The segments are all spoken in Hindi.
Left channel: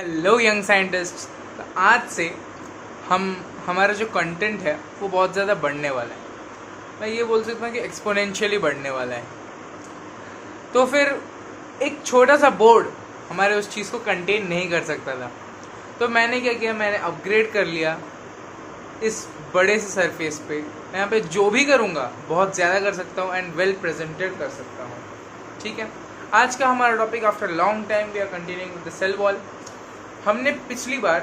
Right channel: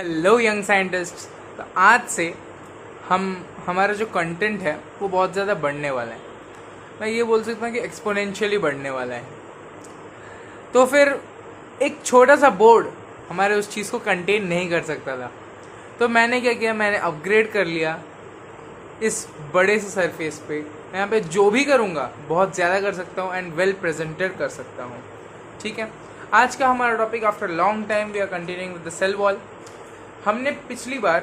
Hello young scientist. तो आज से हम हमारा जो कंटेंट है वो बहुत ज़्यादा बढ़ने वाला है। मैं ये बोल सकता हूँ कि एक्सपोनेंशियली बढ़ने वाला है। तो फिर एक छोटा सा बोर्ड हमारे उस चीज़ को कंटेन नहीं कर सकता था। तो मैंने क्या किया, मैंने अपग्रेड कर लिया इस बड़े से सरफेस पे। मैं यहाँ पे जो भी करूँगा बहुत ज़्यादा कर सकता हूँ एंड वेल प्रेजेंटेड कर सकता हूँ। ठीक है, आज का हमारा topic after long time we are continuing with the cell wall. हमने पिछली बार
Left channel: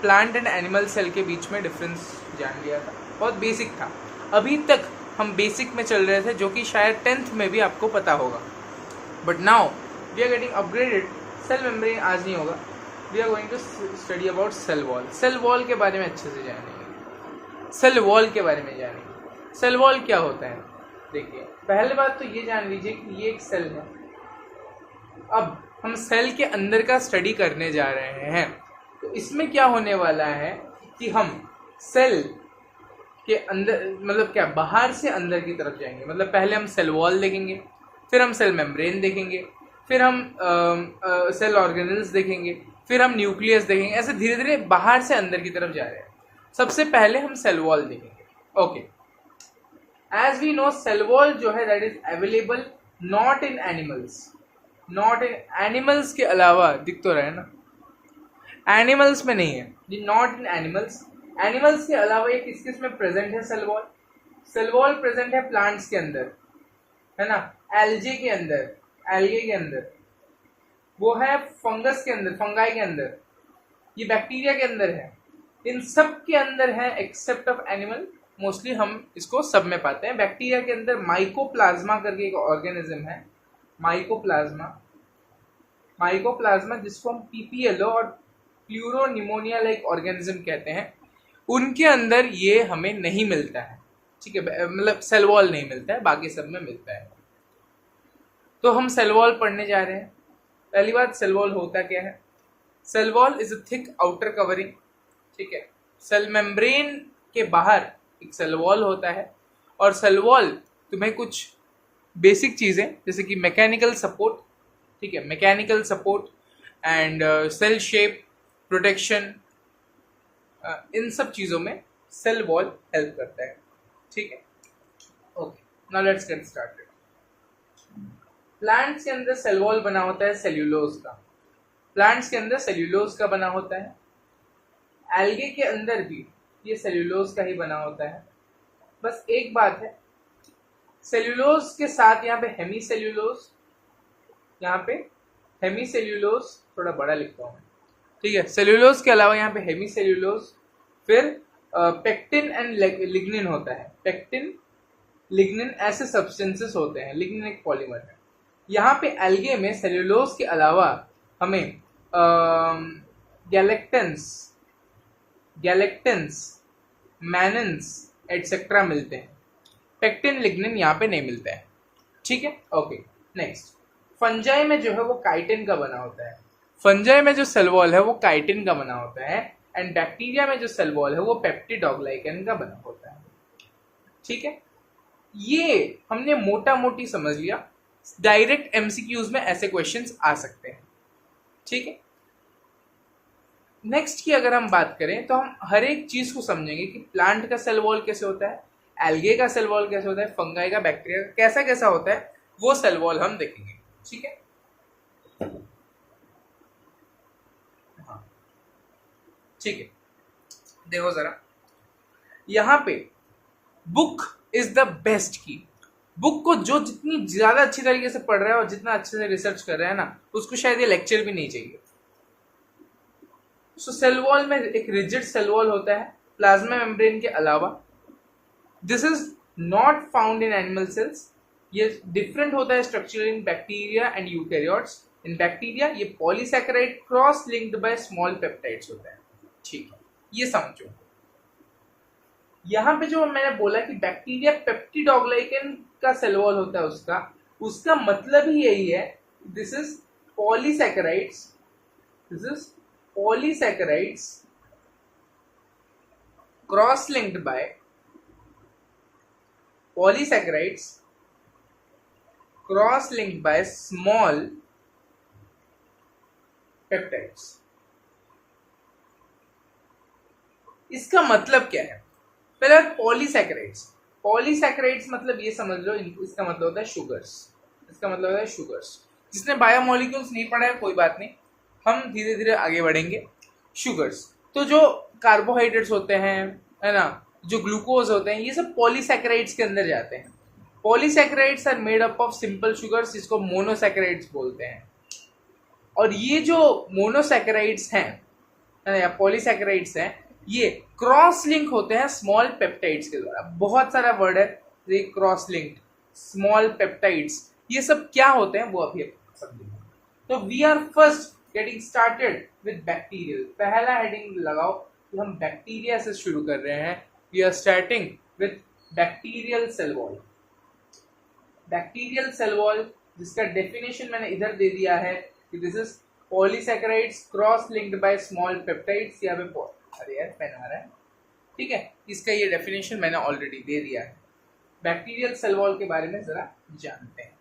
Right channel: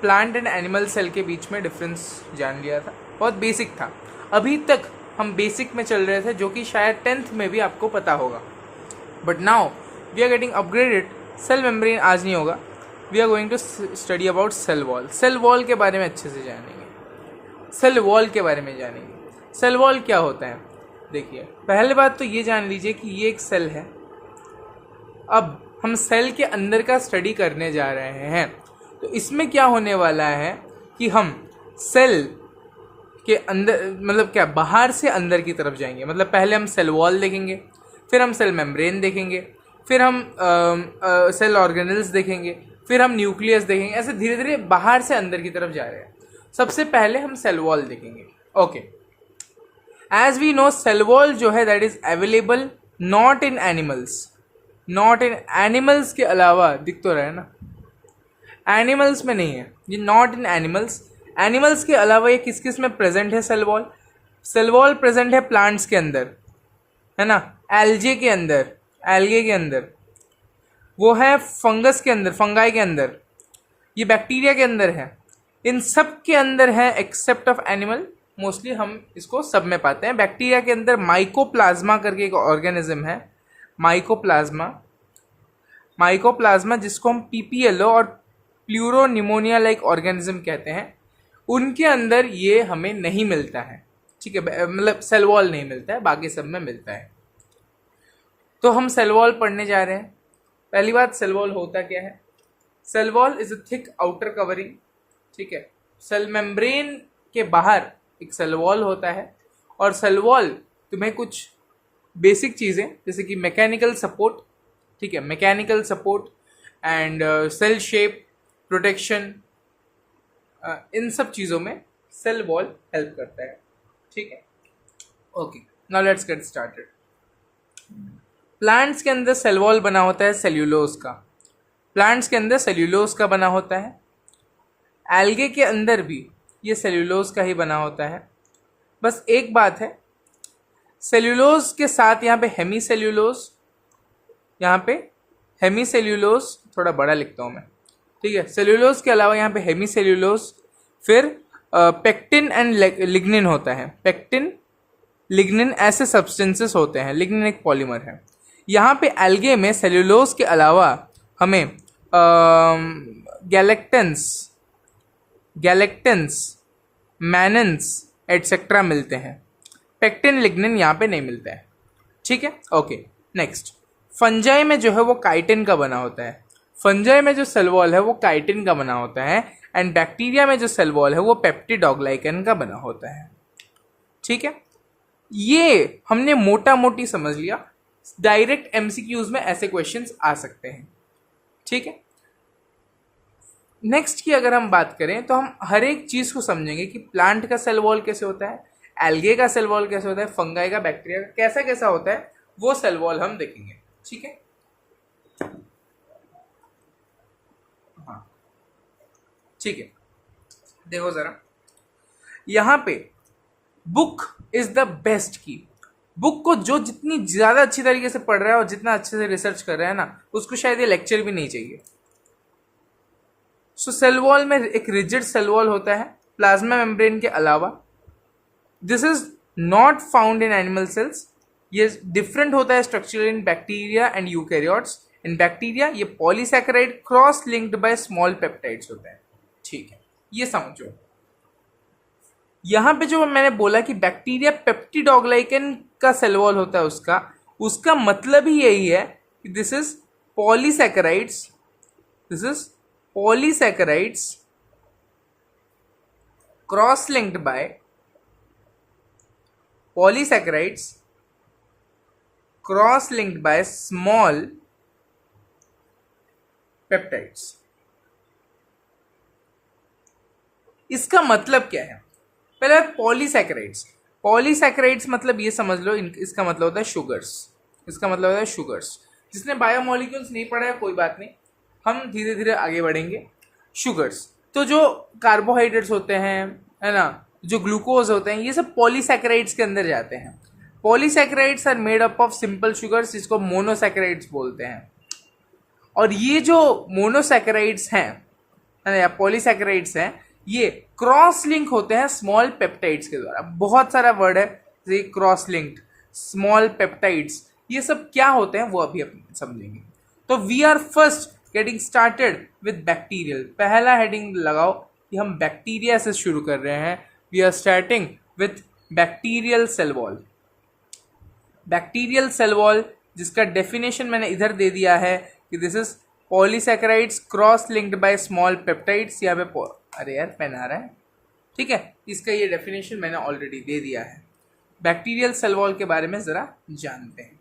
प्लांट एंड एनिमल सेल के बीच में डिफरेंस जान लिया था, बहुत बेसिक था। अभी तक हम बेसिक में चल रहे थे, जो कि शायद 10th में भी आपको पता होगा। But now we are getting upgraded. Cell membrane आज नहीं होगा, we are going to study about cell wall. Cell wall के बारे में अच्छे से जानेंगे, सेल वॉल के बारे में जानेंगे। सेल वॉल क्या होता है, देखिए पहले बात तो ये जान लीजिए कि ये एक सेल है। अब हम सेल के अंदर का स्टडी करने जा रहे हैं, तो इसमें क्या होने वाला है कि हम सेल के अंदर मतलब क्या बाहर से अंदर की तरफ जाएंगे। मतलब पहले हम सेल वॉल देखेंगे, फिर हम सेल मेम्ब्रेन देखेंगे, फिर हम सेल ऑर्गेनल्स देखेंगे, फिर हम न्यूक्लियस देखेंगे। ऐसे धीरे धीरे बाहर से अंदर की तरफ जा रहे हैं। सबसे पहले हम सेल वॉल देखेंगे। Okay, as we know cell wall जो है that is available not in animals. Not in animals के अलावा दिख तो रहा है ना, एनिमल्स में नहीं है ये, नॉट इन एनिमल्स। एनिमल्स के अलावा ये किस किस में प्रेजेंट है cell wall? Cell wall present है प्लांट्स के अंदर, है ना, एल्जे के अंदर, एल्गे के अंदर, वो है फंगस के अंदर, फंगाई के अंदर, ये बैक्टीरिया के अंदर है। इन सब के अंदर है एक्सेप्ट ऑफ एनिमल। मोस्टली हम इसको सब में पाते हैं। बैक्टीरिया के अंदर माइकोप्लाज्मा करके एक ऑर्गेनिज्म है, माइकोप्लाज्मा। माइकोप्लाज्मा जिसको हम पीपीएलओ और प्लूरोनिमोनिया लाइक ऑर्गेनिज्म कहते हैं, उनके अंदर ये हमें नहीं मिलता है। ठीक है, मतलब सेल वॉल नहीं मिलता है, बाकी सब में मिलता है। तो हम सेल वॉल पढ़ने जा रहे हैं। पहली बात, सेल वॉल होता क्या है? Cell wall is a thick outer covering. ठीक है, सेल मेम्ब्रेन के बाहर एक सेल वॉल होता है। और सेल वॉल तुम्हें कुछ बेसिक चीज़ें जैसे कि मैकेनिकल सपोर्ट, ठीक है, mechanical support and cell shape, protection, इन सब चीज़ों में सेल वॉल हेल्प करता है। ठीक है, okay, now let's get started. Plants के अंदर सेल वॉल बना होता है सेल्यूलोज का। प्लांट्स के अंदर सेल्यूलोज का बना होता है। एल्गे के अंदर भी ये सेल्यूलोज का ही बना होता है। बस एक बात है, सेल्यूलोज के साथ यहाँ पे हेमी सेल्यूलोज, यहाँ पे हेमी सेल्यूलोज, थोड़ा बड़ा लिखता हूँ मैं, ठीक है। सेल्यूलोज के अलावा यहाँ पे हेमी सेल्यूलोज, फिर पेक्टिन एंड लिग्निन होता है। पेक्टिन, लिग्निन ऐसे सब्सटेंसेस होते हैं। लिग्निन एक पॉलीमर है। यहाँ पे एल्गे में सेल्यूलोज के अलावा हमें गैलेक्टेंस, मैनन्स एटसेट्रा मिलते हैं। पेक्टिन, लिग्निन यहाँ पे नहीं मिलता है। ठीक है, ओके। नेक्स्ट, फंजाई में जो है वो काइटिन का बना होता है। फंजाई में जो सेल वॉल है वो काइटिन का बना होता है। एंड बैक्टीरिया में जो सेल वॉल है वो पेप्टिडोग्लाइकन का बना होता है। ठीक है, ये हमने मोटा मोटी समझ लिया। डायरेक्ट एमसीक्यूज में ऐसे क्वेश्चंस आ सकते हैं। ठीक है, नेक्स्ट की अगर हम बात करें तो हम हर एक चीज को समझेंगे कि प्लांट का सेल वॉल कैसे होता है, एल्गे का सेल वॉल कैसे होता है, फंगाई का, बैक्टीरिया का कैसा कैसा होता है, वो सेल वॉल हम देखेंगे। ठीक है, हाँ ठीक है, देखो जरा यहाँ पे बुक इज द बेस्ट की। बुक को जो जितनी ज्यादा अच्छी तरीके से पढ़ रहा है और जितना अच्छे से रिसर्च कर रहा है ना, उसको शायद ये लेक्चर भी नहीं चाहिए। सो सेल वॉल में एक रिजिड सेल वॉल होता है प्लाज्मा मेम्ब्रेन के अलावा। This is not found in animal cells. ये डिफरेंट होता है structure in bacteria and eukaryotes. In bacteria ये polysaccharide cross linked by small peptides होता है। ठीक है, ये समझो। यहां पे जो मैंने बोला कि बैक्टीरिया पेप्टिडोग्लाइकन का सेल वॉल होता है, उसका मतलब ही यही है कि this is polysaccharides, this is polysaccharides cross-linked by polysaccharides cross-linked by small peptides. इसका मतलब क्या है? पहले बात पॉलीसैकेराइड्स। पॉलीसैकेराइड्स मतलब ये समझ लो, इसका मतलब होता है शुगर्स। इसका मतलब होता है शुगर्स। जिसने बायोमोलिक्यूल्स नहीं पढ़ा है कोई बात नहीं, हम धीरे धीरे आगे बढ़ेंगे। शुगर्स तो जो कार्बोहाइड्रेट्स होते हैं, है ना, जो ग्लूकोज होते हैं, ये सब पॉलीसैकेराइड्स के अंदर जाते हैं। Polysaccharides are made up of simple sugars, जिसको मोनोसैकेराइड्स बोलते हैं। और ये जो मोनोसैकेराइड्स हैं, है ना, या पॉलीसैकेराइड्स हैं, ये क्रॉस लिंक होते हैं स्मॉल पेप्टाइड्स के द्वारा। बहुत सारा वर्ड है, जैसे क्रॉस लिंक्ड, स्मॉल पेप्टाइड्स, ये सब क्या होते हैं वो अभी हम समझेंगे। तो we are first getting started with bacterial. पहला हेडिंग लगाओ कि हम बैक्टीरिया से शुरू कर रहे हैं। We are starting with bacterial cell wall. Bacterial cell wall, जिसका डेफिनेशन मैंने इधर दे दिया है कि this is polysaccharides cross linked by small peptides. यहाँ पे अरे यार पेन आ रहा है, ठीक है, इसका ये डेफिनेशन मैंने ऑलरेडी दे दिया है। बैक्टीरियल सेल वॉल के बारे में जरा जानते हैं।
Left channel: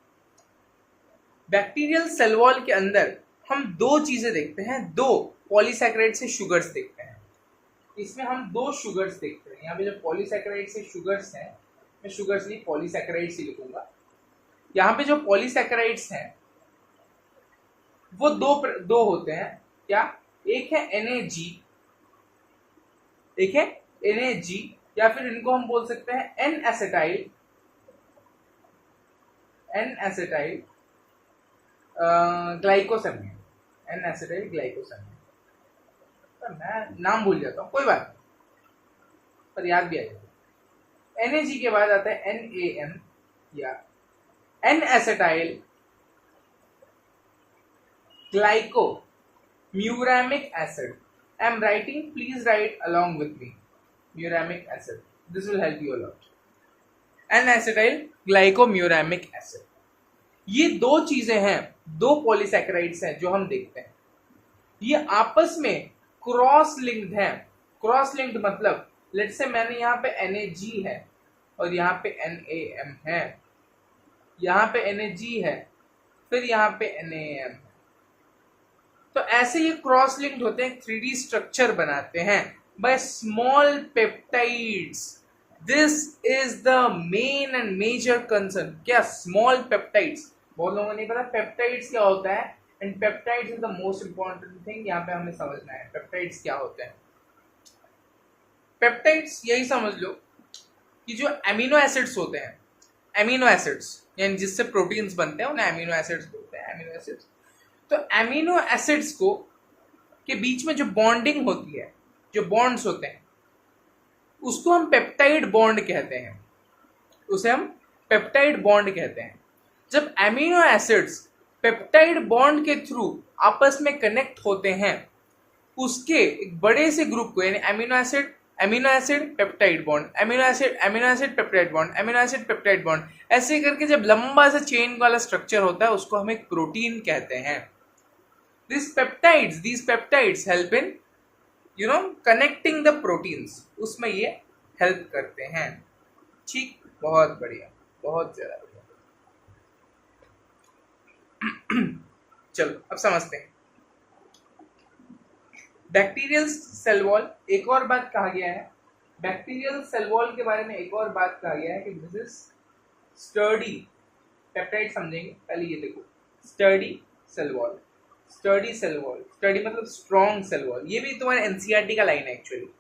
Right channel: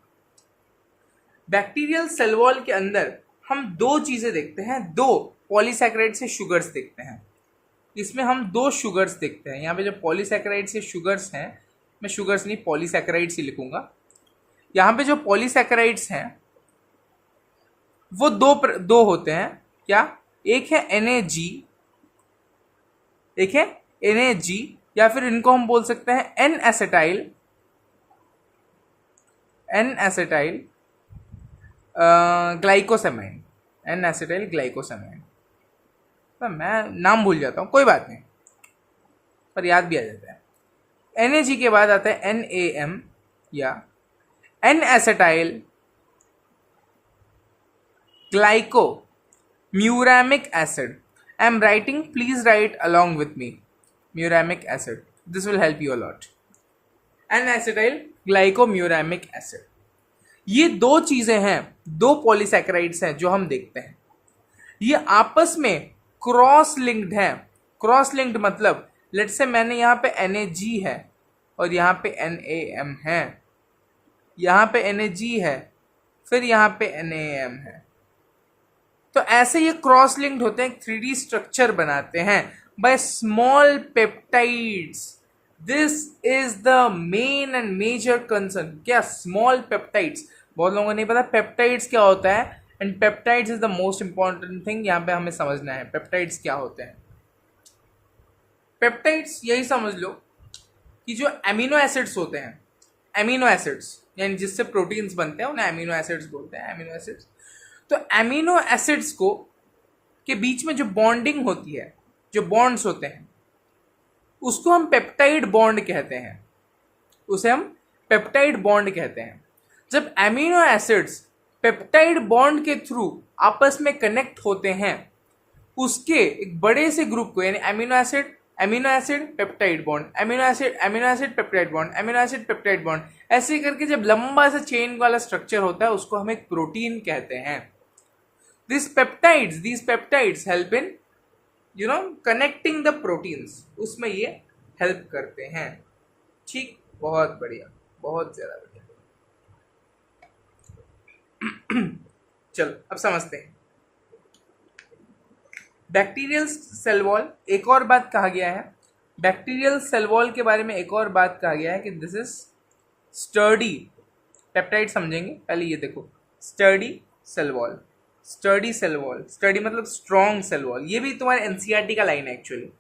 बैक्टीरियल सेल वॉल के अंदर हम दो चीजें देखते हैं, दो पॉलीसैकेराइड से शुगर्स देखते हैं। इसमें हम दो शुगर्स देखते हैं। यहाँ पे जो पॉलीसैकेराइड से शुगर्स हैं, मैं शुगर्स नहीं पॉलीसैकेराइड्स ही लिखूंगा। यहाँ पे जो पॉलीसैकेराइड्स हैं वो दो होते हैं। क्या? एक है NAG, एक है NAG, या फिर इनको हम बोल सकते हैं N-एसिटाइल ग्लाइकोसेमाइन। N-एसिटाइल ग्लाइकोसेमाइन। मैं नाम भूल जाता हूँ, कोई बात नहीं, पर याद भी आ जाता है। NAG के बाद आता है NAM या N acetyl glyco muramic acid. I am writing, please write along with me. Muramic acid. This will help you a lot. N-acetyl glycomuramic acid. ये दो चीजें हैं, दो पॉलीसैकेराइड्स हैं जो हम देखते हैं। ये आपस में क्रॉस लिंक्ड हैं। क्रॉस लिंक्ड मतलब लेट्स से मैंने यहाँ पे NAG है और यहाँ पे NAM है, यहाँ पे NAG है, फिर यहाँ पे NAM है। तो ऐसे ये क्रॉस लिंक्ड होते हैं, 3D स्ट्रक्चर बनाते हैं by small peptides. This is the main and major concern. क्या? Small peptides. बहुत लोगों को नहीं पता पेप्टाइड्स क्या होता है, and peptides is the most important thing यहाँ पे हमें समझना है। पेप्टाइड्स क्या होते हैं? पेप्टाइड्स यही समझ लो कि जो एमिनो एसिड्स होते हैं, एमिनो एसिड्स यानी जिससे प्रोटीन्स बनते हैं उन्हें एमिनो एसिड्स बोलते हैं। एमिनो एसिड्स, तो एमिनो एसिड्स को के बीच में जो बॉन्डिंग होती है, जो बॉन्ड्स होते हैं, उसको हम पेप्टाइड बॉन्ड कहते हैं। उसे हम पेप्टाइड बॉन्ड कहते हैं। जब एमिनो एसिड्स पेप्टाइड बॉन्ड के थ्रू आपस में कनेक्ट होते हैं, उसके एक बड़े से ग्रुप को, यानी amino acid peptide bond, amino acid peptide bond, amino acid peptide bond, ऐसे करके जब लंबा सा चेन वाला स्ट्रक्चर होता है उसको हम एक प्रोटीन कहते हैं। These peptides help in connecting the proteins, उसमें ये हेल्प करते हैं। ठीक, बहुत बढ़िया, बहुत ज्यादा बढ़िया। चलो अब समझते हैं बैक्टीरियल सेल वॉल। एक और बात कहा गया है बैक्टीरियल सेल वॉल के बारे में, एक और बात कहा गया है कि दिस इज स्टर्डी। पेप्टाइड समझेंगे, पहले ये देखो, sturdy cell wall. Sturdy cell wall, sturdy मतलब स्ट्रॉन्ग सेल वॉल। ये भी तुम्हारे NCERT का लाइन है एक्चुअली।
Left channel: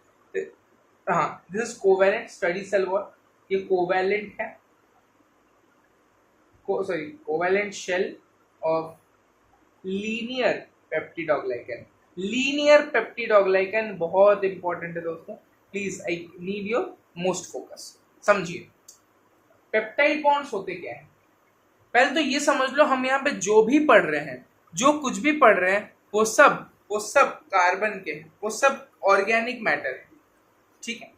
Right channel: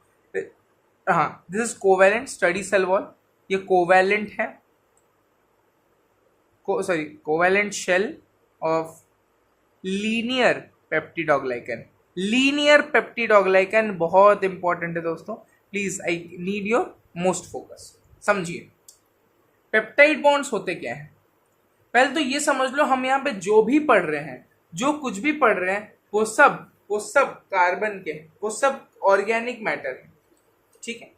हाँ, this is covalent study cell wall. ये कोवैलेंट है, covalent shell of linear peptidoglycan. Linear peptidoglycan बहुत इंपॉर्टेंट है दोस्तों, please I need your most focus. समझिए पेप्टाइड बॉन्ड्स होते क्या है। पहले तो ये समझ लो, हम यहाँ पे जो भी पढ़ रहे हैं, जो कुछ भी पढ़ रहे हैं, वो सब कार्बन के हैं, वो सब ऑर्गेनिक मैटर है। ठीक है,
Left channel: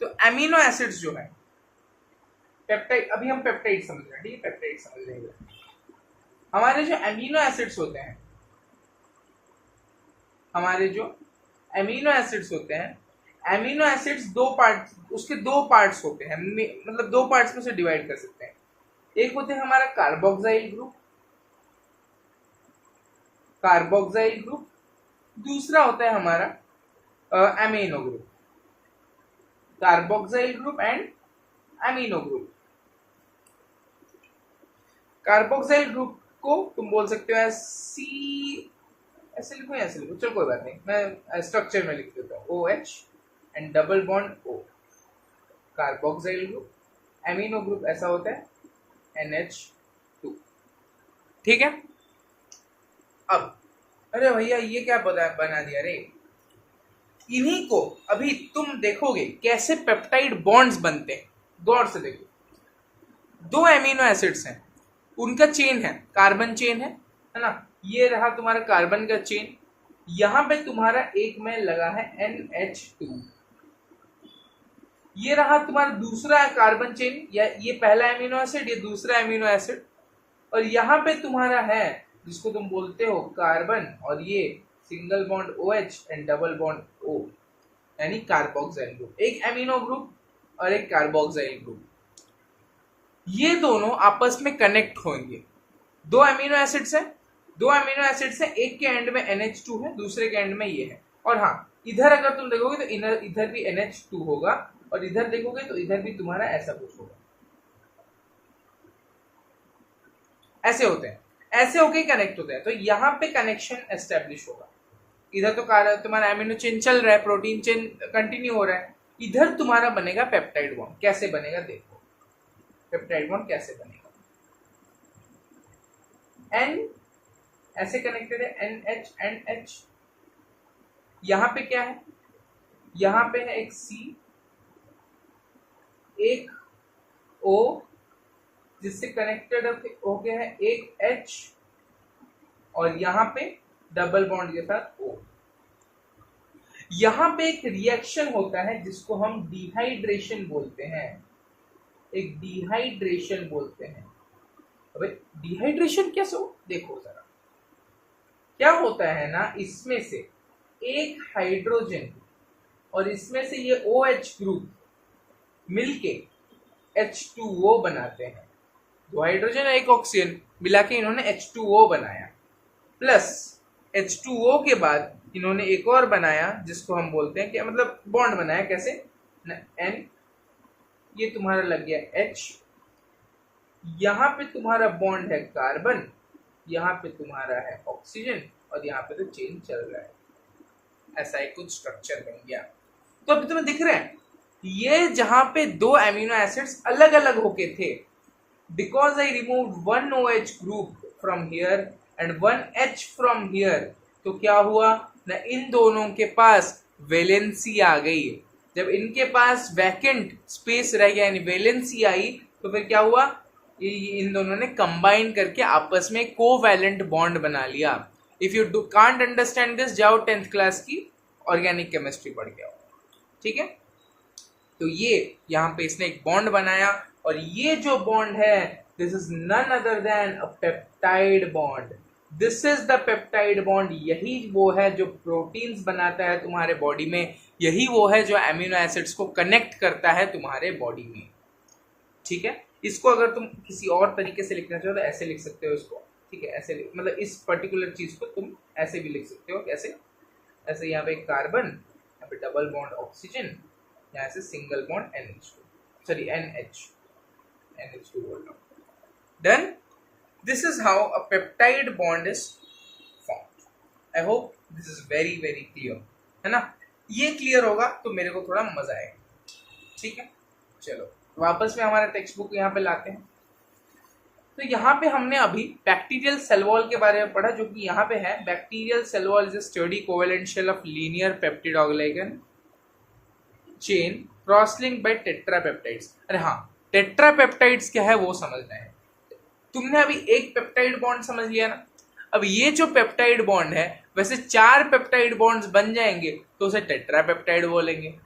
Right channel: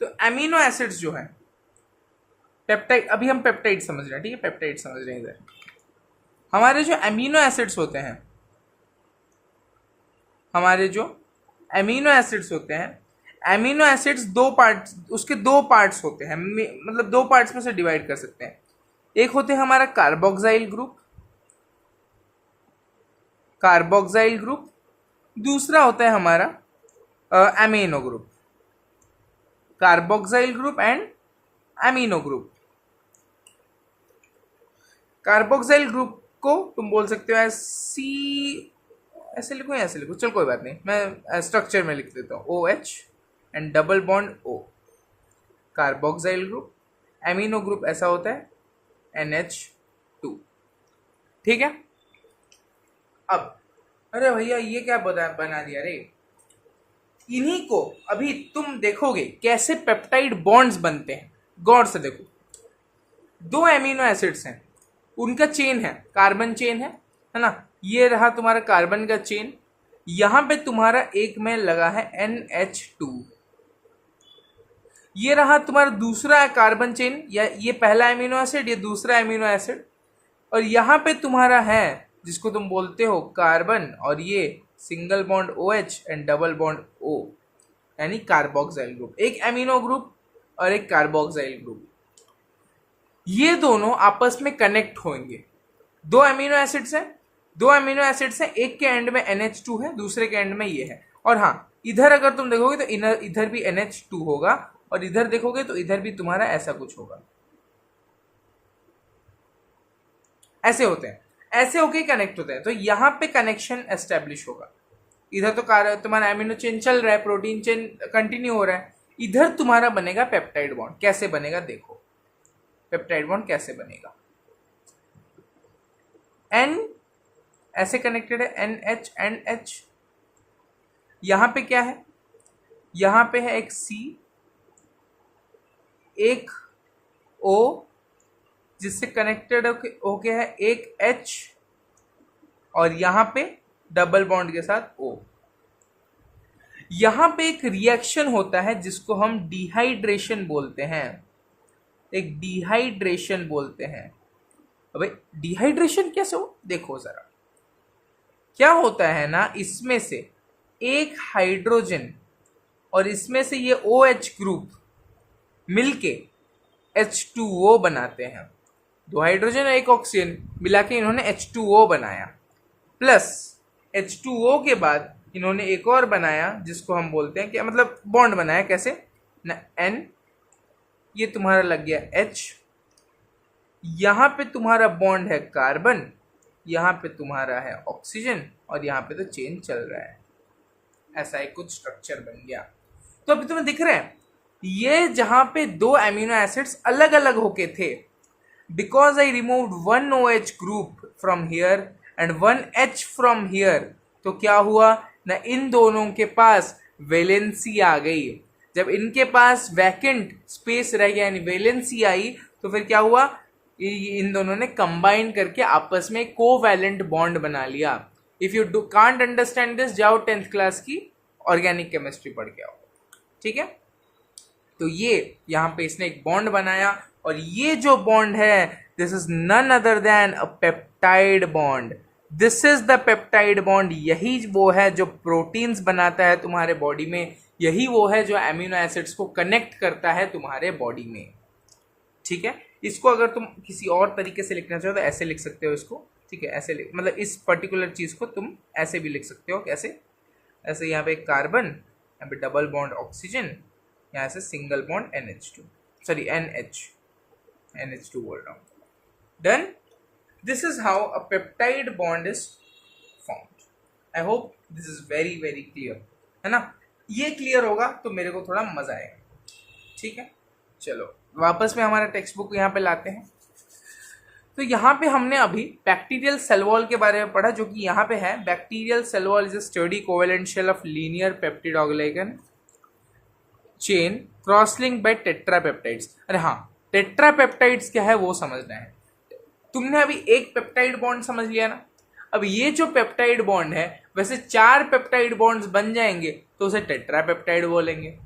तो एमिनो एसिड्स जो है पेप्टाइड, अभी हम पेप्टाइड समझ रहे हैं, ठीक है, पेप्टाइड समझ रहे हैं। इधर हमारे जो एमिनो एसिड्स होते हैं, हमारे जो एमिनो एसिड्स होते हैं, एमिनो एसिड्स दो पार्ट्स, उसके दो पार्ट्स होते हैं, मतलब दो पार्ट्स में से डिवाइड कर सकते हैं। एक होते हैं हमारा कार्बोक्साइल ग्रुप, दूसरा होता है हमारा amino group, carboxyl group and amino group. Carboxyl group को तुम बोल सकते हो सी, ऐसे लिखो या ऐसे लिखो, चलो कोई बात नहीं, मैं स्ट्रक्चर में लिख देता हूँ OH and double bond O, carboxyl group. Amino group ऐसा होता है NH2, ठीक है। अब अरे भैया ये क्या बना दिया रे, इन्हीं को अभी तुम देखोगे कैसे पेप्टाइड बॉन्ड्स बनते हैं, गौर से देखो। दो एमिनो एसिड्स हैं, उनका चेन है, कार्बन चेन है ना, ये रहा तुम्हारा कार्बन का चेन, यहां पे तुम्हारा एक में लगा है NH2, ये रहा तुम्हारा दूसरा कार्बन चेन, या ये पहला एमिनो एसिड, ये दूसरा एमिनो एसिड, और यहां पे तुम्हारा है जिसको तुम बोलते हो कार्बन, और ये single bond OH and double bond O, यानी कार्बोक्सिल ग्रुप। एक एमिनो ग्रुप और एक कार्बोक्सिल ग्रुप, ये दोनों आपस में कनेक्ट होंगे। दो एमिनो एसिड्स हैं, एक के एंड में NH2 है, दूसरे के एंड में ये है। और हाँ, इधर अगर तुम देखोगे तो इधर भी NH2 होगा, और इधर देखोगे तो इधर भी तुम्हारा ऐसा कुछ होगा। ऐसे होते हैं, ऐसे होके कनेक्ट होते हैं, तो यहाँ पे कनेक्शन एस्टेब्लिश होगा। इधर तो तुम्हारा एमिनो चेन चल रहा है, प्रोटीन चेन कंटिन्यू हो रहा है, इधर तुम्हारा बनेगा पेप्टाइड बॉन्ड। कैसे बनेगा देखो, पेप्टाइड बॉन्ड कैसे बनेगा। N ऐसे कनेक्टेड है, NH एंड H, यहां पे क्या है, यहां पे है एक C, एक O जिससे कनेक्टेड होके है एक H, और यहां पे डबल बॉन्ड के साथ O। यहां पे एक रिएक्शन होता है जिसको हम डिहाइड्रेशन बोलते हैं, एक डिहाइड्रेशन बोलते हैं। अबे डिहाइड्रेशन कैसे हो, देखो जरा। क्या होता है ना, इसमें से एक हाइड्रोजन और इसमें से ये OH ग्रुप मिलके H2O बनाते हैं। दो हाइड्रोजन और एक ऑक्सीजन मिला के इन्होंने H2O बनाया, प्लस H2O के बाद इन्होंने एक और बनाया जिसको हम बोलते हैं, क्या मतलब बॉन्ड बनाया, कैसे ना, N, ये तुम्हारा लग गया H, यहां पे तुम्हारा बॉन्ड है कार्बन, यहां पे तुम्हारा है ऑक्सीजन, और यहां पे तो चेन चल रहा है। ऐसा एक कुछ स्ट्रक्चर बन गया। तो अभी तुम्हें दिख रहा है, ये जहां पे दो एमिनो एसिड्स अलग अलग होके थे, because I removed one OH group from here and one H from here, तो क्या हुआ ना, इन दोनों के पास वैलेंसी आ गई। जब इनके पास वैकेंट स्पेस रह गया, यानी वैलेंसी आई, तो फिर क्या हुआ, इन दोनों ने कंबाइन करके आपस में कोवैलेंट बॉन्ड बना लिया। If you can't understand this, जाओ 10th क्लास की ऑर्गेनिक केमिस्ट्री पढ़ के आओ, ठीक है। तो ये यहां पे इसने एक बॉन्ड बनाया, और ये जो बॉन्ड है, this is none other than a peptide bond. This is the peptide bond. यही वो है जो प्रोटीन्स बनाता है तुम्हारे बॉडी में, यही वो है जो एमिनो एसिड्स को कनेक्ट करता है तुम्हारे बॉडी में, ठीक है। इसको अगर तुम किसी और तरीके से लिखना चाहो तो ऐसे लिख सकते हो इसको, ठीक है। ऐसे मतलब इस पर्टिकुलर चीज को तुम ऐसे भी लिख सकते हो, कैसे, ऐसे यहाँ पे कार्बन, यहाँ पे डबल बॉन्ड ऑक्सीजन, यहाँ से single bond NH2, sorry NH2 बोल रहा हूँ। Done, this is how a peptide bond is formed. I hope this is very very clear, है ना। ये क्लियर होगा तो मेरे को थोड़ा मजा आएगा, ठीक है। चलो वापस में हमारा टेक्स्ट बुक यहाँ पे लाते हैं। तो यहाँ पे हमने अभी बैक्टीरियल सेल वॉल के बारे में पढ़ा, जो कि यहाँ पे है, bacterial cell wall is a study covalent shell of linear peptidoglycan chain cross link by tetrapeptides. अरे हाँ, टेट्रापेप्टाइड्स क्या है वो समझना है। तुमने अभी एक पेप्टाइड बॉन्ड समझ लिया ना, अब ये जो पेप्टाइड बॉन्ड है, वैसे 4 पेप्टाइड बॉन्ड्स बन जाएंगे तो उसे टेट्रापेप्टाइड बोलेंगे।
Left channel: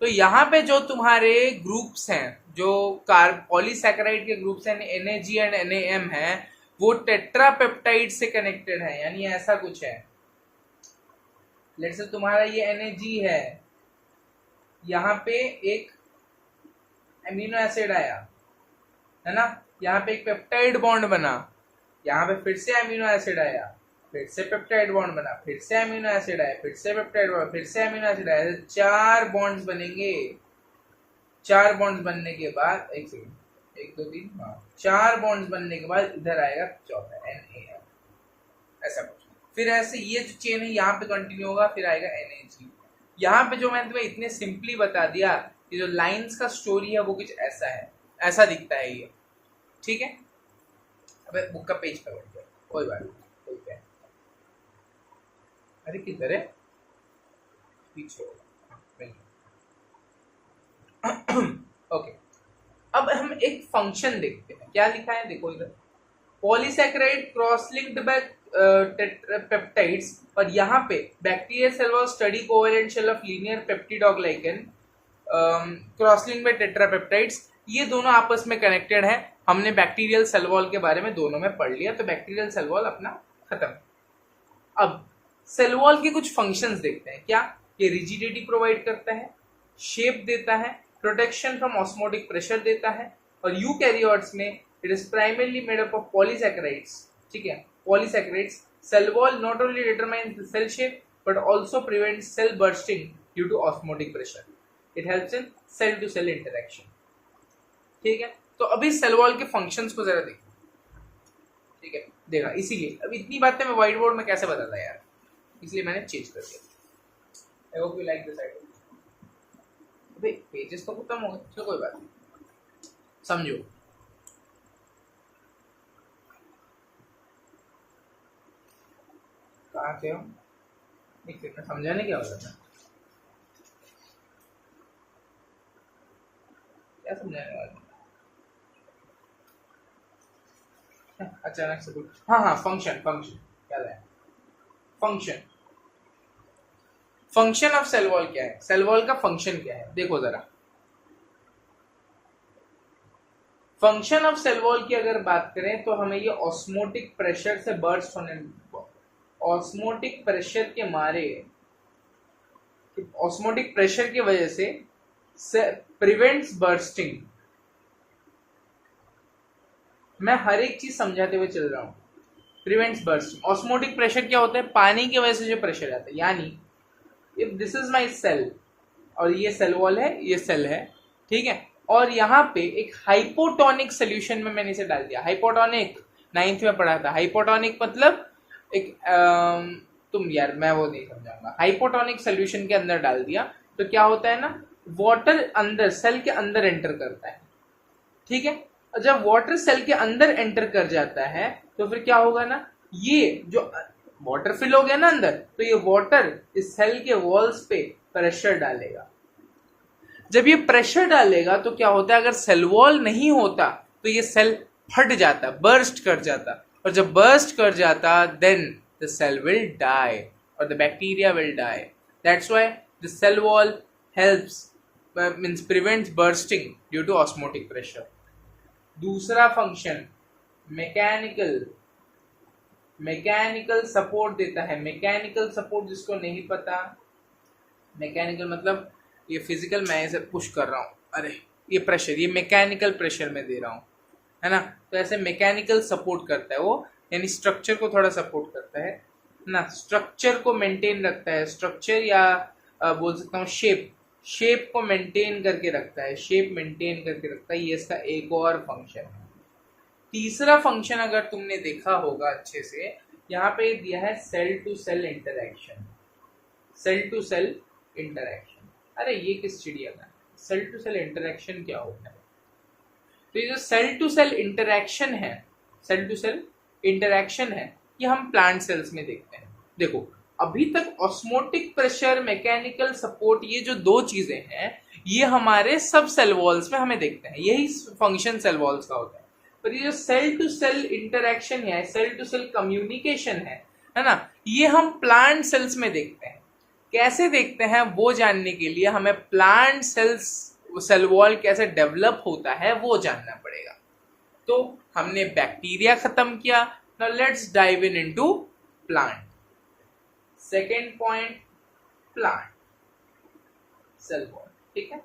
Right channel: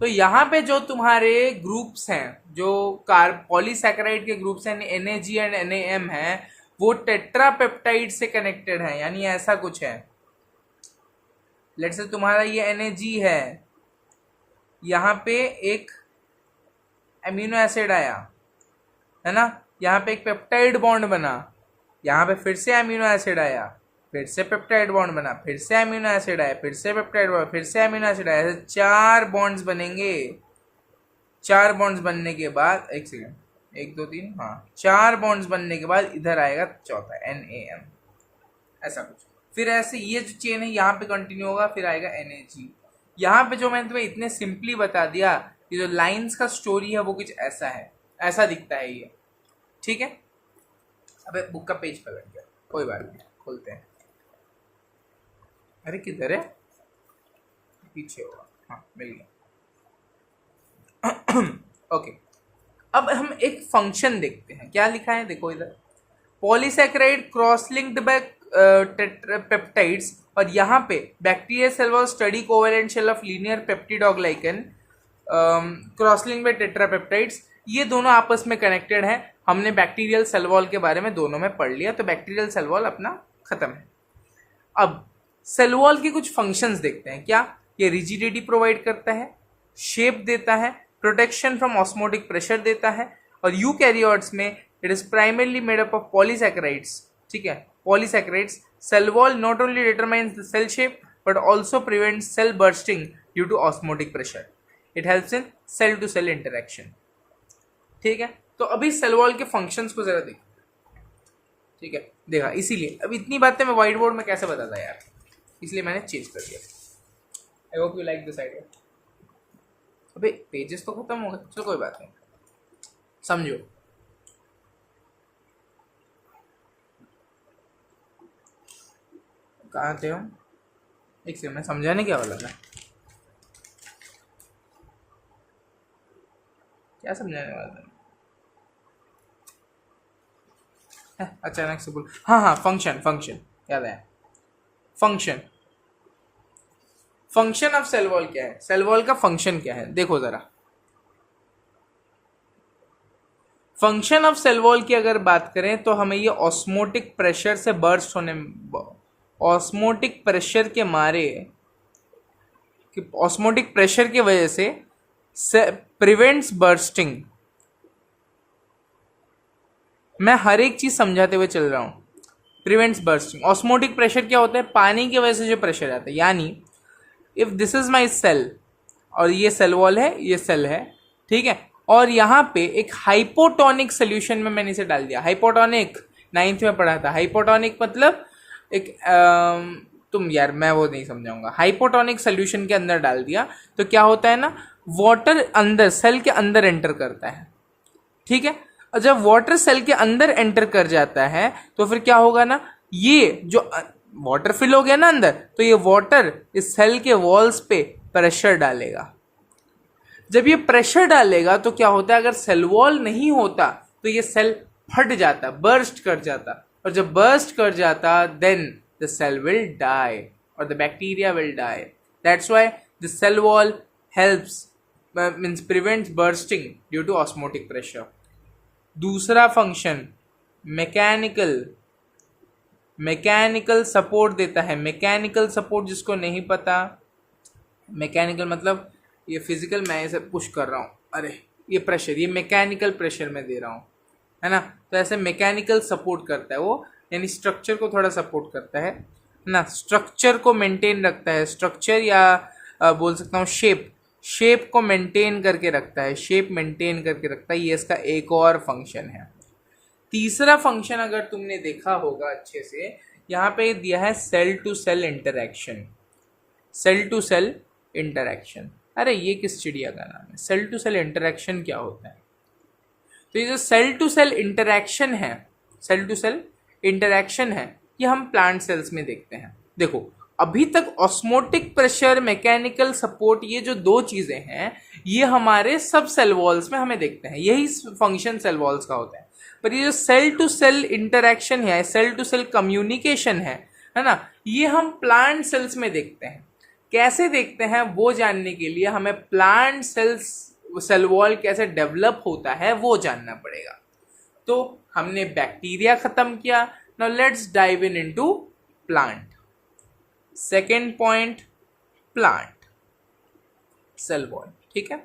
तो यहाँ पे जो तुम्हारे ग्रुप्स हैं, जो पॉलीसैकेराइड के ग्रुप्स हैं, NAG एंड NAM है, वो टेट्रापेप्टाइड से कनेक्टेड है, यानी ऐसा कुछ है। लेट्स से तुम्हारा ये NAG है, यहाँ पे एक एमिनो एसिड आया, है ना, यहाँ पे एक पेप्टाइड बॉन्ड बना, यहाँ पे फिर से एमिनो एसिड आया, फिर से पेप्टाइड बॉन्ड बना, फिर से अमीनो एसिड आया, फिर से पेप्टाइड बॉन्ड, फिर से अमीनो एसिड आया, ऐसे 4 बॉन्ड्स बनेंगे। 4 बॉन्ड्स बनने के बाद, एक सेकेंड, 1 2 3, हाँ 4 बॉन्ड्स बनने के बाद इधर आएगा चौथा NaM, ऐसा कुछ। फिर ऐसे ये जो चेन है यहाँ पे कंटिन्यू होगा, फिर आएगा NaG। यहाँ पे जो मैंने तुम्हें इतने सिंपली बता दिया, ये जो लाइंस का स्टोरी है वो कुछ ऐसा है, ऐसा दिखता है ये, ठीक है। अबे बुक का पेज पकड़ गया, कोई बात नहीं, खोलते हैं। अरे किधर है, पीछे होगा, हाँ मिल गया। ओके, अब हम एक फंक्शन देखते हैं, क्या लिखा है देखो इधर, polysaccharide cross linked by tetrapeptides, और यहाँ पे bacterial cell was study covalent shell of linear peptidoglycan cross linked by tetrapeptides. ये दोनों आपस में कनेक्टेड है, हमने बैक्टीरियल सेल वॉल के बारे में दोनों में पढ़ लिया, तो बैक्टीरियल सेल वॉल अपना खत्म है। अब सेल वॉल के कुछ फंक्शंस देखते हैं, क्या ये रिजिडिटी प्रोवाइड करता है, शेप देता है, प्रोटेक्शन फ्रॉम ऑस्मोटिक प्रेशर देता है, और यूकैरियोट्स में it is primarily made up of polysaccharides, ठीक है, polysaccharides. Cell wall not only determines the cell shape but also prevents cell bursting due to osmotic pressure. It helps in cell to cell interaction, ठीक है। तो अभी सेल वॉल के फंक्शंस को जरा देखिए, ठीक है, देखा, इसीलिए अब इतनी बातें मैं व्हाइट बोर्ड में कैसे बताता यार, इसलिए मैंने चेंज कर दिया। I hope you like this idea. अबे पेजेस तो खत्म हो गए, चलो कोई बात नहीं, समझो। कहाँ थे हम, एक सेकंड, मैं समझाने क्या वाला था, क्या समझाने वाला था, अचानक से बोल, हाँ फंक्शन, फंक्शन याद है, function. Function of cell wall क्या है, सेल वॉल का फंक्शन क्या है, देखो जरा। फंक्शन ऑफ सेल वॉल की अगर बात करें तो हमें ये ऑस्मोटिक प्रेशर से बर्स्ट होने, ऑस्मोटिक प्रेशर के मारे, ऑस्मोटिक प्रेशर की वजह से प्रिवेंट्स बर्स्टिंग। मैं हर एक चीज समझाते हुए चल रहा हूं। प्रिवेंट्स बर्स्टिंग, ऑस्मोटिक प्रेशर क्या होता है, पानी की वजह से जो प्रेशर आता है, यानी if this is my cell, और ये सेल वॉल है, ये सेल है, ठीक है, और यहाँ पे एक हाइपोटोनिक सोल्यूशन में मैंने इसे डाल दिया। हाइपोटोनिक 9th में पढ़ा था, हाइपोटोनिक मतलब एक तुम यार मैं वो नहीं समझाऊंगा, हाइपोटोनिक सोल्यूशन के अंदर डाल दिया तो क्या होता है ना, वाटर अंदर सेल के अंदर एंटर करता है, ठीक है। और जब वाटर सेल के अंदर एंटर कर जाता है तो फिर क्या होगा ना, ये जो वाटर फिल हो गया ना अंदर, तो ये वाटर इस सेल के वॉल्स पे प्रेशर डालेगा। जब ये प्रेशर डालेगा तो क्या होता है, अगर सेल वॉल नहीं होता तो ये सेल फट जाता, बर्स्ट कर जाता, और जब बर्स्ट कर जाता then the cell will die और the bacteria will die. That's why the cell wall helps means prevents bursting due to osmotic pressure. दूसरा फंक्शन मैकेनिकल सपोर्ट देता है। मैकेनिकल सपोर्ट जिसको नहीं पता, मैकेनिकल मतलब ये फिजिकल, मैं इसे पुश कर रहा हूँ, अरे ये प्रेशर, ये मैकेनिकल प्रेशर मैं दे रहा हूँ, है ना, तो ऐसे मैकेनिकल सपोर्ट करता है वो, यानी स्ट्रक्चर को थोड़ा सपोर्ट करता है ना, स्ट्रक्चर को मेंटेन रखता है, स्ट्रक्चर या बोल सकता हूँ शेप को मेंटेन करके रखता है, शेप मेंटेन करके रखता है, ये इसका एक और फंक्शन है। तीसरा फंक्शन अगर तुमने देखा होगा अच्छे से, यहाँ पे दिया है cell to cell interaction. Cell to cell interaction, अरे ये किस चिड़िया का नाम है, सेल टू सेल इंटरेक्शन क्या होता है, तो ये जो सेल टू सेल इंटरेक्शन है, सेल टू सेल इंटरेक्शन है, ये हम प्लांट सेल्स में देखते हैं। देखो अभी तक ऑस्मोटिक प्रेशर, मैकेनिकल सपोर्ट, ये जो दो चीजें हैं ये हमारे सब सेल वॉल्स में हमें देखते हैं, यही फंक्शन सेल वॉल्स का होता है। पर ये जो सेल टू सेल इंटरेक्शन है, सेल टू सेल कम्युनिकेशन है ना, ये हम प्लांट सेल्स में देखते हैं। कैसे देखते हैं वो जानने के लिए हमें प्लांट सेल्स सेल वॉल कैसे डेवलप होता है वो जानना पड़ेगा। तो हमने बैक्टीरिया खत्म किया, now let's dive in into plant. Second point, plant cell wall, ठीक है,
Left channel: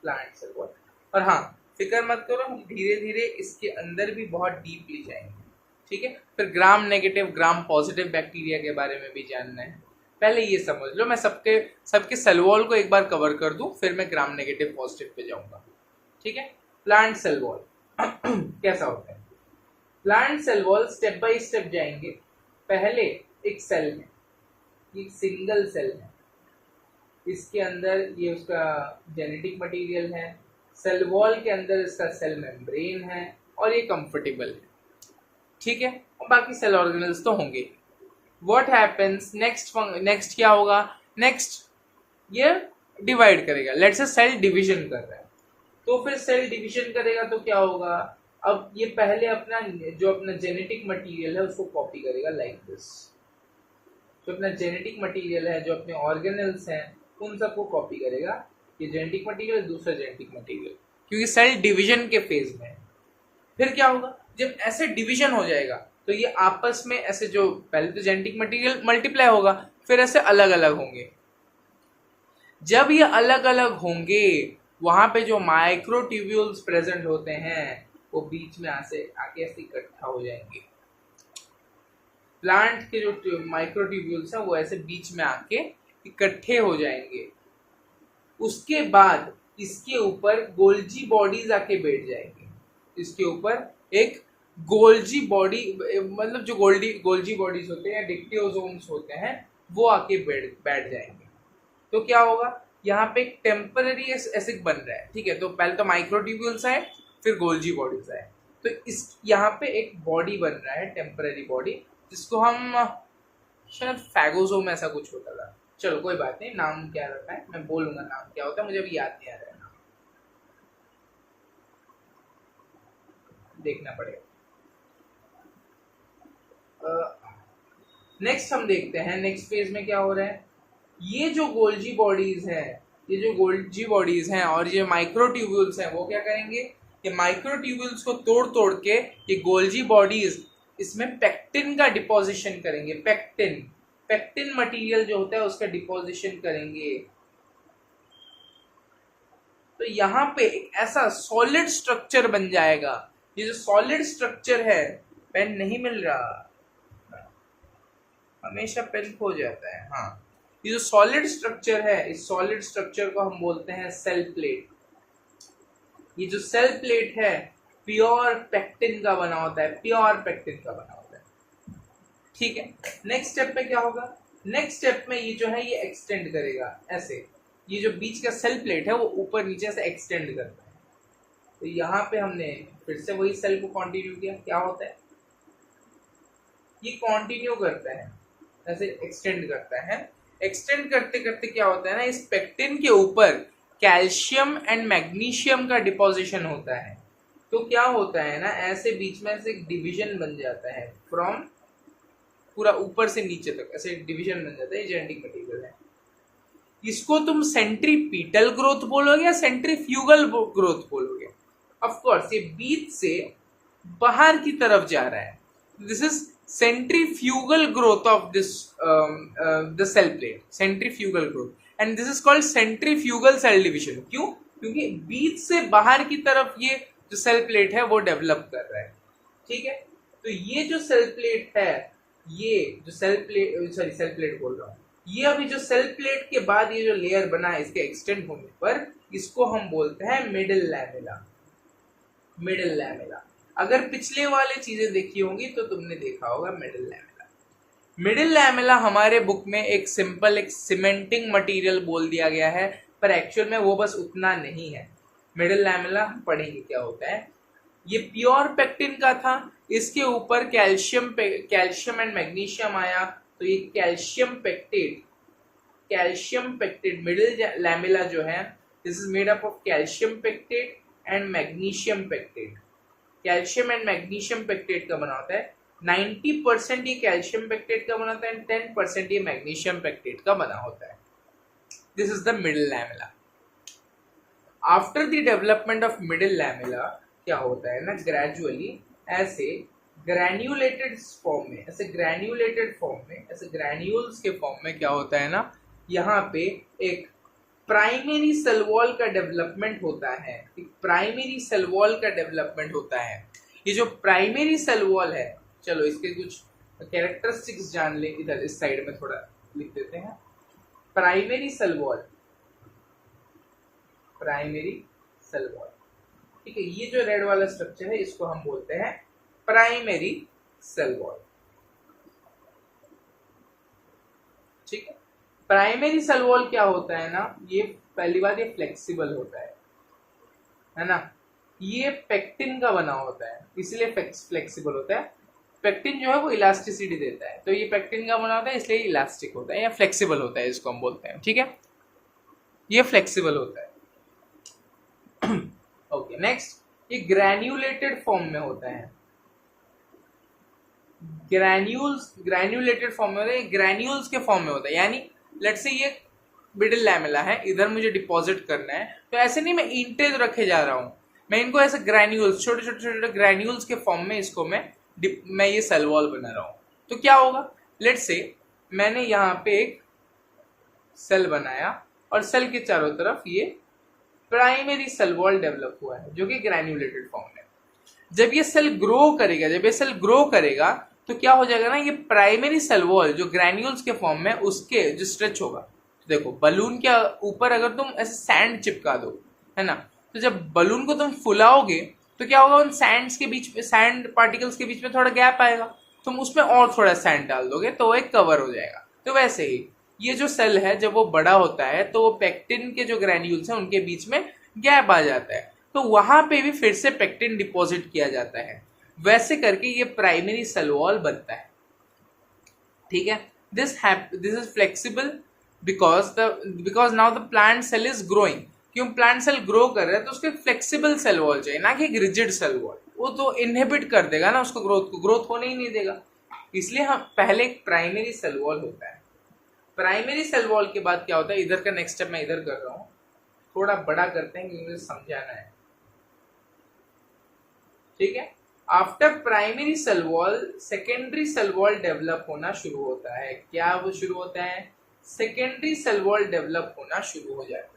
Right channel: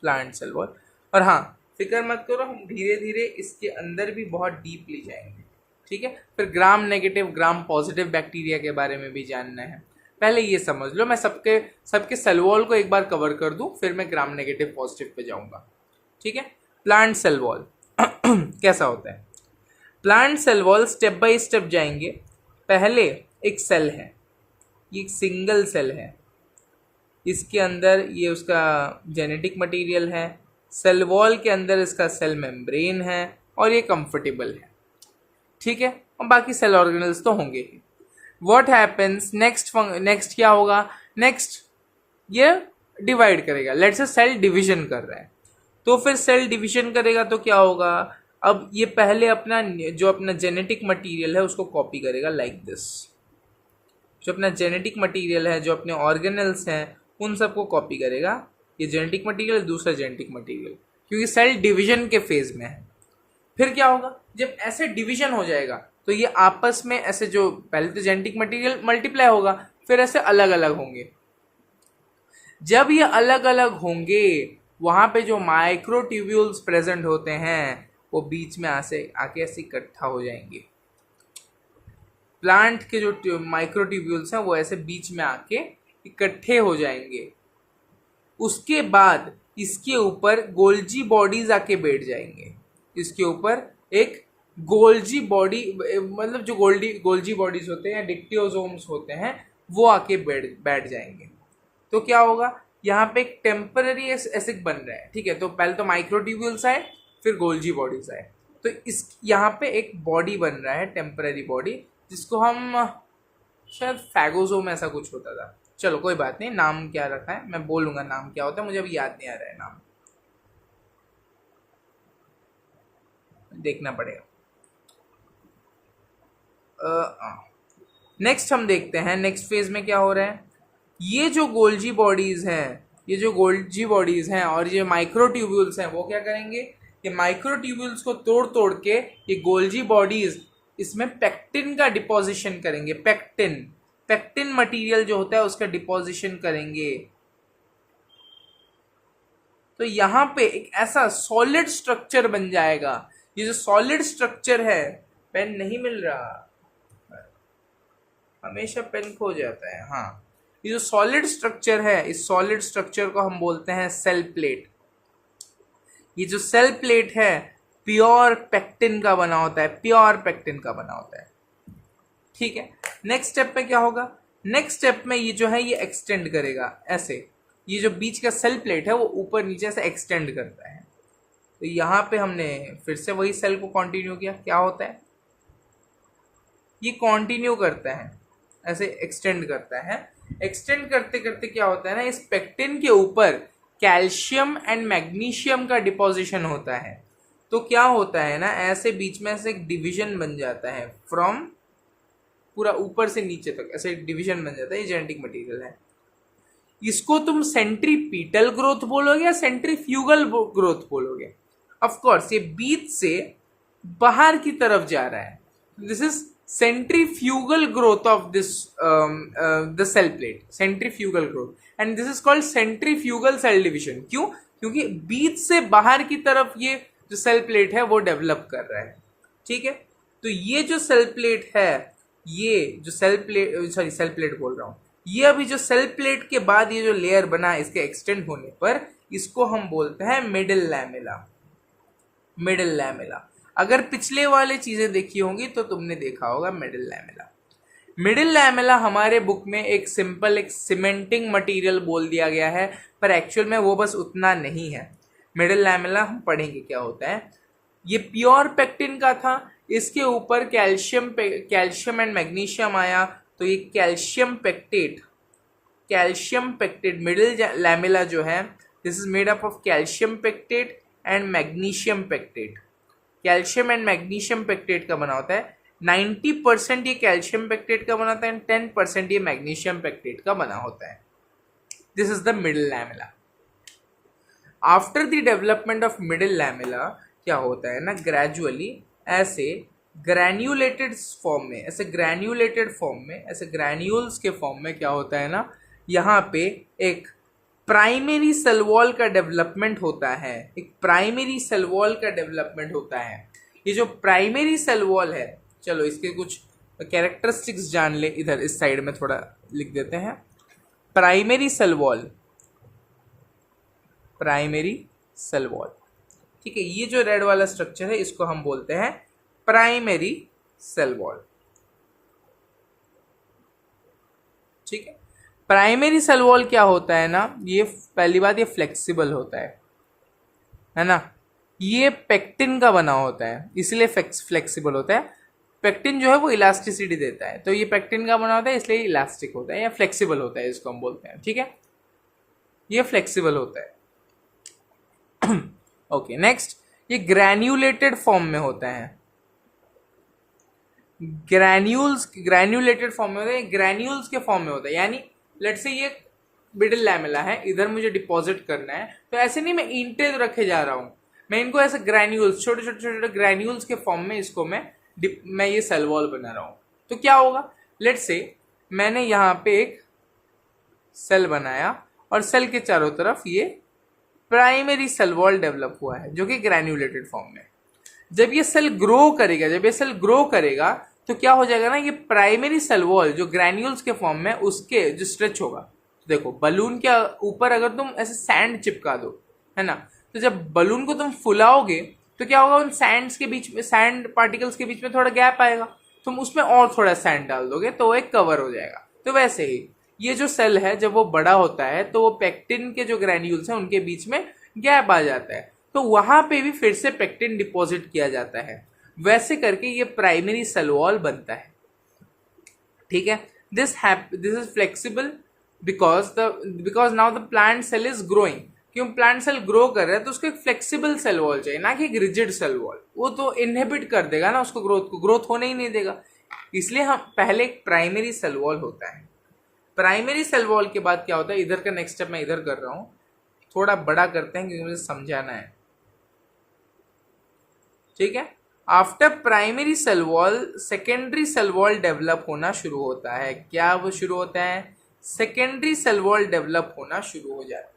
प्लांट सेल वॉल। और हाँ फिक्र मत करो, हम धीरे धीरे इसके अंदर भी बहुत डीपली जाएंगे, ठीक है। फिर ग्राम नेगेटिव ग्राम पॉजिटिव बैक्टीरिया के बारे में भी जानना है। पहले ये समझ लो, मैं सबके सेल वॉल को एक बार कवर कर दूं, फिर मैं ग्राम नेगेटिव पॉजिटिव पे जाऊंगा। ठीक है। प्लांट सेल वॉल कैसा होता है? Plant cell wall step by step जाएंगे। पहले एक सेल है, ये एक सिंगल सेल है, इसके अंदर ये उसका जेनेटिक मटेरियल है, सेल वॉल के अंदर इसका सेल मेम्ब्रेन है और ये कंफर्टेबल है। ठीक है। और बाकी सेल ऑर्गेनल्स तो होंगे ही। व्हाट हैपेंस नेक्स्ट क्या होगा? नेक्स्ट ये डिवाइड करेगा। लेट्स से सेल डिवीजन कर रहा है, तो फिर सेल डिवीजन करेगा तो क्या होगा? अब ये पहले अपना जेनेटिक मटेरियल है उसको कॉपी करेगा लाइक दिस। जो अपना जेनेटिक मटेरियल है, जो अपने ऑर्गेनल्स हैं, उन सबको कॉपी करेगा। ये जेनेटिक मटेरियल, दूसरा जेनेटिक मटेरियल, क्योंकि सेल डिवीजन के फेज में है। फिर क्या होगा? जब ऐसे डिवीजन हो जाएगा तो ये आपस में ऐसे, जो पहले तो जेनेटिक मटेरियल मल्टीप्लाई होगा, फिर ऐसे अलग अलग होंगे। जब ये अलग अलग होंगे, वहां पे जो माइक्रोट्यूब्यूल्स प्रेजेंट होते हैं वो बीच में आके ऐसे इकट्ठा हो जाएंगे। प्लांट के जो माइक्रोट्यूब्यूल्स हैं वो ऐसे बीच में आके इकट्ठे हो जाएंगे। उसके बाद इसके ऊपर गोल्जी बॉडीज आके बैठ जाएंगे। इसके ऊपर एक गोल्जी बॉडी, मतलब जो गोल्जी बॉडीज होते हैं या डिक्टियोसोम्स होते हैं, वो आके बैठ जाएंगे। तो क्या होगा? यहाँ पे एक टेम्पररी एसिड बन रहा है। ठीक है। तो पहले तो माइक्रोट्यूब्यूल्स आए, फिर गोल्जी बॉडीज आए, तो इस यहाँ पे एक बॉडी बन रहा है, टेम्पररी बॉडी, जिसको हम शायद फैगोसोम ऐसा कुछ होता था। चलो कोई बात नहीं, नाम क्या रखा है मैं बोलूंगा नाम क्या होता है, मुझे अभी याद नहीं आ रहा है नाम, देखना पड़ेगा। नेक्स्ट हम देखते हैं नेक्स्ट फेज में क्या हो रहा है। ये जो गोल्जी बॉडीज हैं और ये माइक्रोट्यूब्यूल्स हैं, वो क्या करेंगे? ये माइक्रोट्यूब्यूल्स को तोड़ तोड़ के ये गोल्जी बॉडीज इसमें पेक्टिन का डिपोजिशन करेंगे। पेक्टिन मटेरियल जो होता है उसका डिपोजिशन करेंगे। तो यहाँ पे एक ऐसा सॉलिड स्ट्रक्चर बन जाएगा। ये जो सॉलिड स्ट्रक्चर है, पेन नहीं मिल रहा, हमेशा पेन खो जाता है। हाँ, ये जो सॉलिड स्ट्रक्चर है, इस सॉलिड स्ट्रक्चर को हम बोलते हैं सेल प्लेट। ये जो सेल प्लेट है प्योर पेक्टिन का बना होता है, ठीक है। नेक्स्ट स्टेप में क्या होगा? नेक्स्ट स्टेप में ये जो है ये एक्सटेंड करेगा ऐसे। ये जो बीच का सेल प्लेट है वो ऊपर नीचे से एक्सटेंड करता है। तो यहाँ पे हमने फिर से वही सेल को कंटिन्यू किया। क्या होता है? ये कंटिन्यू करता है, ऐसे एक्सटेंड करता है। एक्सटेंड करते करते क्या होता है ना, इस पेक्टिन के ऊपर कैल्शियम एंड मैग्नीशियम का डिपोजिशन होता है। तो क्या होता है ना, ऐसे बीच में ऐसे एक डिवीजन बन जाता है, फ्रॉम पूरा ऊपर से नीचे तक ऐसे डिवीजन बन जाता है। ये जेनेटिक मटेरियल है। इसको तुम सेंट्रीपीटल ग्रोथ बोलोगे या सेंट्रीफ्यूगल ग्रोथ बोलोगे? ऑफ कोर्स ये बीच से बाहर की तरफ जा रहा है। This is centrifugal growth of this the cell plate, centrifugal growth and this is called centrifugal cell division। क्यों? क्योंकि बीच से बाहर की तरफ ये जो सेल प्लेट है वो डेवलप कर रहा है। ठीक है। तो ये जो सेल प्लेट है, ये जो सेल प्लेट बोल रहा हूँ, ये अभी जो सेल प्लेट के बाद ये जो लेयर बना इसके एक्सटेंड होने पर इसको हम बोलते हैं मिडिल लैमेला। अगर पिछले वाले चीजें देखी होंगी तो तुमने देखा होगा मिडिल लैमेला हमारे बुक में एक सिंपल एक सीमेंटिंग मटेरियल बोल दिया गया है, पर एक्चुअल में वो बस उतना नहीं है। मिडिल लैमेला हम पढ़ेंगे क्या होता है। ये प्योर पेक्टिन का था, इसके ऊपर कैल्शियम एंड मैग्नीशियम आया, तो ये कैल्शियम पेक्टेट मिडिल लैमेला जो है, this is made up of calcium pectate and magnesium pectate. Calcium and magnesium pectate का बना होता है। 90% ये कैल्शियम पेक्टेट का बना होता है एंड 10% ये मैग्नीशियम पेक्टेट का बना होता है। This is the middle lamella. After the development of middle lamella क्या होता है ना, ग्रेजुअली ऐसे ग्रैन्यूलेटेड फॉर्म में, ऐसे ग्रैन्यूल्स के फॉर्म में क्या होता है ना, यहाँ पे एक प्राइमरी सेल वॉल का डेवलपमेंट होता है। ये जो प्राइमरी सेल वॉल है, चलो इसके कुछ कैरेक्टरिस्टिक्स जान ले, इधर इस साइड में थोड़ा लिख देते हैं। Primary cell wall, primary cell wall, ठीक है। ये जो रेड वाला स्ट्रक्चर है इसको हम बोलते हैं प्राइमरी सेल वॉल, ठीक है। प्राइमरी सेल वॉल क्या होता है ना, ये पहली बात ये फ्लेक्सिबल होता है ना। ये पेक्टिन का बना होता है इसलिए फ्लेक्सिबल होता है। पेक्टिन जो है वो इलास्टिसिटी देता है, तो ये पेक्टिन का बना होता है इसलिए इलास्टिक होता है या फ्लेक्सिबल होता है, इसको हम बोलते हैं, ठीक है। ये फ्लेक्सिबल होता है। ओके नेक्स्ट, ये ग्रैन्युलेटेड फॉर्म में होता है। ग्रैन्युलेटेड फॉर्म में होता है, ग्रैन्यूल्स के फॉर्म में होता है। यानी लेट्स से ये मिडिल लैमेला है, इधर मुझे डिपॉजिट करना है, तो ऐसे नहीं मैं ईंटें रखे जा रहा हूं, मैं इनको ऐसे ग्रैन्यूल्स, छोटे छोटे छोटे ग्रैन्यूल्स के फॉर्म में इसको मैं ये सेल वॉल बना रहा हूं। तो क्या होगा, लेट्स से मैंने यहाँ पे एक सेल बनाया और सेल के चारों तरफ ये प्राइमरी सेल वॉल डेवलप हुआ है जो कि ग्रैन्युलेटेड फॉर्म में। जब ये सेल ग्रो करेगा तो क्या हो जाएगा ना, ये प्राइमरी सेल वॉल जो ग्रैन्यूल्स के फॉर्म में उसके जो स्ट्रेच होगा, देखो बलून के ऊपर अगर तुम ऐसे सैंड चिपका दो, है ना, तो जब बलून को तुम फुलाओगे तो क्या होगा, उन सैंड्स के बीच में, सैंड पार्टिकल्स के बीच में थोड़ा गैप आएगा, तुम उसमें और थोड़ा सैंड डाल दोगे तो वो एक कवर हो जाएगा। तो वैसे ही ये जो सेल है जब वो बड़ा होता है तो वो पेक्टिन के जो ग्रैन्यूल्स हैं उनके बीच में गैप आ जाता है, तो वहां पे भी फिर से पेक्टिन डिपॉजिट किया जाता है। वैसे करके ये प्राइमरी सेल वॉल बनता है, ठीक है। This is flexible because now the plant cell is growing. क्यों प्लांट सेल ग्रो कर रहा है तो उसको एक फ्लेक्सिबल सेल वॉल चाहिए, ना कि एक रिजिड सेल वॉल, वो तो इनहिबिट कर देगा ना उसको, ग्रोथ होने ही नहीं देगा। इसलिए हम पहले एक प्राइमरी सेल वॉल होता है। प्राइमरी सेल वॉल के बाद क्या होता है, इधर का नेक्स्ट स्टेप मैं इधर कर रहा हूं, थोड़ा बड़ा करते हैं क्योंकि मुझे समझाना है, ठीक है। After primary cell wall secondary cell wall develop होना शुरू होता है। क्या वो शुरू होता है, सेकेंडरी सेल वॉल डेवलप होना शुरू हो जाता है,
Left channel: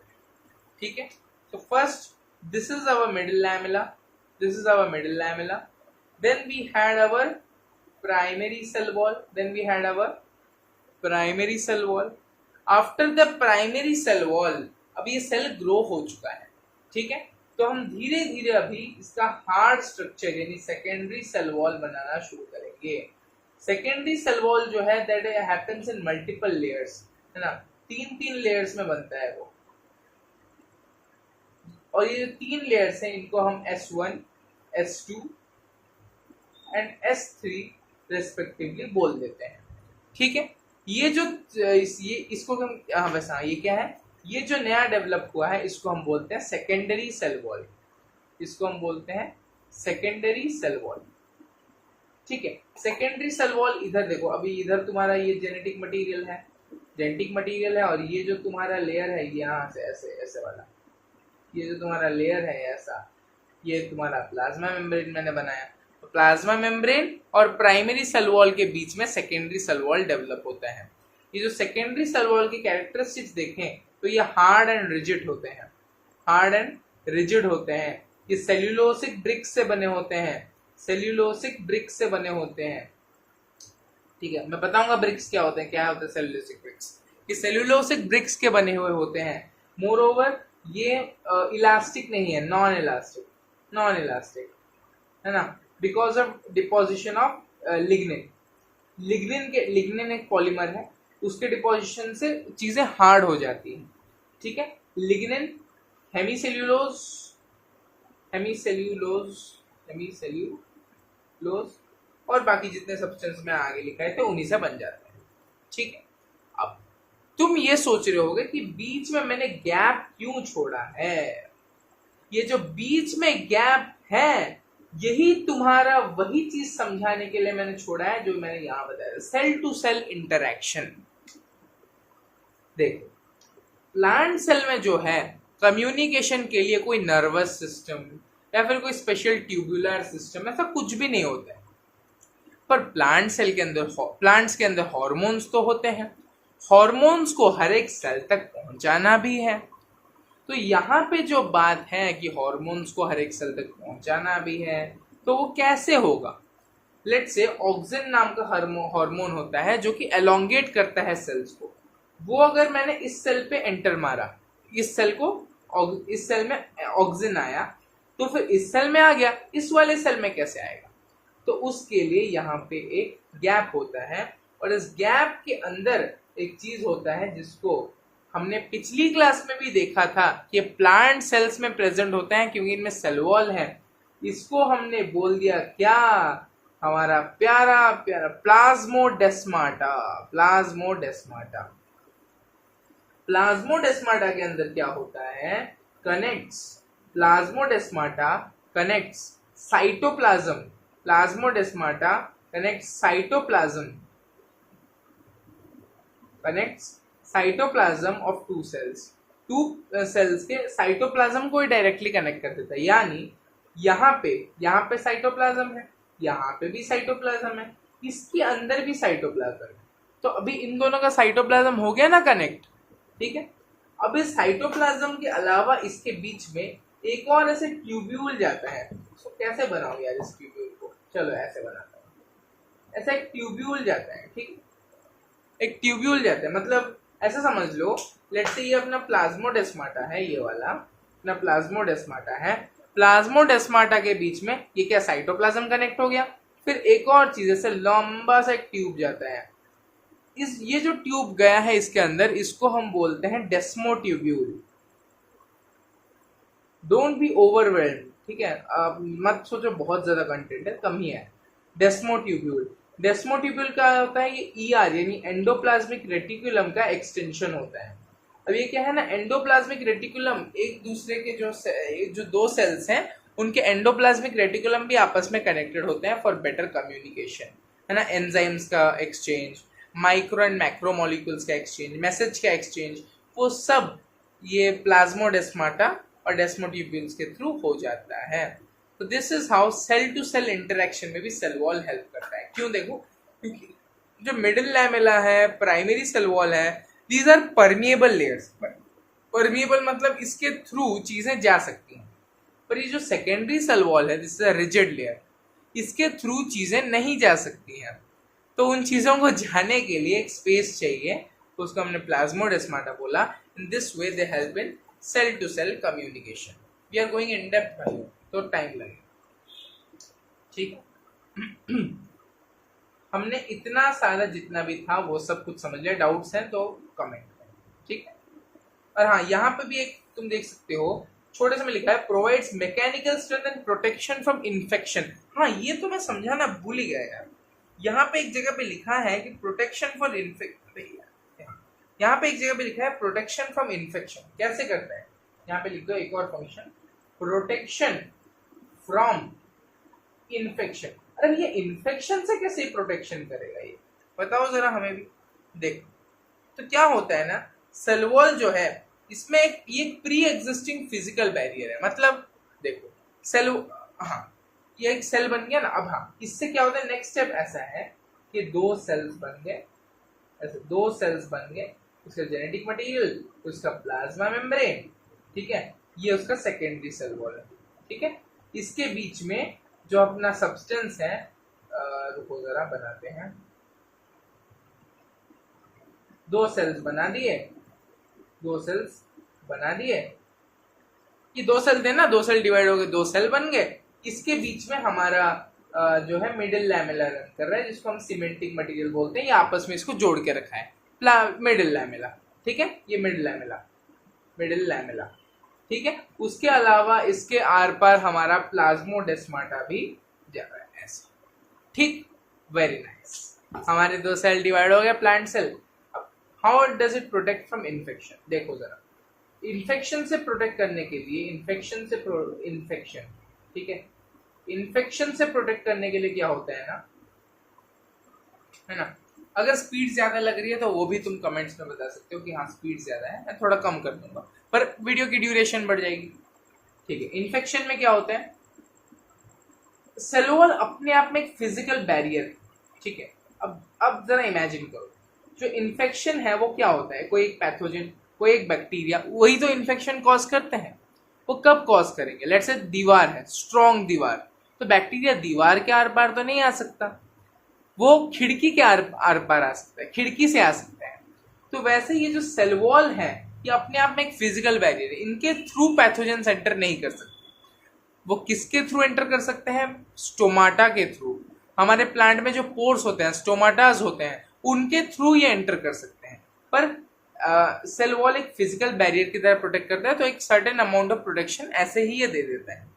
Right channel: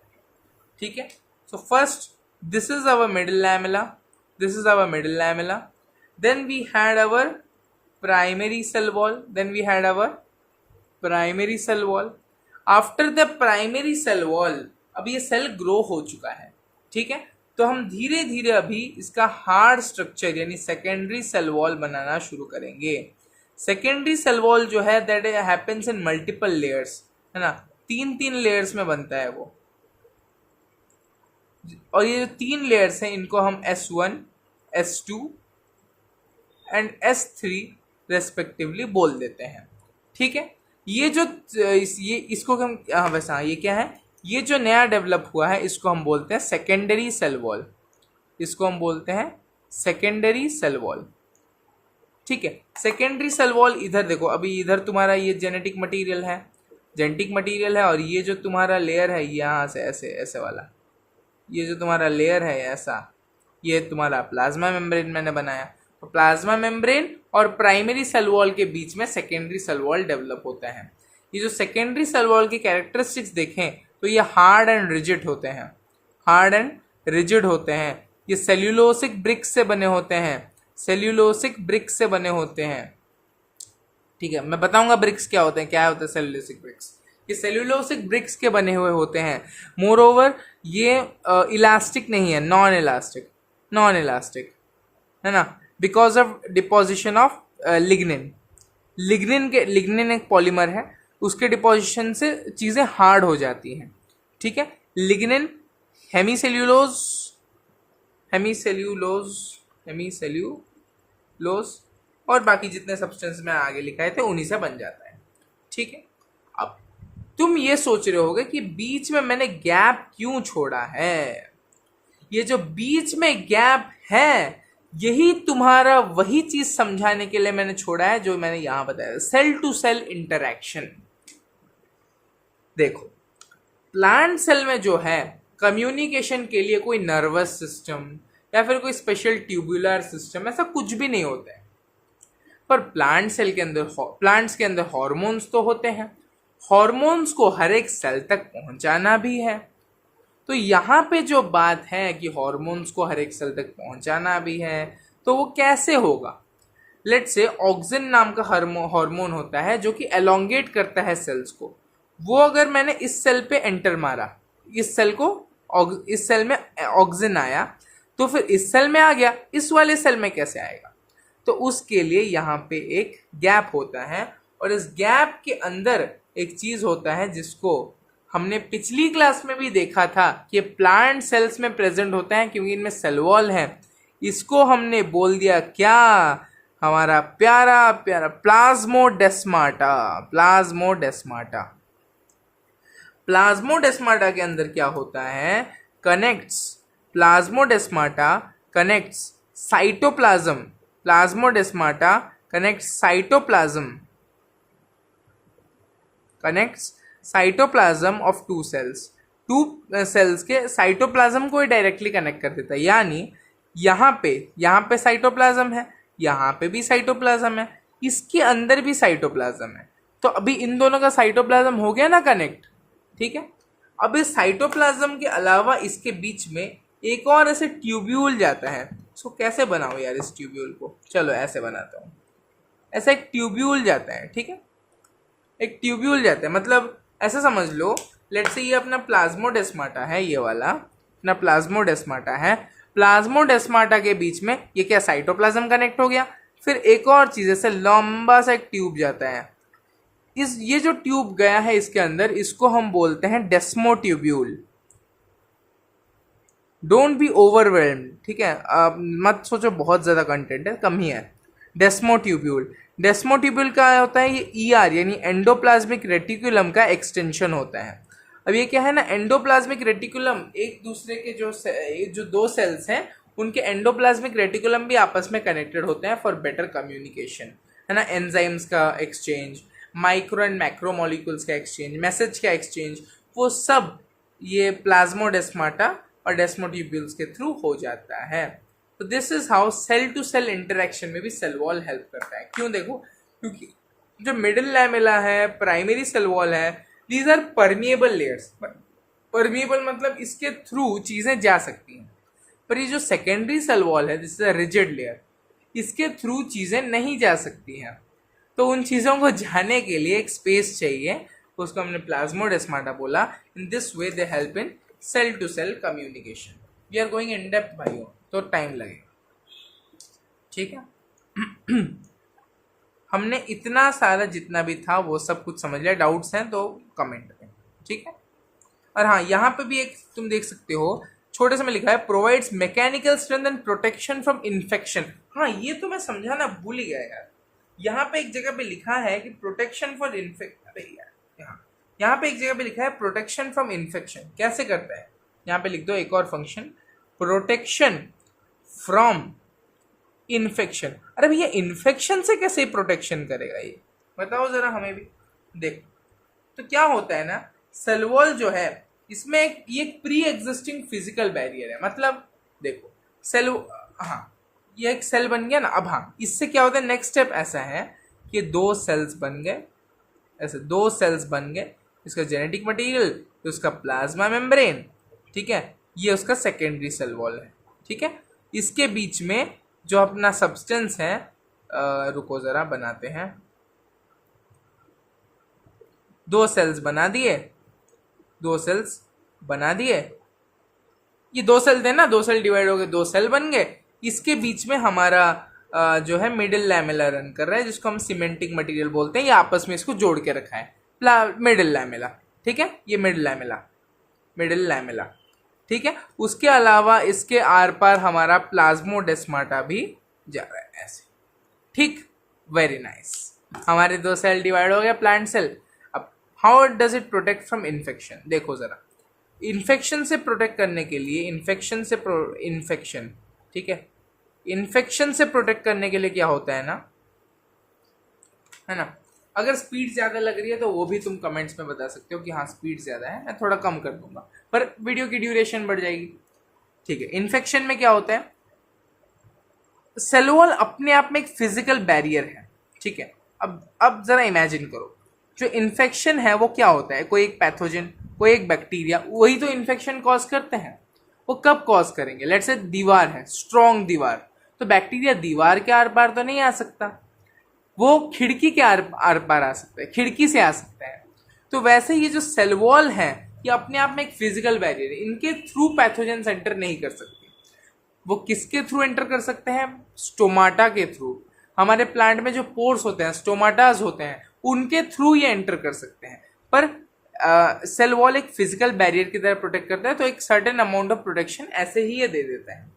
ठीक है। So first this is our middle lamella, this is our middle lamella, then we had our primary cell wall, then we had our primary cell wall. After the primary cell wall अब ये सेल ग्रो हो चुका है, ठीक है, तो हम धीरे धीरे अभी इसका हार्ड स्ट्रक्चर यानी सेकेंडरी सेल वॉल बनाना शुरू करेंगे। सेकेंडरी सेल वॉल जो है that happens in multiple layers, है ना, 3 लेयर्स में बनता है वो, और ये जो 3 लेयर्स हैं इनको हम S1, S2 and S3 respectively बोल देते हैं, ठीक है। ये जो ये इसको हम वैसा ये क्या है, ये जो नया डेवलप हुआ है इसको हम बोलते हैं सेकेंडरी सेल वॉल, इसको हम बोलते हैं सेकेंडरी सेल वॉल, ठीक है। सेकेंडरी सेल वॉल इधर देखो, अभी इधर तुम्हारा ये जेनेटिक मटेरियल है और ये जो तुम्हारा लेयर है यहाँ से ऐसे ऐसे वाला, ये जो तुम्हारा लेयर है ऐसा, ये तुम्हारा प्लाज्मा मेम्ब्रेन मैंने बनाया। तो प्लाज्मा मेम्ब्रेन और प्राइमरी सेल वॉल के बीच में सेकेंडरी सेल वॉल डेवलप होता है। ये जो सेकेंडरी सेल वॉल की कैरेक्टरिस्टिक्स देखें तो ये हार्ड एंड रिजिड होते हैं, हार्ड एंड रिजिड होते हैं। ये सेल्यूलोसिक ब्रिक्स से बने होते हैं, सेल्यूलोसिक ब्रिक्स से बने होते हैं, ठीक है। मैं बताऊंगा ब्रिक्स क्या होते हैं, क्या होते हैं सेल्यूलोसिक ब्रिक्स। ये सेल्यूलोसिक ब्रिक्स के बने हुए होते हैं। मोर ओवर ये इलास्टिक नहीं है, नॉन इलास्टिक है ना, because of deposition of lignin. Lignin एक पॉलीमर है, उसके डिपोजिशन से चीज़ें हार्ड हो जाती हैं, ठीक है। लिग्निन, हेमीसेल्यूलोज और बाकी जितने सब्सटेंस में आगे लिखाए थे उन्हीं से बन जाता है, ठीक है। अब तुम ये सोच रहे होगे कि बीच में मैंने गैप क्यों छोड़ा है। ये जो बीच में गैप है यही तुम्हारा वही चीज समझाने के लिए मैंने छोड़ा है जो मैंने यहां बताया, सेल टू सेल इंटरैक्शन। देखो प्लांट सेल में जो है कम्युनिकेशन के लिए कोई नर्वस सिस्टम या फिर कोई स्पेशल ट्यूबुलर सिस्टम ऐसा कुछ भी नहीं होता है, पर प्लांट्स के अंदर हार्मोन्स तो होते हैं, हार्मोन्स को हर एक सेल तक पहुंचाना भी है। तो यहाँ पे जो बात है कि हार्मोन्स को हर एक सेल तक पहुंचाना भी है, तो वो कैसे होगा। लेट से ऑक्सिन नाम का हार्मोन होता है जो कि एलोंगेट करता है सेल्स को, वो अगर मैंने इस सेल पे एंटर मारा, इस सेल में ऑक्सिन आया, तो फिर इस सेल में आ गया, इस वाले सेल में कैसे आएगा? तो उसके लिए यहाँ पे एक गैप होता है, और इस गैप के अंदर एक चीज होता है जिसको हमने पिछली क्लास में भी देखा था कि प्लांट सेल्स में प्रेजेंट होता है क्योंकि इनमें सेल वॉल है। इसको हमने बोल दिया क्या, हमारा प्यारा प्यारा प्लाज्मोडेस्माटा। प्लाज्मोडेस्माटा के अंदर क्या होता है, plasmodesmata connects cytoplasm, plasmodesmata connects cytoplasm of two cells के साइटोप्लाज्म को ही डायरेक्टली कनेक्ट कर देता है। यानी यहाँ पे साइटोप्लाज्म है, यहाँ पे भी साइटोप्लाज्म है, इसके अंदर भी साइटोप्लाज्म है। तो अभी इन दोनों का साइटोप्लाज्म हो गया ना कनेक्ट, ठीक है। अब इस साइटोप्लाज्म के अलावा इसके बीच में एक और ऐसे ट्यूब्यूल जाता है। उसको कैसे बनाओ यार इस ट्यूब्यूल को, चलो ऐसे बनाता हूँ। ऐसा एक ट्यूब्यूल जाता है, ठीक है, एक ट्यूब्यूल जाता है, मतलब ऐसा समझ लो, लेट्स से ये अपना प्लाज्मोडेस्माटा है, ये वाला अपना प्लाज्मोडेस्माटा है। प्लाज्मोडेस्माटा के बीच में ये क्या, साइटोप्लाज्म कनेक्ट हो गया। फिर एक और चीज ऐसे लंबा सा एक ट्यूब जाता है, ये जो ट्यूब गया है इसके अंदर, इसको हम बोलते हैं डेस्मोट्यूब्यूल। डोंट बी ओवरवेल्म्ड, ठीक है, मत सोचो बहुत ज्यादा कंटेंट है, कम ही है। डेस्मोट्यूब्यूल का होता है, ये ईआर यानी एंडोप्लाज्मिक रेटिकुलम का एक्सटेंशन होता है। अब ये क्या है ना, एंडोप्लाज्मिक रेटिकुलम एक दूसरे के जो दो सेल्स हैं उनके एंडोप्लाज्मिक रेटिकुलम भी आपस में कनेक्टेड होते हैं फॉर बेटर कम्युनिकेशन, है ना। एंजाइम्स का exchange, micro and macro molecules का एक्सचेंज, मैसेज का एक्सचेंज, वो सब ये प्लाज्मोडेस्माटा और डेस्मोट्यूब्यूल्स के थ्रू हो जाता है। तो this is how cell to cell interaction में भी सेल वॉल हेल्प करता है। क्यों? देखो, क्योंकि जो मिडिल लैमेला है, प्राइमरी सेल वॉल है, these are permeable layers. Permeable मतलब इसके थ्रू चीजें जा सकती हैं, पर ये जो सेकेंडरी सेल वॉल है, this is a rigid layer, इसके थ्रू चीजें नहीं जा सकती हैं। तो उन चीजों को जाने के लिए एक स्पेस चाहिए, उसको हमने प्लाज्मोडेस्माटा बोला। In this way they help in cell to cell communication. We are going in depth भाइयों, तो टाइम लगेगा, ठीक है। हमने इतना सारा जितना भी था वो सब कुछ समझ लिया। डाउट्स हैं तो कमेंट करें, ठीक है। और हाँ, यहाँ पे भी एक तुम देख सकते हो, छोटे से में लिखा है provides mechanical strength and protection from infection. हाँ, ये तो मैं समझाना भूल ही गया यार। यहाँ पे एक जगह पे लिखा है कि प्रोटेक्शन फॉर यहाँ पे एक जगह पे लिखा है प्रोटेक्शन फ्रॉम इन्फेक्शन। कैसे करता है, यहाँ पे लिख दो एक और फंक्शन, प्रोटेक्शन फ्रॉम इन्फेक्शन। अरे भैया, इन्फेक्शन से कैसे प्रोटेक्शन करेगा ये, बताओ जरा हमें भी। देखो तो क्या होता है ना, सेल वॉल जो है इसमें ये प्री एग्जिस्टिंग फिजिकल बैरियर है। मतलब देखो सेल, हाँ ये एक सेल बन गया ना। अब हाँ, इससे क्या होता है, नेक्स्ट स्टेप ऐसा है कि दो सेल्स बन गए, ऐसे दो सेल्स बन गए, इसका जेनेटिक मटेरियल, उसका प्लाज्मा मेम्ब्रेन, ठीक है, ये उसका सेकेंडरी सेल वॉल है, ठीक है। इसके बीच में जो अपना सब्सटेंस है, रुको जरा बनाते हैं, दो सेल्स बना दिए, ये दो सेल थे ना, दो सेल डिवाइड हो गए, दो सेल बन गए। इसके बीच में हमारा जो है मिडिल लैमेला रन कर रहा है, जिसको हम सीमेंटिक मटेरियल बोलते हैं। ये आपस में इसको जोड़ के रखा है, मिडिल लैमेला, ठीक है, ये मिडिल लैमेला, ठीक है। उसके अलावा इसके आर पार हमारा प्लाज्मोडेस्माटा भी जा रहा है ऐसे, ठीक, वेरी नाइस। हमारे दो सेल डिवाइड हो गया, प्लांट सेल। अब how does it protect from infection, देखो जरा। इन्फेक्शन से प्रोटेक्ट करने के लिए, ठीक है, इन्फेक्शन से प्रोटेक्ट करने के लिए क्या होता है ना, अगर स्पीड ज्यादा लग रही है तो वो भी तुम कमेंट्स में बता सकते हो कि हाँ स्पीड ज्यादा है, मैं थोड़ा कम कर दूंगा, पर वीडियो की ड्यूरेशन बढ़ जाएगी, ठीक है। इन्फेक्शन में क्या होता है, सेल वॉल अपने आप में एक फिजिकल बैरियर है, ठीक है। अब जरा इमेजिन करो, जो इन्फेक्शन है वो क्या होता है, कोई एक पैथोजन, कोई एक बैक्टीरिया, वही तो इन्फेक्शन कॉज करते हैं। वो कब कॉज करेंगे, लेट्स से दीवार है, स्ट्रॉन्ग दीवार, तो बैक्टीरिया दीवार के आर पार तो नहीं आ सकता, वो खिड़की के आर पार आ सकता है, खिड़की से आ सकता है। तो वैसे ये जो सेल वॉल है ये अपने आप में एक फिजिकल बैरियर है, इनके थ्रू पैथोजेंस एंटर नहीं कर सकते। वो किसके थ्रू एंटर कर सकते हैं? स्टोमाटा के थ्रू। हमारे प्लांट में जो पोर्स होते हैं, स्टोमाटाज होते हैं, उनके थ्रू ये एंटर कर सकते हैं। पर सेल वॉल एक फिजिकल बैरियर की तरह प्रोटेक्ट करता है, तो एक सर्टेन अमाउंट ऑफ प्रोटेक्शन ऐसे ही ये दे देता है।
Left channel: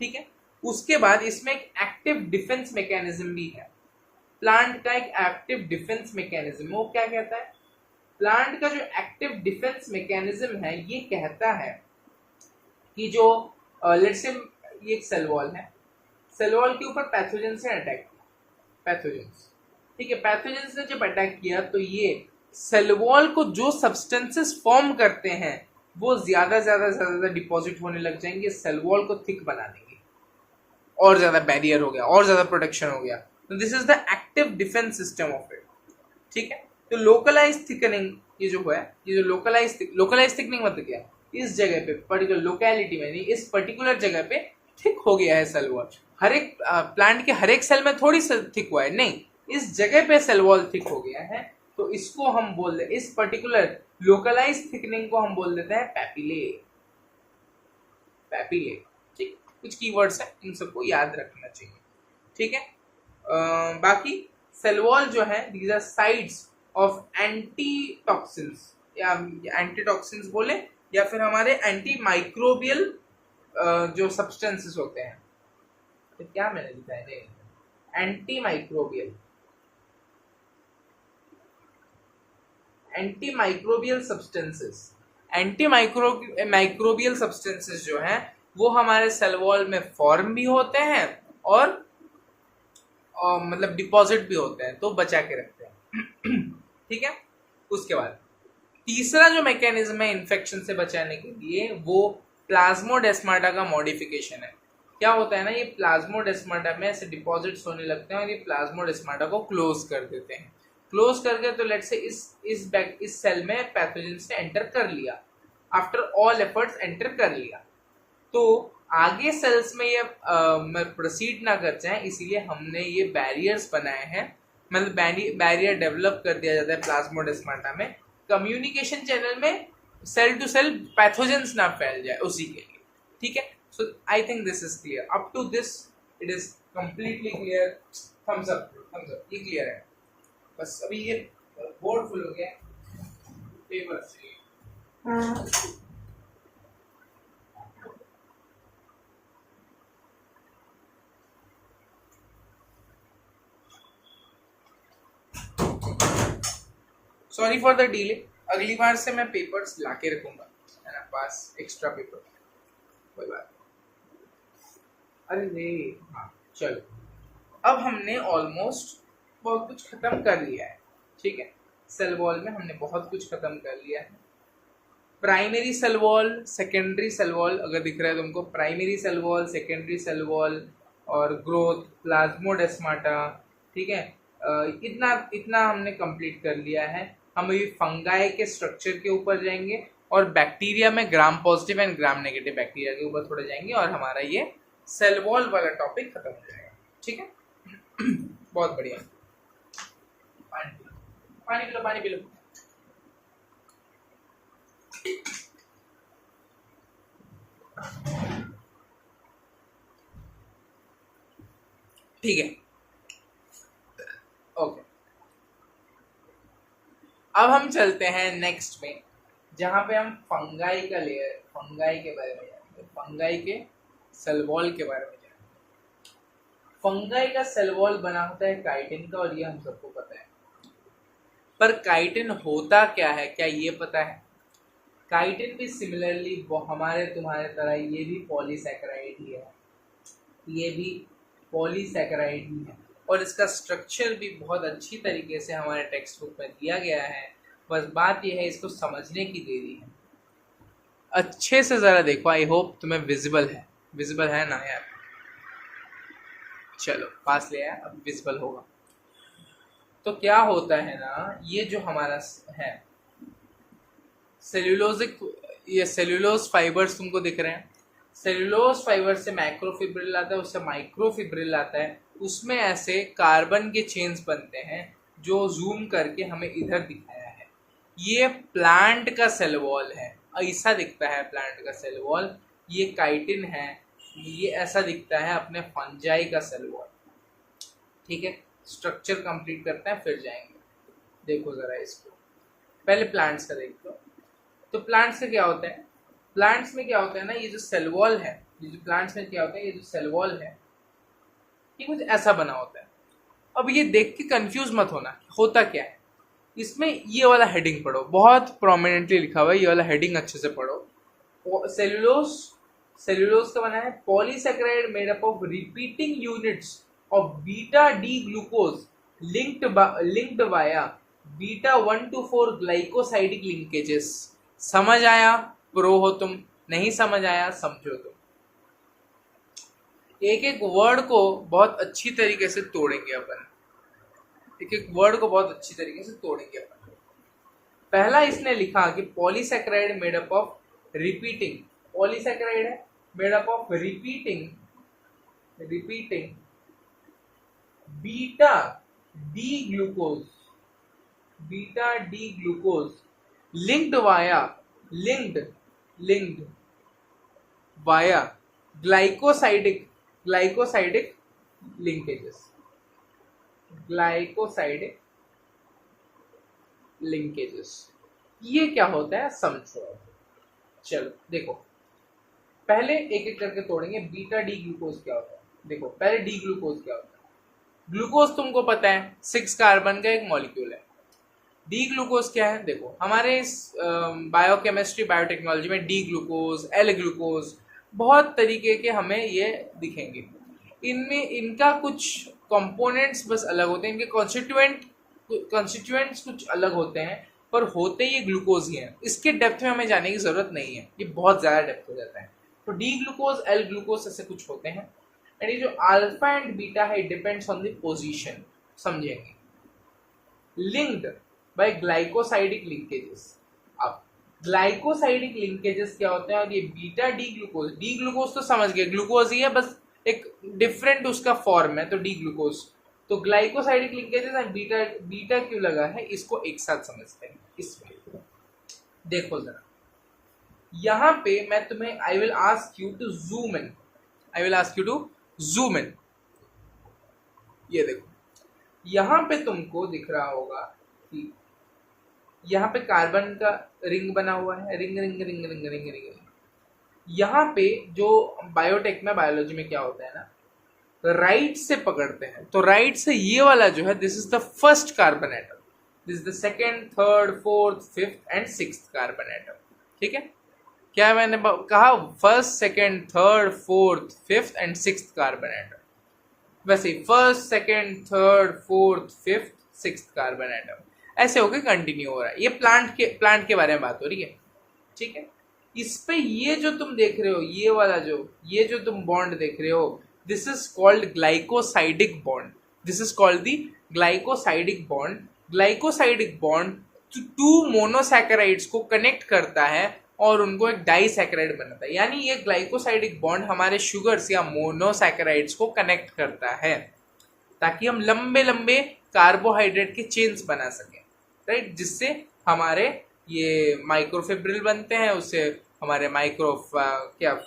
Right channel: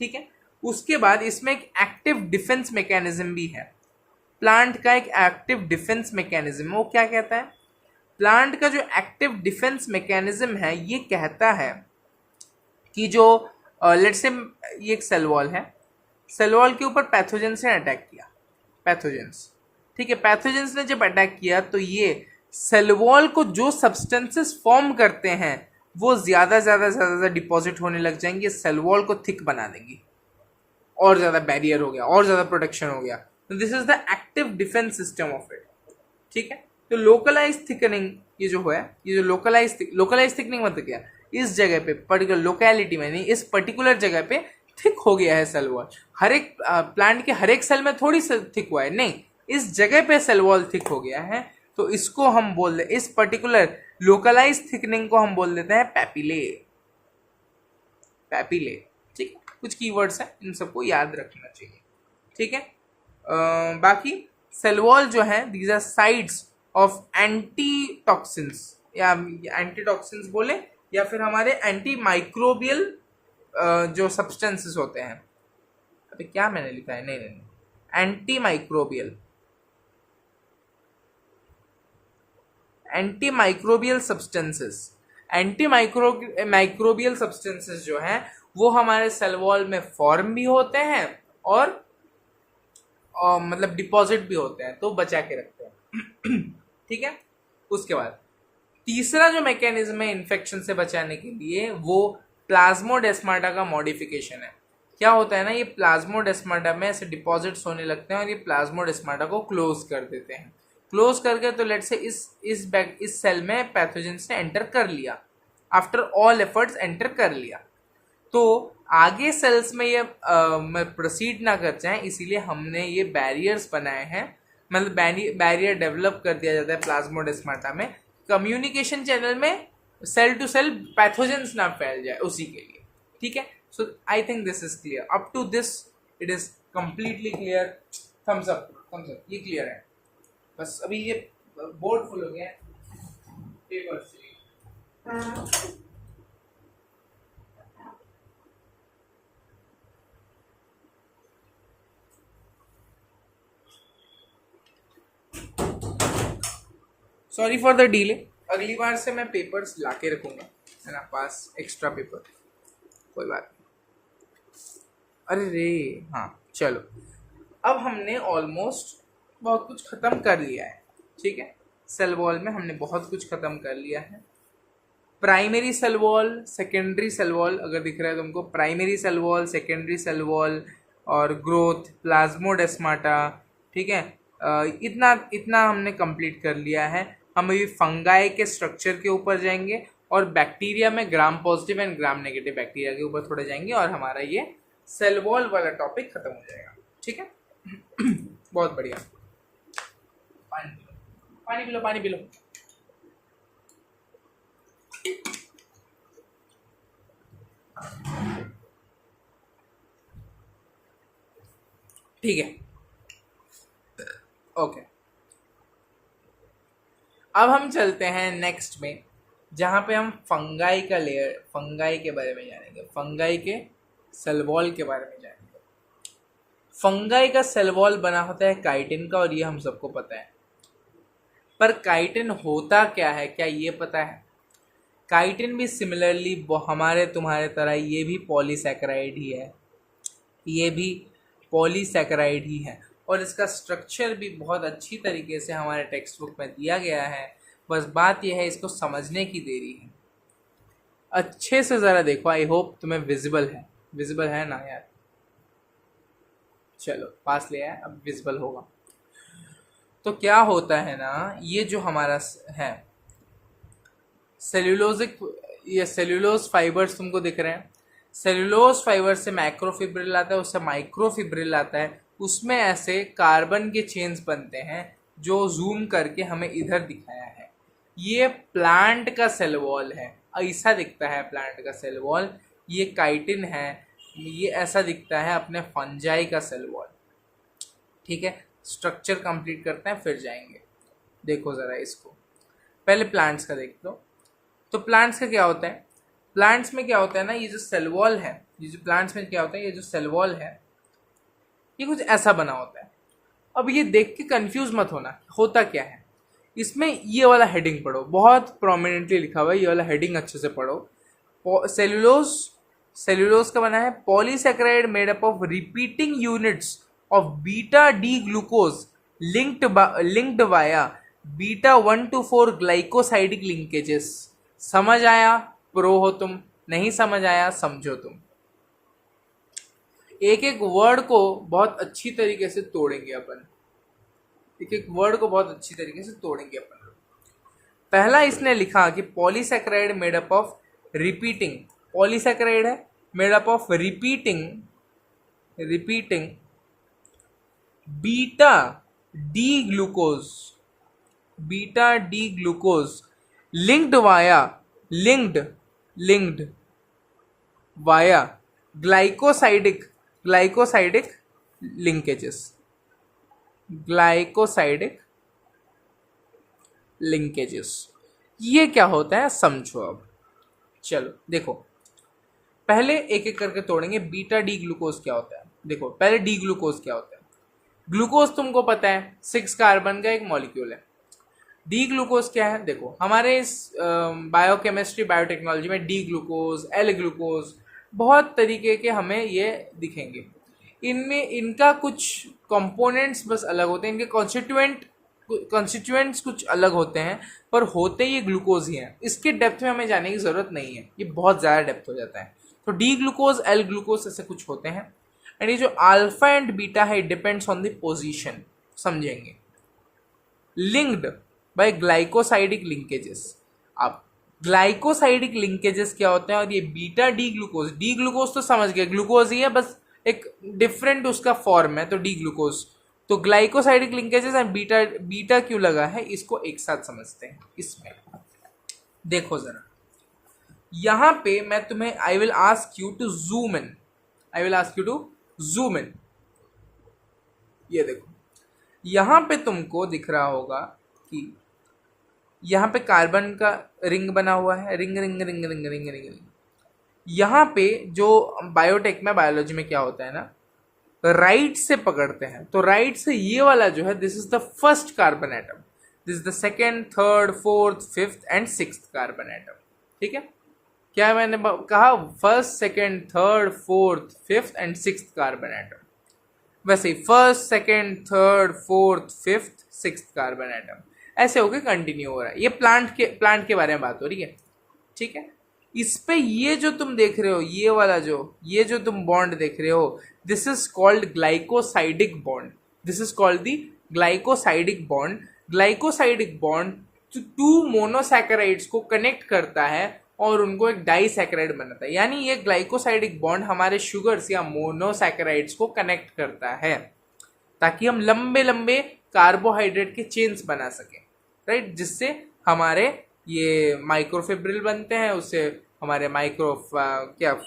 ठीक है, उसके बाद इसमें एक एक्टिव डिफेंस मैकेनिज्म भी है। प्लांट का एक एक्टिव डिफेंस मैकेनिज्म, वो क्या कहता है? प्लांट का जो एक्टिव डिफेंस मैकेनिज्म है ये कहता है कि जो लेट्स से ये एक सेल वॉल है, सेल वॉल के ऊपर पैथोजेंस ने अटैक किया, पैथोजेंस, ठीक है, पैथोजेंस ने जब अटैक किया तो ये सेल वॉल को जो सब्सटेंसेस फॉर्म करते हैं वो ज्यादा डिपॉजिट होने लग जाएंगे, सेल वॉल को थिक बना देंगी, और ज्यादा बैरियर हो गया, और ज्यादा प्रोटेक्शन हो गया। तो this is the active defence system of it. ठीक है, तो लोकलाइज थिकनिंग ये जो है, ये जो लोकलाइज थिकनिंग मतलब क्या? इस जगह पे पर्टिकुलर लोकेलिटी में नहीं, इस पर्टिकुलर जगह पे थिक हो गया है सेल वॉल। हर एक प्लांट के हर एक सेल में थोड़ी सेल थिक हुआ है, नहीं, इस जगह पे सेल वॉल थिक हो गया है, तो इसको हम बोल दे, इस पर्टिकुलर लोकलाइज थिकनिंग को हम बोल देते हैं पैपिले। पैपिले, ठीक, कुछ कीवर्ड्स हैं, इन सबको याद रखना चाहिए। ठीक है, बाकी सेल वॉल जो है these are sides of anti toxins, या एंटी टॉक्सिन्स बोले, या फिर हमारे एंटी माइक्रोबियल जो सब्सटेंसेस होते हैं। अभी क्या मैंने लिखा है? नहीं, anti microbial substances. Anti microbial substances जो हैं वो हमारे सेल वॉल में फॉर्म भी होते हैं और मतलब डिपॉजिट भी होते हैं, तो बचा के रखते हैं। ठीक है, उसके बाद तीसरा जो मैकेनिज्म है इन्फेक्शन से बचाने के लिए वो प्लाज्मोडेस्माटा का मॉडिफिकेशन है। क्या होता है ना, ये प्लाज्मोडेस्माटा में ऐसे डिपॉजिट्स होने लगते हैं और ये प्लाज्मोडेस्माटा को क्लोज कर देते हैं। क्लोज करके तो लेट से इस सेल में पैथोजेंस ने एंटर कर लिया, आफ्टर ऑल एफर्ट्स एंटर कर लिया, तो आगे सेल्स में ये प्रोसीड ना कर जाए, इसीलिए हमने ये बैरियर्स बनाए हैं, मतलब बैरियर डेवलप कर दिया जाता है प्लाज्मोडेस्माटा में, कम्युनिकेशन चैनल में सेल टू सेल पैथोजेंस ना फैल जाए उसी के लिए। ठीक है, so I think this is clear, up to this it is completely clear. Thumbs up, ये क्लियर है। बस अभी ये बोर्ड फुल हो गया पेपर से। सॉरी फॉर द डिले, अगली बार से मैं पेपर्स लाके रखूंगा, है ना, पास एक्स्ट्रा पेपर, कोई बात नहीं। अरे रे, हाँ चलो, अब हमने ऑलमोस्ट बहुत कुछ खत्म कर लिया है। ठीक है, सेल वॉल में हमने बहुत कुछ खत्म कर लिया है। Primary cell wall, secondary cell wall, अगर दिख रहा है तुमको, primary cell wall, secondary cell wall और ग्रोथ, प्लाज्मोडेस्माटा, ठीक है, इतना हमने कंप्लीट कर लिया है। हम अभी फंगाई के स्ट्रक्चर के ऊपर जाएंगे और बैक्टीरिया में ग्राम positive and gram negative bacteria के ऊपर थोड़े जाएंगे और हमारा ये सेल वॉल वाला टॉपिक खत्म हो जाएगा। ठीक है, बहुत बढ़िया। पानी पी लो। ठीक है, ओके, अब हम चलते हैं नेक्स्ट में, जहाँ पे हम फंगाई का लेयर, फंगाई के बारे में जानेंगे, फंगाई के सेल वॉल के बारे में जानेंगे। फंगाई का सेल वॉल बना होता है काइटिन का, और ये हम सबको पता है। पर काइटिन होता क्या है, क्या ये पता है? काइटिन भी सिमिलरली हमारे तुम्हारे तरह ये भी पॉलीसैकेराइड ही है, ये भी पॉलीसैकेराइड ही है, और इसका स्ट्रक्चर भी बहुत अच्छी तरीके से हमारे टेक्स्ट बुक में दिया गया है। बस बात यह है इसको समझने की देरी है। अच्छे से ज़रा देखो, आई होप तुम्हें विजिबल है ना यार? चलो पास ले आया, अब विजिबल होगा। तो क्या होता है ना, ये जो हमारा है सेल्यूलोजिक, ये सेल्यूलोज फाइबर्स तुमको दिख रहे हैं, सेल्यूलोज फाइबर से मैक्रोफिब्रिल आता है, उससे माइक्रोफिब्रिल आता है, उसमें ऐसे कार्बन के चेन्स बनते हैं जो जूम करके हमें इधर दिखाया है। ये प्लांट का सेल वॉल है, ऐसा दिखता है प्लांट का सेल वॉल। ये काइटिन है, ये ऐसा दिखता है अपने फंजाई का सेल वॉल। ठीक है, स्ट्रक्चर कंप्लीट करते हैं फिर जाएंगे। देखो ज़रा इसको, पहले प्लांट्स का देख लो। तो प्लांट्स का क्या होता है, प्लांट्स में क्या होता है ना, ये जो सेल वॉल है, ये जो प्लांट्स में क्या होता है, ये जो सेल वॉल है ये कुछ ऐसा बना होता है। अब ये देख के कंफ्यूज मत होना, होता क्या है इसमें। ये वाला हेडिंग पढ़ो, बहुत प्रोमिनेंटली लिखा हुआ है, ये वाला हेडिंग अच्छे से पढ़ो। सेलुलोज, सेलुलोज का बना है polysaccharide made up of repeating units of beta D glucose linked via beta 1 to 4 glycosidic linkages. समझ आया? प्रो हो तुम, नहीं समझ आया समझो तुम। एक एक वर्ड को बहुत अच्छी तरीके से तोड़ेंगे अपन, एक एक वर्ड को बहुत अच्छी तरीके से तोड़ेंगे अपन। पहला इसने लिखा कि polysaccharide made up of repeating, polysaccharide है made up of repeating beta D glucose, beta D glucose linked via glycosidic linkages, glycosidic linkages. ये क्या होता है समझो अब। चलो देखो, पहले एक एक करके तोड़ेंगे। बीटा डी ग्लूकोज क्या होता है, देखो पहले डी ग्लूकोज क्या होता है। ग्लूकोज तुमको पता है 6 कार्बन का एक मॉलिक्यूल है। डी ग्लूकोज क्या है, देखो हमारे इस बायोकेमिस्ट्री बायोटेक्नोलॉजी में डी ग्लूकोज, एल ग्लूकोज, बहुत तरीके के हमें ये दिखेंगे। इनमें इनका कुछ कंपोनेंट्स बस अलग होते हैं, इनके कॉन्स्टिट्यूएंट्स कुछ अलग होते हैं, पर होते ये ग्लूकोज ही हैं। इसके डेप्थ में हमें जाने की ज़रूरत नहीं है, ये बहुत ज़्यादा डेप्थ हो जाता है। तो डी ग्लूकोज, एल ग्लूकोज ऐसे कुछ होते हैं। एंड ये जो अल्फा एंड बीटा है, it depends on the position, समझेंगे। Linked by glycosidic linkages. अब ग्लाइकोसाइडिक लिंकेजेस क्या होते हैं, और ये बीटा डी ग्लूकोज तो समझ गए, ग्लूकोज ही है, बस एक डिफरेंट उसका फॉर्म है, तो डी ग्लूकोज। तो ग्लाइकोसाइडिक लिंकेजेस एंड बीटा क्यों लगा है, इसको एक साथ समझते हैं। इसमें देखो जरा, यहां पे मैं तुम्हें I will ask you to zoom in, ये देखो यहां पे तुमको दिख रहा होगा कि यहाँ पे कार्बन का रिंग बना हुआ है, रिंग। यहाँ पे जो बायोटेक में, बायोलॉजी में क्या होता है ना, राइट से पकड़ते हैं। तो राइट से ये वाला जो है, this is the first carbon atom, this is the second, third, fourth, fifth and sixth carbon atom. ठीक है, क्या मैंने कहा, first, second, third, fourth, fifth and sixth carbon atom. वैसे ही first, second, third, fourth, fifth, sixth carbon atom, ऐसे होके कंटिन्यू हो रहा है। ये प्लांट के बारे में बात हो रही है। ठीक है, इस पे ये जो तुम देख रहे हो, ये वाला ये जो तुम बॉन्ड देख रहे हो, this is called glycosidic bond, this is called the glycosidic bond. Glycosidic bond two monosaccharides को कनेक्ट करता है और उनको एक डाइसैकेराइड बनाता है। यानी ये ग्लाइकोसाइडिक बॉन्ड हमारे शुगर्स या मोनोसैकेराइड्स को कनेक्ट करता है, ताकि हम लंबे लंबे कार्बोहाइड्रेट के चेन्स बना सकें, राइट, जिससे हमारे ये माइक्रोफिब्रिल बनते हैं, उससे हमारे माइक्रोफिब्रिल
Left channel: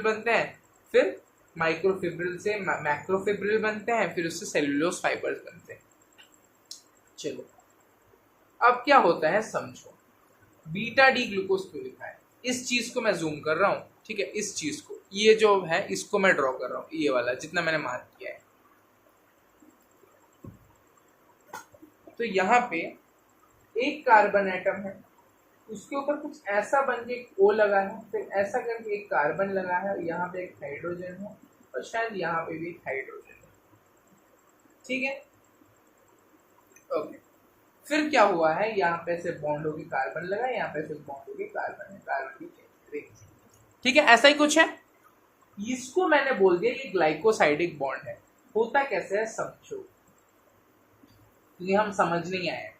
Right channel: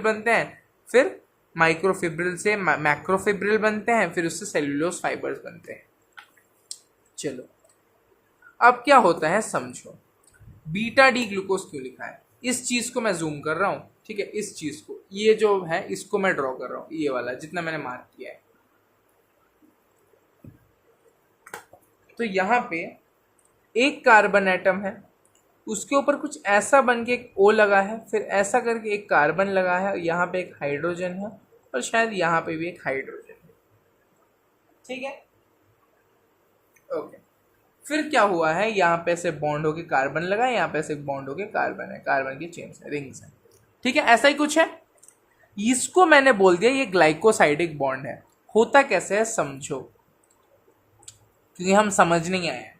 बनते हैं, फिर माइक्रोफिब्रिल से मैक्रोफिब्रिल बनते हैं, फिर उससे सेल्यूलोज फाइबर्स बनते हैं। चलो अब क्या होता है समझो। बीटा डी ग्लूकोज क्यों लिखा है, इस चीज को मैं जूम कर रहा हूँ। ठीक है, इस चीज को, ये जो है इसको मैं ड्रॉ कर रहा हूँ, ये वाला जितना मैंने मार्क किया है। तो यहाँ पे एक कार्बन एटम है, उसके ऊपर कुछ ऐसा बन के एक O लगा है, फिर ऐसा करके एक कार्बन लगा है, यहाँ पे एक हाइड्रोजन है, और शायद यहाँ पे भी एक हाइड्रोजन है। ठीक है, ओके। फिर क्या हुआ है, यहाँ पे से बॉन्ड होके कार्बन लगा है, यहाँ पे से बॉन्ड होके कार्बन है, कार्बन की चेन्स है, रिंग्स है। ठीक है, ऐसा ही कुछ है। इसको मैंने बोल दिया ये ग्लाइकोसाइडिक बॉन्ड है। होता कैसे है समझो, क्योंकि हम समझ नहीं आए।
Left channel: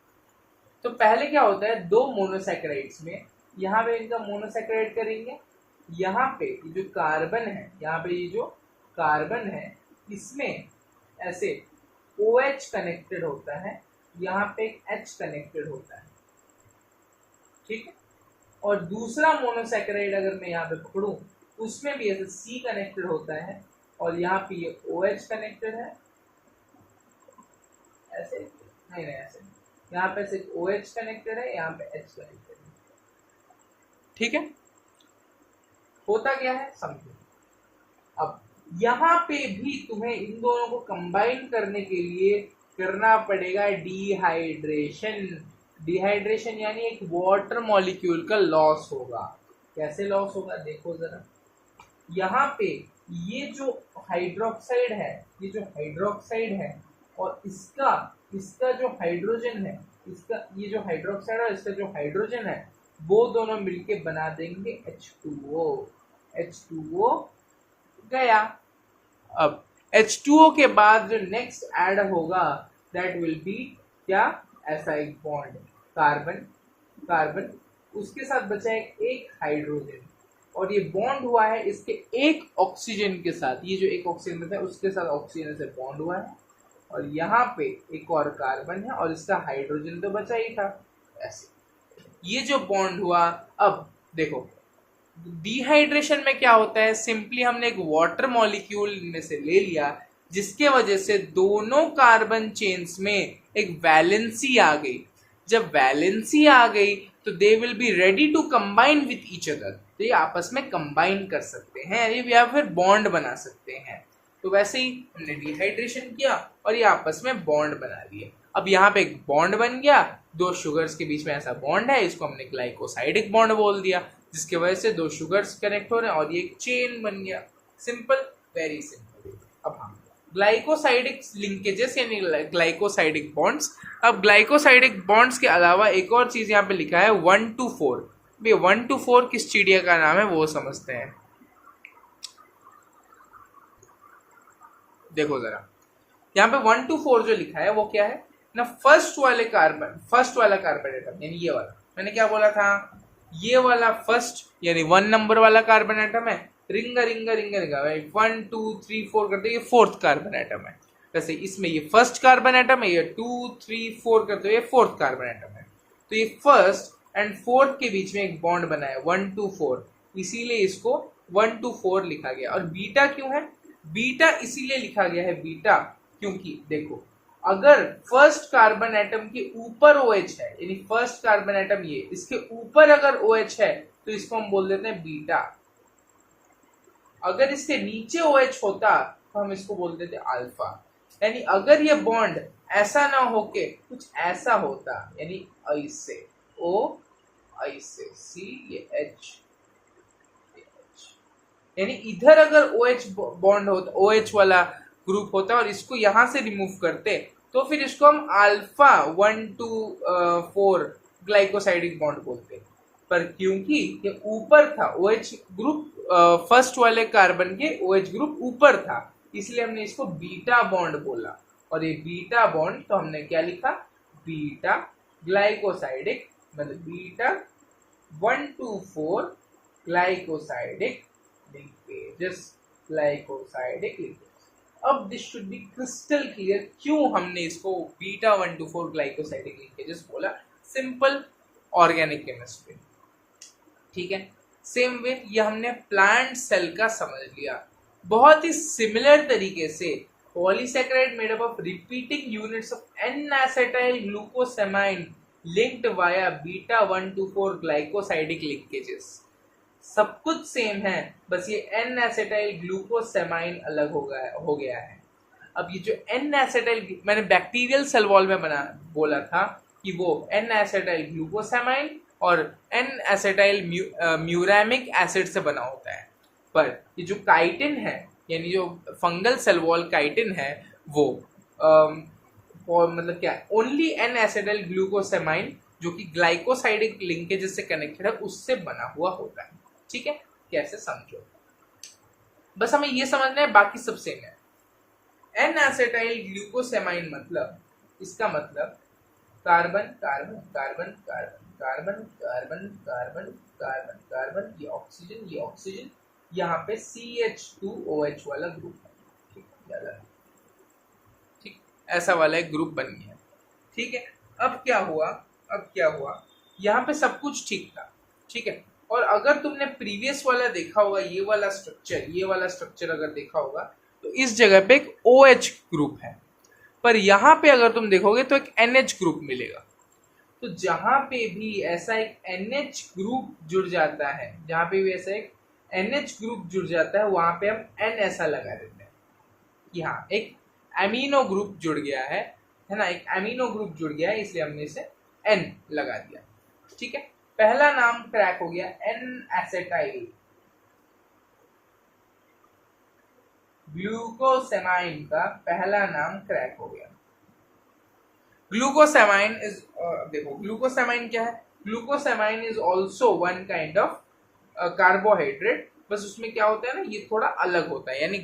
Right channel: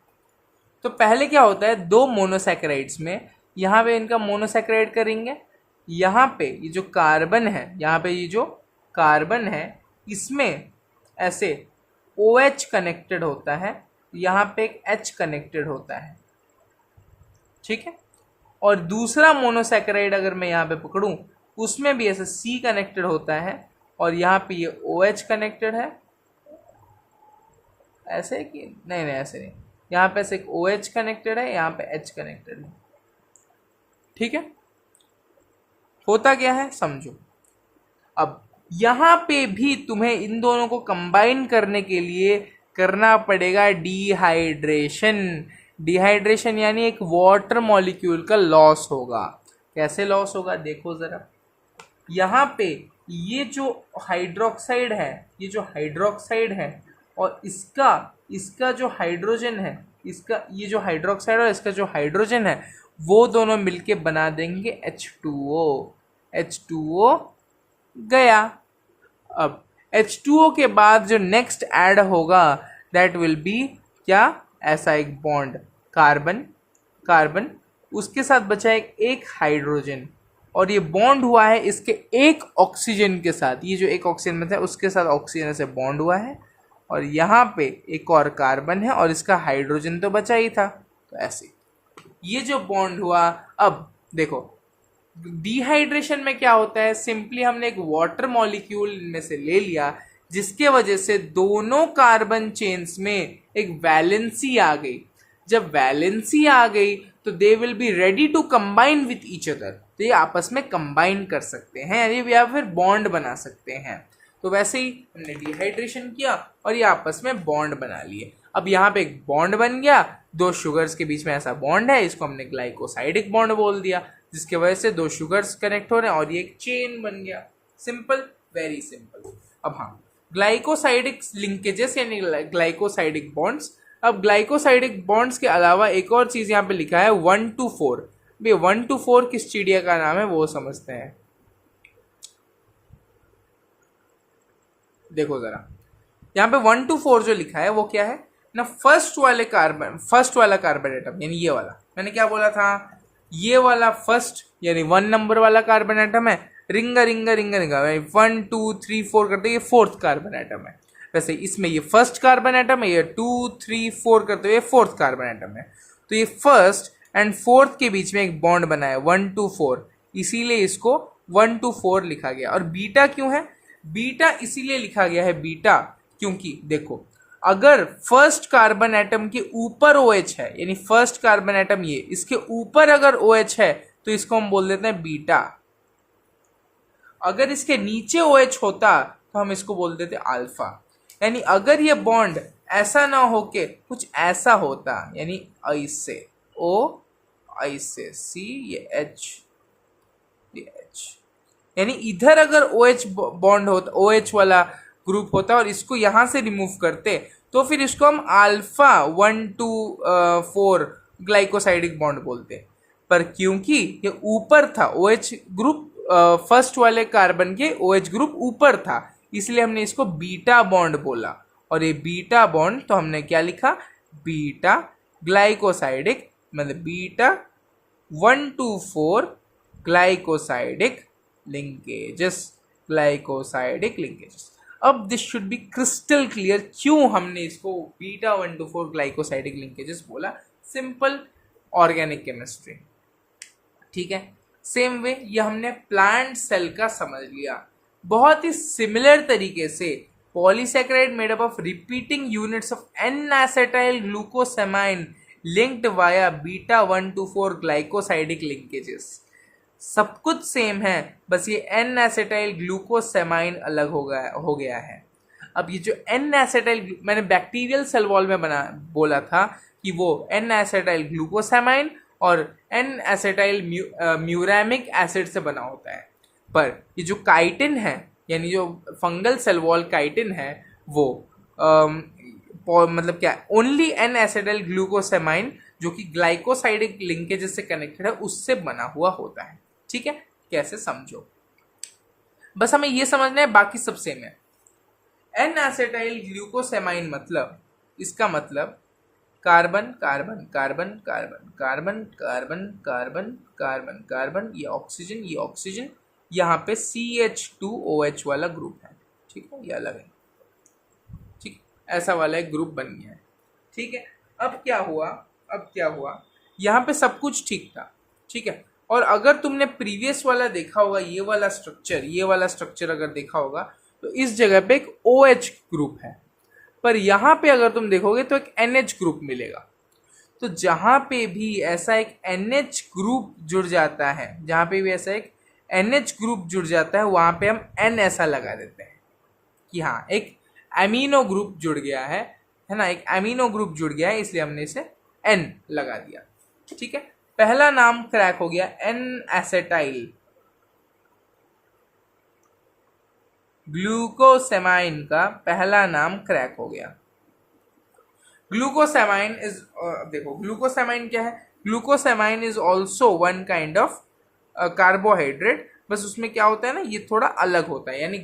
तो पहले क्या होता है, दो मोनोसैकेराइड्स में, यहाँ पे इनका मोनोसैकेराइड का रिंग है, यहाँ पे ये जो कार्बन है, यहाँ पे ये जो कार्बन है इसमें ऐसे OH कनेक्टेड होता है, यहाँ पे एक H कनेक्टेड होता है, ठीक है। और दूसरा मोनोसैकेराइड अगर मैं यहाँ पे पकड़ूं उसमें भी ऐसे C कनेक्टेड होता है और यहाँ पे ये OH कनेक्टेड है, ऐसे कि नहीं नहीं ऐसे नहीं, यहाँ पे ऐसे एक OH कनेक्टेड है, यहाँ पे H कनेक्टेड है, ठीक है। होता क्या है समझो। अब यहाँ पे भी तुम्हें इन दोनों को कंबाइन करने के लिए करना पड़ेगा डिहाइड्रेशन। डिहाइड्रेशन यानी एक वाटर मॉलिक्यूल का लॉस होगा। कैसे लॉस होगा देखो जरा, यहाँ पे ये जो हाइड्रोक्साइड है, ये जो हाइड्रोक्साइड है और इसका इसका जो हाइड्रोजन है, इसका ये जो हाइड्रोक्साइड और इसका जो हाइड्रोजन है वो दोनों मिलके बना देंगे H2O। H2O गया। अब H2O के बाद जो नेक्स्ट ऐड होगा दैट विल बी क्या, ऐसा एक बॉन्ड कार्बन कार्बन, उसके साथ बचा एक हाइड्रोजन और ये बॉन्ड हुआ है इसके एक ऑक्सीजन के साथ। ये जो एक ऑक्सीजन में था उसके साथ ऑक्सीजन से बॉन्ड हुआ है और यहाँ पे एक और कार्बन है और इसका हाइड्रोजन तो बचा ही था, तो ऐसे ये जो बॉन्ड हुआ। अब देखो डिहाइड्रेशन में क्या होता है, सिंपली हमने एक वाटर मॉलिक्यूल में से ले लिया जिसके वजह से दोनों कार्बन चेन्स में एक वैलेंसी आ गई। जब वैलेंसी आ गई तो they will be ready to combine with each other, तो ये आपस में कंबाइन कर सकते हैं या फिर बॉन्ड बना सकते हैं। तो वैसे ही हमने डिहाइड्रेशन किया और ये आपस में बॉन्ड बना लिए। अब यहाँ पे एक बॉन्ड बन गया, दो शुगर्स के बीच में ऐसा बॉन्ड है, इसको हमने ग्लाइकोसाइडिक बॉन्ड बोल दिया, जिसके वजह से दो शुगर्स कनेक्ट हो रहे हैं और ये एक चेन बन गया। Simple, very simple. अब हाँ, ग्लाइकोसाइडिक लिंकेजेस यानी ग्लाइकोसाइडिक बॉन्ड्स। अब ग्लाइकोसाइडिक बॉन्ड्स के अलावा एक और चीज यहाँ पे लिखा है 1 to 4। भाई 1 to 4 किस चिड़िया का नाम है वो समझते हैं। देखो जरा यहाँ पे 1 to 4 जो लिखा है वो क्या है ना, फर्स्ट वाला कार्बन एटम यानी ये वाला, मैंने क्या बोला था, ये वाला फर्स्ट यानी 1 नंबर वाला कार्बन एटम है, रिंगा रिंगा रिंगा रिंगा 1 2 3 4 करते ये फोर्थ कार्बन एटम है। वैसे इसमें ये फर्स्ट कार्बन एटम है, ये 2 3 4 करते हुए फोर्थ कार्बन एटम है। तो ये फर्स्ट एंड फोर्थ के बीच में एक बॉन्ड बना है 1 to 4, इसीलिए इसको 1 to 4 लिखा गया। और बीटा क्यों है, बीटा इसीलिए लिखा गया है बीटा क्योंकि देखो अगर फर्स्ट कार्बन एटम के ऊपर OH है यानी फर्स्ट कार्बन एटम ये इसके ऊपर अगर OH है तो इसको हम बोल देते हैं बीटा। अगर इसके नीचे OH होता तो हम इसको बोल देते अल्फा। यानी अगर ये बॉन्ड ऐसा ना होके कुछ ऐसा होता यानी ऐसे O ऐसे C ये H ये H, यानी इधर अगर OH बॉन्ड होता, OH वाला ग्रुप होता और इसको यहां से रिमूव करते तो फिर इसको हम अल्फा 1 to 4 ग्लाइकोसाइडिक बॉन्ड बोलते। पर क्योंकि ये ऊपर था OH ग्रुप, फर्स्ट वाले कार्बन के OH ग्रुप ऊपर था, इसलिए हमने इसको बीटा बॉन्ड बोला। और ये बीटा बॉन्ड तो हमने क्या लिखा, बीटा ग्लाइकोसाइडिक, मतलब beta 1 to 4 glycosidic linkages, glycosidic linkages. अब this should be crystal clear क्यों हमने इसको बीटा 1 to 4 ग्लाइकोसाइडिक लिंकेजेस बोला। सिंपल ऑर्गेनिक केमिस्ट्री, ठीक है। सेम वे ये हमने प्लांट सेल का समझ लिया। बहुत ही सिमिलर तरीके से polysaccharide made up of repeating units of N acetyl glucosamine linked via beta 1 to 4 glycosidic linkages. सब कुछ सेम है, बस ये एन एसिटाइल ग्लूकोसेमाइन अलग हो गया है। अब ये जो एन एसिटाइल, मैंने बैक्टीरियल सेल वॉल में बोला था कि वो एन एसिटाइल ग्लूकोसेमाइन और एन एसिटाइल म्यूरामिक एसिड से बना होता है। पर ये जो काइटिन है यानी जो फंगल सेल वॉल काइटिन है वो मतलब क्या, ओनली एन एसिटाइल ग्लूकोसेमाइन जो कि ग्लाइकोसाइडिक लिंकेजेस से कनेक्टेड है उससे बना हुआ होता है। ठीक है, कैसे समझो, बस हमें ये समझना है, बाकी सब सेम है। एन एसिटाइल ग्लूकोसेमाइन मतलब, इसका मतलब carbon carbon carbon carbon carbon carbon carbon carbon carbon, ये ऑक्सीजन, यहाँ पे CH2OH वाला ग्रुप है, ठीक है, ये अलग है, ठीक, ऐसा वाला एक ग्रुप बन गया है, ठीक है। अब क्या हुआ, यहाँ पे सब कुछ ठीक था, ठीक है। और अगर तुमने प्रीवियस वाला देखा होगा, ये वाला स्ट्रक्चर अगर देखा होगा, तो इस जगह पे एक OH ग्रुप है, पर यहाँ पे अगर तुम देखोगे तो एक NH ग्रुप मिलेगा। तो जहाँ पे भी ऐसा एक NH ग्रुप जुड़ जाता है, वहाँ पे हम N ऐसा लगा देते हैं कि हाँ एक एमिनो ग्रुप जुड़ गया है ना, एक एमिनो ग्रुप जुड़ गया है, इसलिए हमने इसे N लगा दिया, ठीक है। पहला नाम क्रैक हो गया, N-एसिटाइल ग्लूकोसेमाइन का पहला नाम क्रैक हो गया। ग्लूकोसेमाइन इज, देखो ग्लूकोसेमाइन क्या है, glucosamine is also one kind of carbohydrate, बस उसमें क्या होता है ना, ये थोड़ा अलग होता है, यानी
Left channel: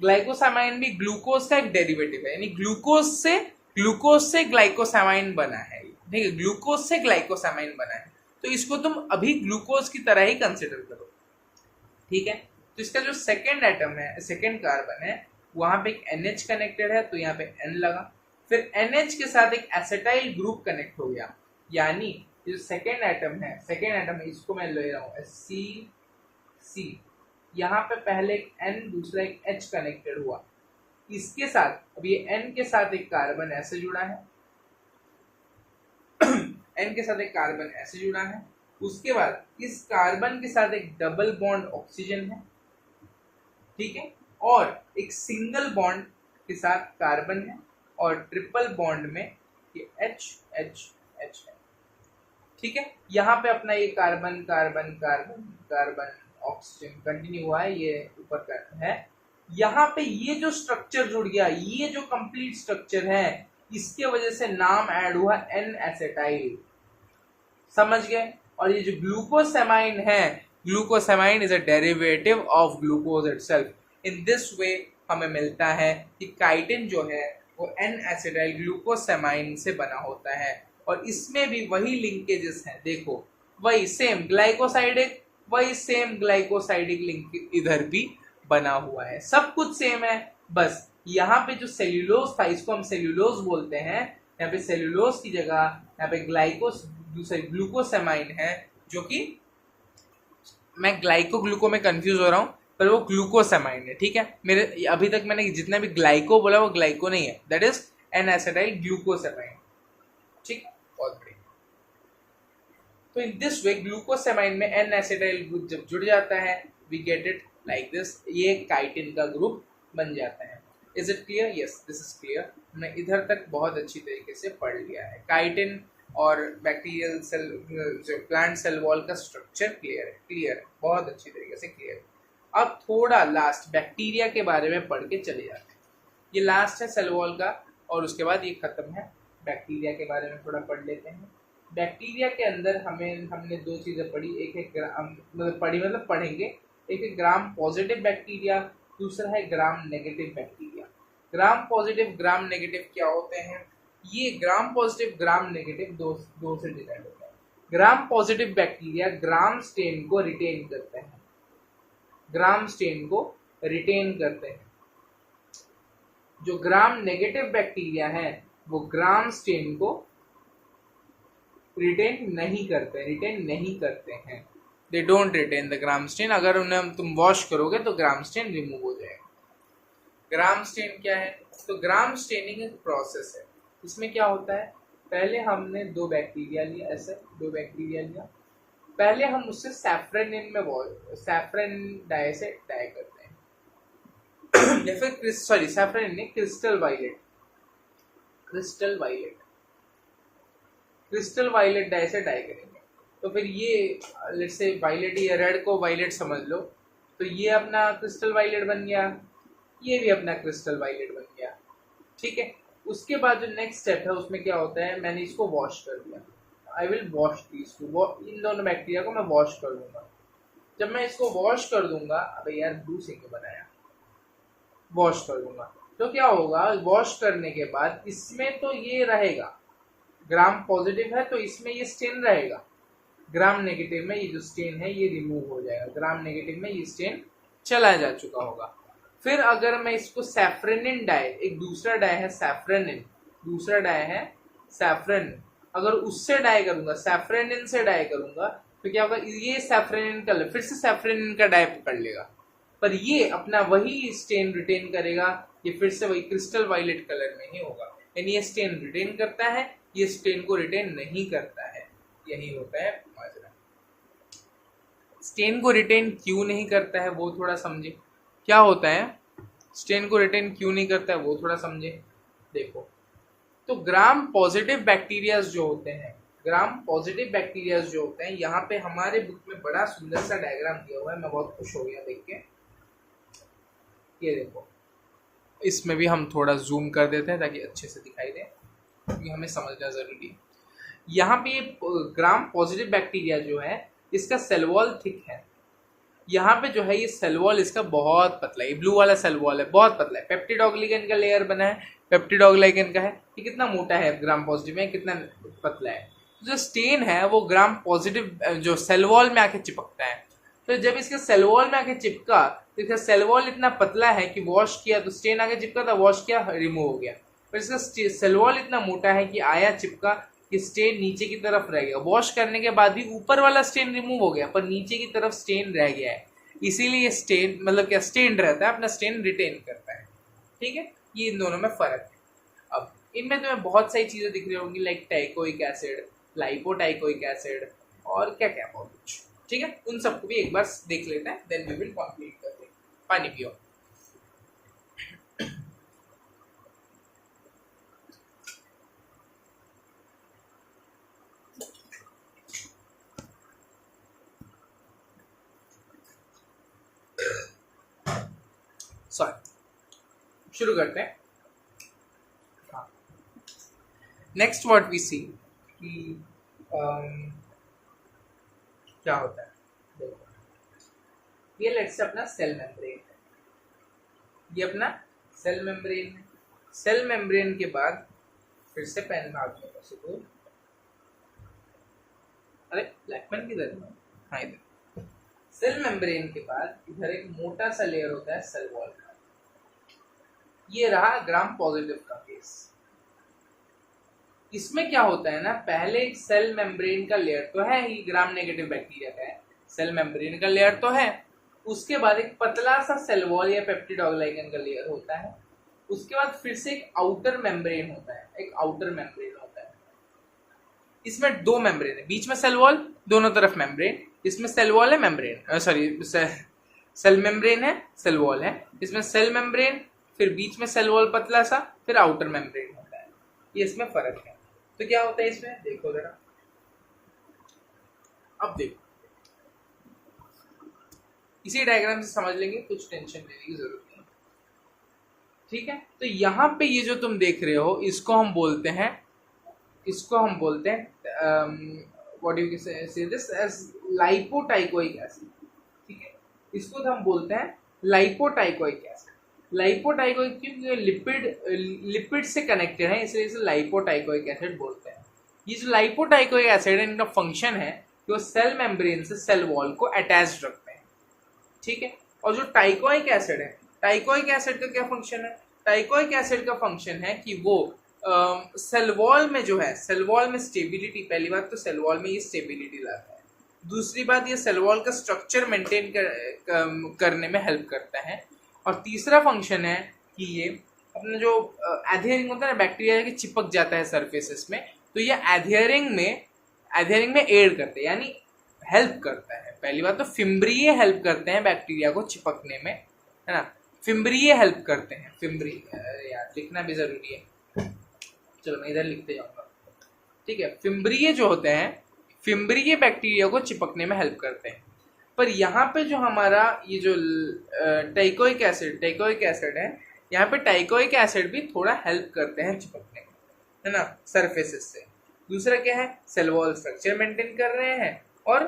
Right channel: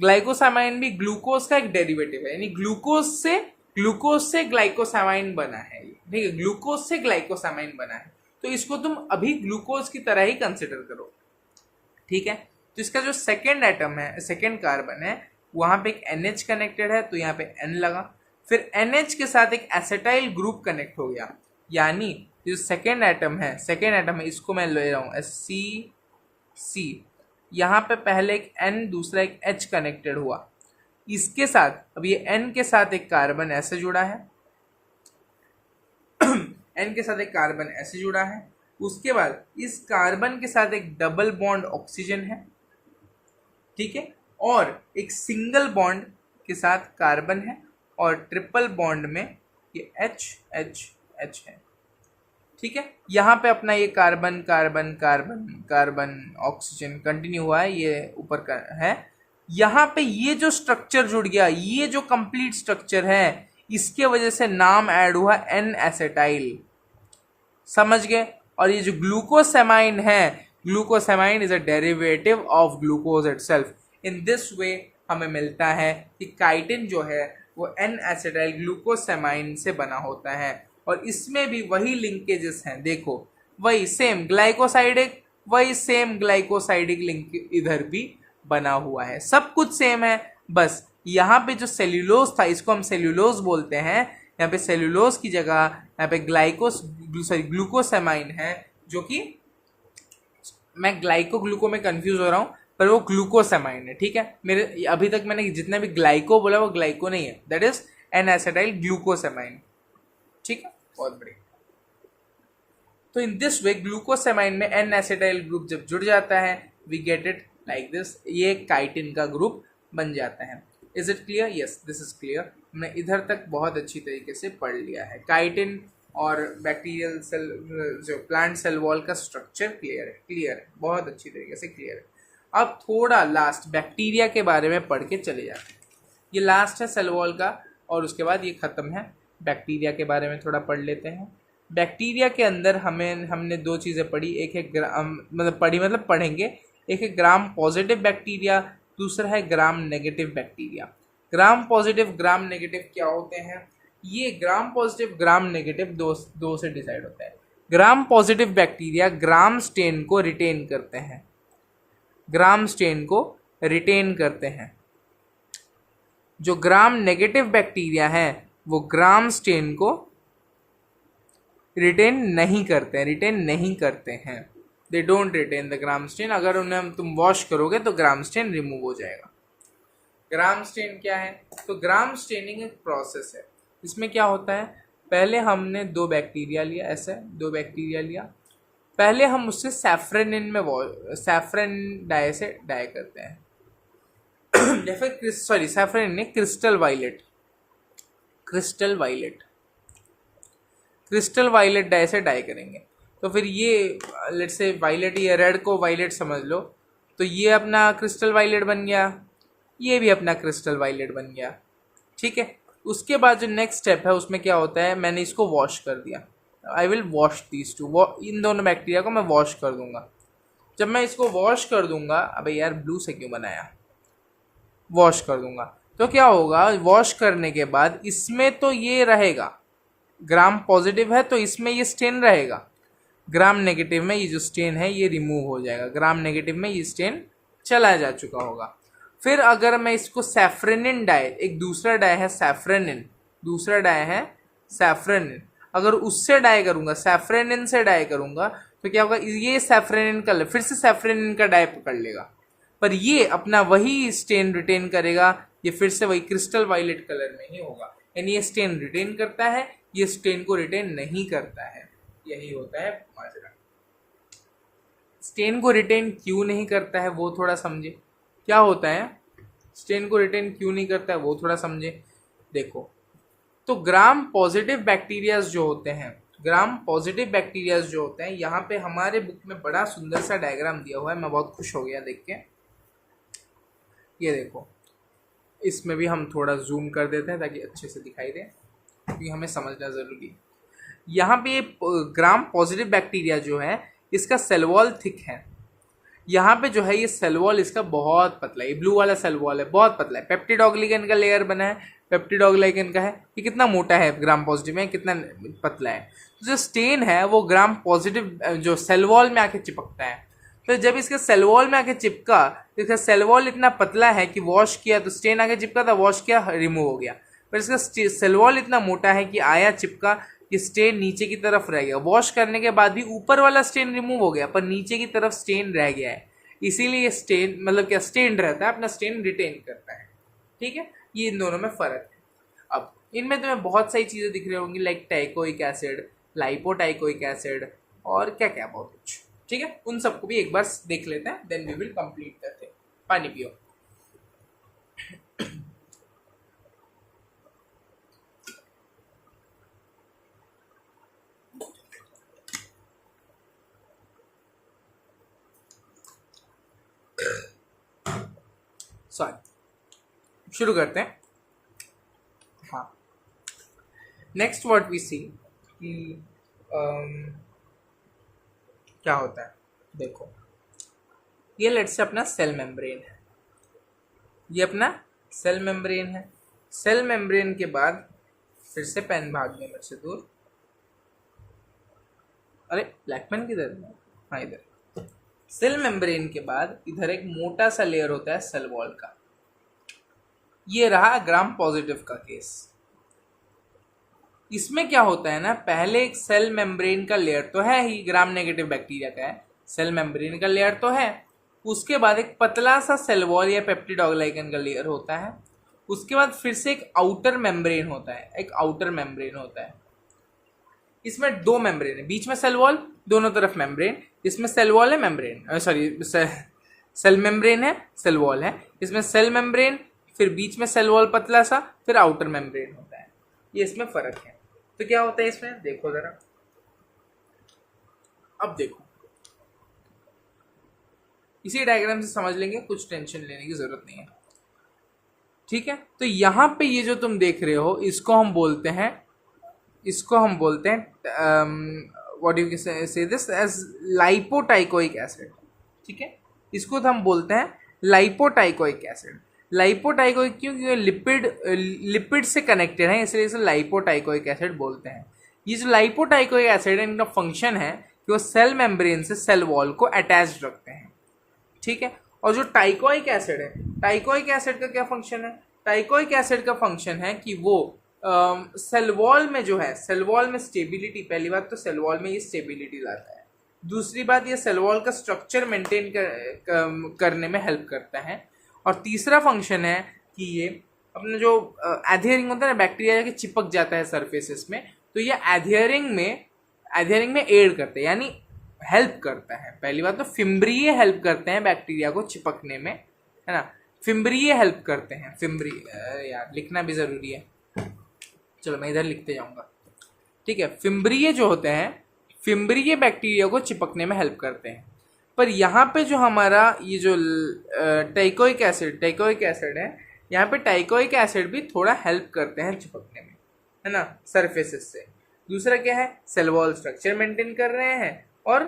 ग्लाइकोसेमाइन भी ग्लूकोज का एक डेरिवेटिव है, यानी ग्लूकोज से ग्लाइकोसेमाइन बना है, ठीक है, ग्लूकोज से ग्लाइकोसेमाइन बना है, तो इसको तुम अभी ग्लूकोज की तरह ही कंसिडर करो, ठीक है। तो इसका जो सेकेंड कार्बन है, वहां पे एक NH कनेक्टेड है, तो यहाँ पे N लगा, फिर NH के साथ एक एसिटाइल ग्रुप कनेक्ट हो गया, यानी जो सेकेंड एटम है, इसको मैं ले रहा हूँ SC, यहाँ पे पहले एक N दूसरा एक H कनेक्टेड हुआ, इसके साथ अब ये N के साथ एक कार्बन ऐसे जुड़ा है N के साथ एक कार्बन ऐसे जुड़ा है, उसके बाद इस कार्बन के साथ एक डबल बॉन्ड ऑक्सीजन है, ठीक है, और एक सिंगल बॉन्ड के साथ कार्बन है, और ट्रिपल बॉन्ड में ये H है, ठीक है। यहाँ पे अपना ये carbon carbon carbon carbon oxygen continue हुआ है, ये ऊपर का है। यहाँ पे ये जो स्ट्रक्चर जुड़ गया, ये जो कंप्लीट स्ट्रक्चर है, इसके वजह से नाम ऐड हुआ N-एसिटाइल, समझ गए। और ये जो ग्लूकोसेमाइन है, glucosamine is a derivative of glucose itself. In this way हमें मिलता है कि काइटिन जो है वो N-एसिटाइल ग्लूकोसेमाइन से बना होता है, और इसमें भी वही लिंकेजेस हैं, देखो वही सेम ग्लाइकोसाइडिक लिंक इधर भी बना हुआ है, सब कुछ सेम है, बस यहाँ पे जो सेल्यूलोज था, इसको हम सेल्यूलोज बोलते हैं, यहाँ पे सेल्यूलोज की जगह यहाँ पे ग्लूकोसेमाइन है, जो कि मैं ग्लाइको में कंफ्यूज हो रहा हूँ, पर वो ग्लूकोसेमाइन है, ठीक है। मेरे अभी तक मैंने जितना भी ग्लाइको बोला वो ग्लाइको नहीं है, दैट इज N-एसिटाइल ग्लूकोसेमाइन, ठीक है, बहुत बढ़िया। तो इन दिस वे ग्लूकोसेमाइन में N-एसिटाइल ग्रुप जब जुड़ जाता है, we get it like this, ये काइटिन का ग्रुप बन जाता है। Is it clear? Yes, this is clear. मैं इधर तक बहुत अच्छी तरीके से पढ़ लिया है। काइटिन और बैक्टीरियल सेल, जो प्लांट सेल वॉल का स्ट्रक्चर क्लियर है, बहुत अच्छी तरीके से क्लियर है। अब थोड़ा लास्ट बैक्टीरिया के बारे में पढ़ के चले जाते हैं। ये लास्ट है सेल वॉल का, और उसके बाद ये खत्म है। बैक्टीरिया के बारे में थोड़ा पढ़ लेते हैं। बैक्टीरिया के अंदर हमने दो चीज़ें पढ़ी, एक है पढ़ेंगे, एक है ग्राम पॉजिटिव बैक्टीरिया, दूसरा है gram negative bacteria. Gram positive gram negative क्या होते हैं? ये ग्राम पॉजिटिव ग्राम नेगेटिव दो से डिसाइड होता है। Gram positive bacteria gram stain को रिटेन करते हैं, जो ग्राम नेगेटिव बैक्टीरिया है वो ग्राम स्टेन को रिटेन नहीं करते हैं। They don't retain the gram stain. अगर उन्हें तुम वॉश करोगे तो ग्राम स्टेन रिमूव हो जाएगा। ग्राम स्टेन क्या है? तो ग्राम स्टेनिंग एक प्रोसेस है। इसमें क्या होता है, पहले हमने दो बैक्टीरिया लिया, पहले हम उससे सैफ्रनिन डाई से डाई करते हैं या फिर सैफ्रनिन नहीं, क्रिस्टल वायलेट डाई से डाई करेंगे। तो फिर ये लेट्स से वायलेट, ये रेड को वायलेट समझ लो, तो ये अपना क्रिस्टल वायलेट बन गया, ये भी अपना क्रिस्टल वायलेट बन गया, ठीक है। उसके बाद जो नेक्स्ट स्टेप है उसमें क्या होता है, मैंने इसको वॉश कर दिया। I will wash these two, इन दोनों बैक्टीरिया को मैं वॉश कर दूंगा। जब मैं इसको वॉश कर दूंगा, अबे यार ब्लू से क्यों बनाया, वॉश कर दूंगा, तो क्या होगा, वॉश करने के बाद इसमें तो ये रहेगा, ग्राम पॉजिटिव है तो इसमें ये स्टेन रहेगा, ग्राम नेगेटिव में ये जो स्टेन है ये रिमूव हो जाएगा, ग्राम नेगेटिव में ये स्टेन चला जा चुका होगा। फिर अगर मैं इसको सैफ्रेनिन डाई, एक दूसरा डाई है सैफ्रेनिन, दूसरा डाई है सैफ्रेनिन, अगर उससे डाई करूंगा, सैफ्रेनिन से डाई करूंगा, तो क्या होगा, ये सैफ्रेनिन का फिर से सैफ्रेनिन का डाई पकड़ लेगा, पर ये अपना वही स्टेन रिटेन करेगा, ये फिर से वही क्रिस्टल वायलेट कलर में ही होगा। यानी ये स्टेन रिटेन करता है, ये स्टेन को रिटेन नहीं करता है। यही होता है माजरा। स्टेन को रिटेन क्यों नहीं करता है वो थोड़ा समझे, क्या होता है स्टेन को रिटेन क्यों नहीं करता है वो थोड़ा समझे। देखो, तो ग्राम पॉजिटिव बैक्टीरियाज जो होते हैं, ग्राम पॉजिटिव बैक्टीरियाज जो होते हैं, यहाँ पे हमारे बुक में बड़ा सुंदर सा डायग्राम दिया हुआ है, मैं बहुत खुश हो गया देख के। ये देखो, इसमें भी हम थोड़ा जूम कर देते हैं ताकि अच्छे से दिखाई दे, क्योंकि हमें समझना ज़रूरी है। यहाँ पे ग्राम पॉजिटिव बैक्टीरिया जो है इसका सेल वॉल थिक है, यहाँ पे जो है ये सेल वॉल इसका बहुत पतला है, ये ब्लू वाला सेल वॉल है बहुत पतला है, पेप्टिडोग्लिकन का लेयर बना है, पेप्टिडोग्लिकन का है, ये कितना मोटा है ग्राम पॉजिटिव में, कितना पतला है। तो जो स्टेन है वो ग्राम पॉजिटिव जो सेल वॉल में आके चिपकता है, तो जब इसके सेल वॉल में आके चिपका, तो इसका सेल वॉल इतना पतला है कि वॉश किया तो स्टेन आगे चिपका था, वॉश किया रिमूव हो गया, पर इसका सेल वॉल इतना मोटा है कि आया चिपका, ये स्टेन नीचे की तरफ रह गया, वॉश करने के बाद भी ऊपर वाला स्टेन रिमूव हो गया पर नीचे की तरफ स्टेन रह गया है, इसीलिए ये स्टेन मतलब क्या स्टेन रहता है, अपना स्टेन रिटेन करता है। ठीक है, ये इन दोनों में फर्क है। अब इनमें तुम्हें बहुत सारी चीजें दिख रही होंगी, लाइक टाइकोइक एसिड, लाइपोटाइकोइक एसिड और क्या क्या बहुत कुछ। ठीक है, उन सबको भी एक बार देख लेते हैं, देन वी विल कंप्लीट करते हैं। पानी पियो। सॉरी, शुरू करते हैं। हाँ, नेक्स्ट व्हाट वी सी कि क्या होता है। देखो, ये लेट से अपना सेल मेम्ब्रेन है, ये अपना सेल मेम्ब्रेन है। सेल मेम्ब्रेन के बाद फिर से पेन भागने में से दूर, अरे ब्लैक पेन किधर है, हाँ इधर। सेल मेम्ब्रेन के बाद इधर एक मोटा सा लेयर होता है सेल वॉल का, ये रहा ग्राम पॉजिटिव का केस। इसमें क्या होता है ना, पहले एक सेल मेम्ब्रेन का लेयर तो है ही, ग्राम नेगेटिव बैक्टीरिया का है, सेल मेम्ब्रेन का लेयर तो है, उसके बाद एक पतला सा सेल वॉल या पेप्टिडोग्लाइकन का लेयर होता है, उसके बाद फिर से एक आउटर मेम्ब्रेन होता है, एक आउटर मेम्ब्रेन होता है। इसमें दो मेम्ब्रेन है, बीच में सेल वॉल, दोनों तरफ मेम्ब्रेन, इसमें सेल वॉल है मेम्ब्रेन, सॉरी सेल मेम्ब्रेन है सेल वॉल है, इसमें सेल मेम्ब्रेन, फिर बीच में सेल वॉल पतला सा, फिर आउटर मेम्ब्रेन होता है। ये इसमें फर्क है। तो क्या होता है इसमें, देखो जरा, अब देखो इसी डायग्राम से समझ लेंगे, कुछ टेंशन लेने की जरूरत नहीं है। ठीक है, तो यहाँ पे ये जो तुम देख रहे हो इसको हम बोलते हैं, इसको हम बोलते हैं व्हाट यू से दिस एज लाइपोटाइकोइक एसिड। ठीक है, इसको तो हम बोलते हैं लाइपोटाइकोइक एसिड। लाइपोटाइकोइक क्योंकि लिपिड से कनेक्टेड है, इसलिए इसे लाइपोटाइकोइक एसिड बोलते हैं। ये जो लाइपोटाइकोइक एसिड है, इनका फंक्शन है कि वो सेल मेम्ब्रेन से सेल वॉल को अटैच रखते हैं। ठीक है, और जो टाइकोइक एसिड है, टाइकोइक एसिड का क्या फंक्शन है, टाइकोइक एसिड का फंक्शन है कि वो सेल वॉल में जो है, सेल वॉल में स्टेबिलिटी, पहली बात तो सेल वॉल में ये स्टेबिलिटी लाता है, दूसरी बात ये सेल वॉल का स्ट्रक्चर मेंटेन करने में हेल्प करता है, और तीसरा फंक्शन है कि ये अपना जो एडहेरिंग होता है ना, बैक्टीरिया के चिपक जाता है सरफेसेस में, तो ये एडहेरिंग में एड करते हैं, यानी हेल्प करता है। पहली बात तो फिम्ब्रिये हेल्प करते हैं बैक्टीरिया को चिपकने में, है ना, फिम्ब्रिये हेल्प करते हैं, फिम्ब्रिये यार लिखना भी जरूरी है, चलो मैं इधर लिखते जाऊंगा। ठीक है, फिम्ब्रिये जो होते हैं, फिम्ब्रिये बैक्टीरिया को चिपकने में हेल्प करते हैं। पर यहाँ पे जो हमारा ये जो टाइकोइक एसिड है, यहाँ पे टाइकोइक एसिड भी थोड़ा हेल्प करते हैं चिपकने में, है ना, सरफेसेस से। दूसरा क्या है, सेल वॉल स्ट्रक्चर मेंटेन कर रहे हैं, और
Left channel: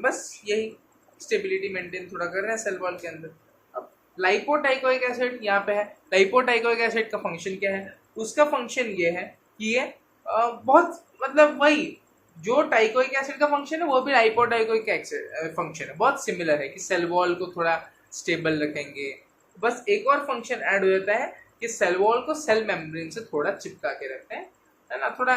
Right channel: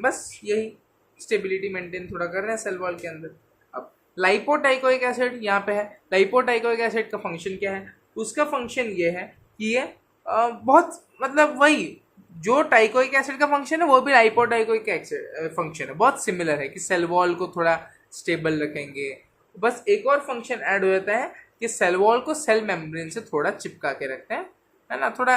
बस यही स्टेबिलिटी मेंटेन थोड़ा कर रहे हैं सेल वॉल के अंदर। अब लाइपोटाइकोइक एसिड यहाँ पे है। लाइपोटाइकोइक एसिड का फंक्शन क्या है? उसका फंक्शन ये है कि ये बहुत मतलब वही जो टाइकोइक एसिड का फंक्शन है वो भी लाइपोटाइकोइक एसिड फंक्शन है, बहुत सिमिलर है कि सेल वॉल को थोड़ा स्टेबल रखेंगे। बस एक और फंक्शन ऐड हो जाता है कि सेल वॉल को सेल मेम्ब्रेन से थोड़ा चिपका के रखते हैं, है ना, थोड़ा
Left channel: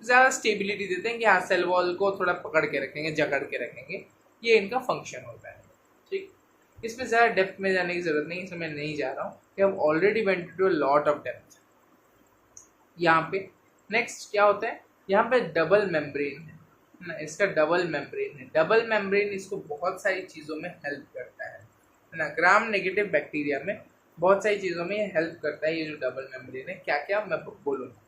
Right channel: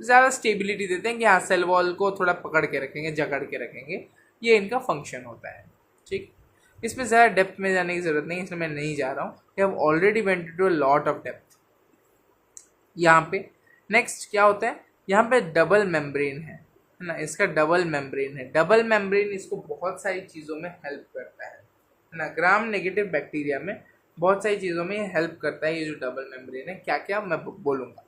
ज़्यादा स्टेबिलिटी देते हैं कि हाँ सेल वॉल को थोड़ा पकड़ के रखेंगे, जकड़ के रखेंगे। ये इनका फंक्शन होता है। ठीक, इसमें ज़्यादा डेप्थ में जाने की ज़रूरत नहीं, इसमें मैं नहीं जा रहा हूँ। We have already went to a lot of depth यहाँ पे। नेक्स्ट क्या होता है, यहाँ पे डबल मेम्ब्रेन है ना, इसका डबल मेम्ब्रेन है। डबल मेम्ब्रेन इसको बहुत सारी चीज़ों में हेल्प करता है ना। ग्राम नेगेटिव बैक्टीरिया में बहुत सारी चीज़ों में ये हेल्प करता है। ये जो डबल मेम्ब्रेन है, क्या क्या मैं बोलूँगा।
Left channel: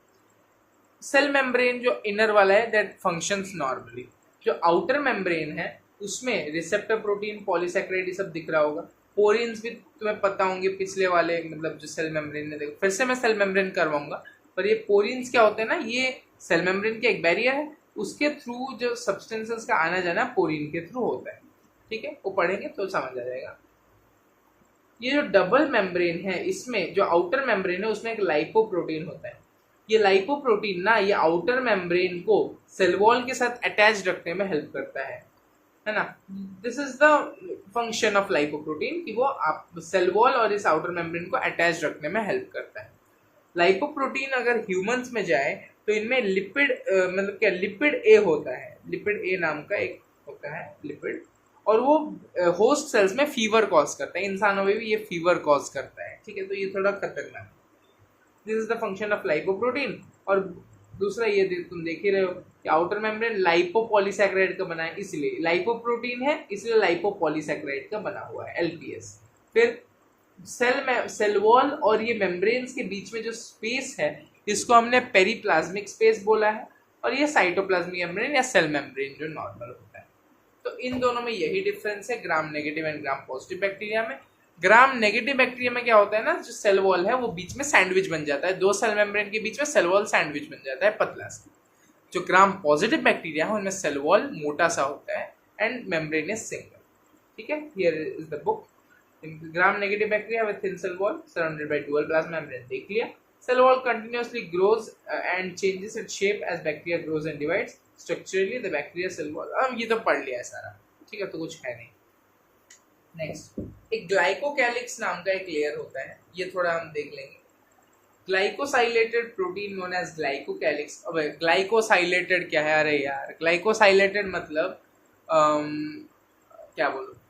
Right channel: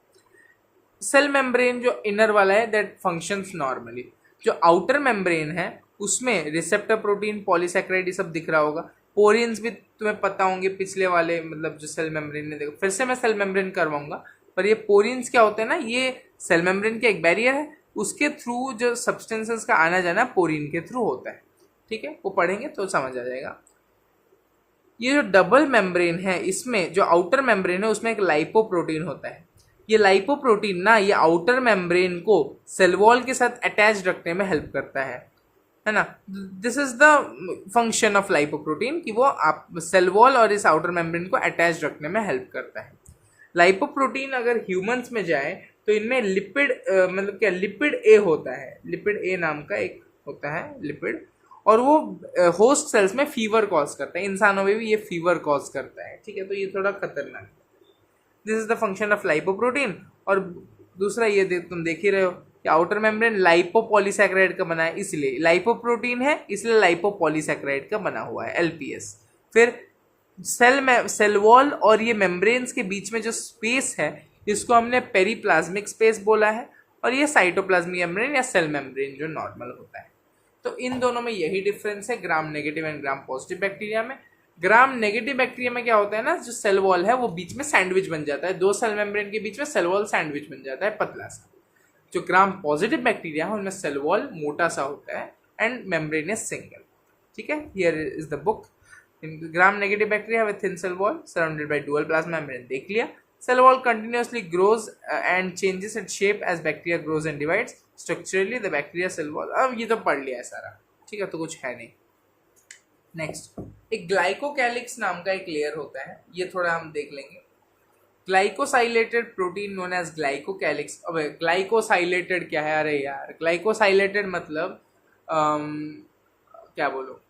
सेल मेम्ब्रेन जो इनर वाला है दैट फंक्शंस नॉर्मली। जो आउटर मेम्ब्रेन है उसमें रिसेप्टर प्रोटीन, पॉलीसैकेराइड, ये सब दिख रहा होगा। पोरियंस भी तुम्हें पता होंगे पिछले वाले, मतलब जो सेल मेम्ब्रेन ने देखो, फिर से मैं सेल मेम्ब्रेन करवाऊंगा। पर ये पोरियंस क्या होते हैं ना, ये सेल मेम्ब्रेन का एक बैरियर है, उसके थ्रू जो सब्सटेंसेस का आना जाना पोरिन के थ्रू होता है। ठीक है, वो पढ़ेंगे तो समझ आ जाएगा। ये जो डबल मेम्ब्रेन है, इसमें जो आउटर मेम्ब्रेन है उसमें एक लाइपोप्रोटीन होता है। ये लाइपोप्रोटीन ना ये आउटर मेम्ब्रेन को सेल वॉल के साथ अटैच रखने में हेल्प करता है ना। This is the function of lipoprotein कि वो आप सेल वॉल और इस आउटर मेम्ब्रेन को अटैच रखने में हेल्प करता है। लाइपोप्रोटीन अगर ह्यूमंस में जाए तो इनमें लिपिड मतलब क्या, लिपिड ए होता है। लिपिड ए नाम का एक होता है लिपिड, और वो होस्ट सेल्स में फीवर कॉज करता है। इंसानों में भी ये फीवर कॉज करता है। ठीक है, तो ये थोड़ा खतरनाक है। This is the function of lipoprotein. और दूसरा ये तुम देख ही रहे हो कि आउटर मेम्ब्रेन लाइपोपॉलीसैकेराइड का बना है, इसलिए लाइपोप्रोटीन है, इसलिए लाइपोपॉलीसैकेराइड का बना हुआ है, एलपीएस। फिर सेल वॉल और ये मेम्ब्रेन्स के बीच में जो स्पेस है इसको हमने पेरीप्लाज्मिक स्पेस बोला है, और ये साइटोप्लाज्मिक मेम्ब्रेन या सेल मेम्ब्रेन जो नॉर्मल होता है। तो इन दोनों में यही डिफरेंस है gram negative and gram positive bacteria में। ग्राम नेगेटिव बैक्टीरिया में क्या होता है ना, जो सेल वॉल है वो बीच में सैंडविच बन जाता है, दो सेल मेम्ब्रेन के बीच में सेल वॉल सैंडविच बन जाता है पतला सा। जो ग्राम पॉजिटिव बैक्टीरिया है उनमें सेल वॉल मोटा सा होता है एंड मेम्ब्रेन इज सिंगल। ठीक है, here is the book. Gram negative bacteria with thin cell wall surrounded by dual plasma membrane देख लिया। Cell wall continuously grows and changes its shape as bacteria grows and divides. Structurally, the bacteria cell wall. अब ये तो पढ़ लिया है सारा, ठीक है, तो कुछ है नहीं। नेक्स्ट, एक ग्लाइकोकैलिक्स नाम का एक लेयर होता है, ये थोड़ा हम देख लेंगे। Glycosylated protein known as glycocalyx. अब ग्लाइकोसाइलेटेड क्या है? अरे यार, ग्लाइकोसाइलेटेड मतलब क्या बोलो,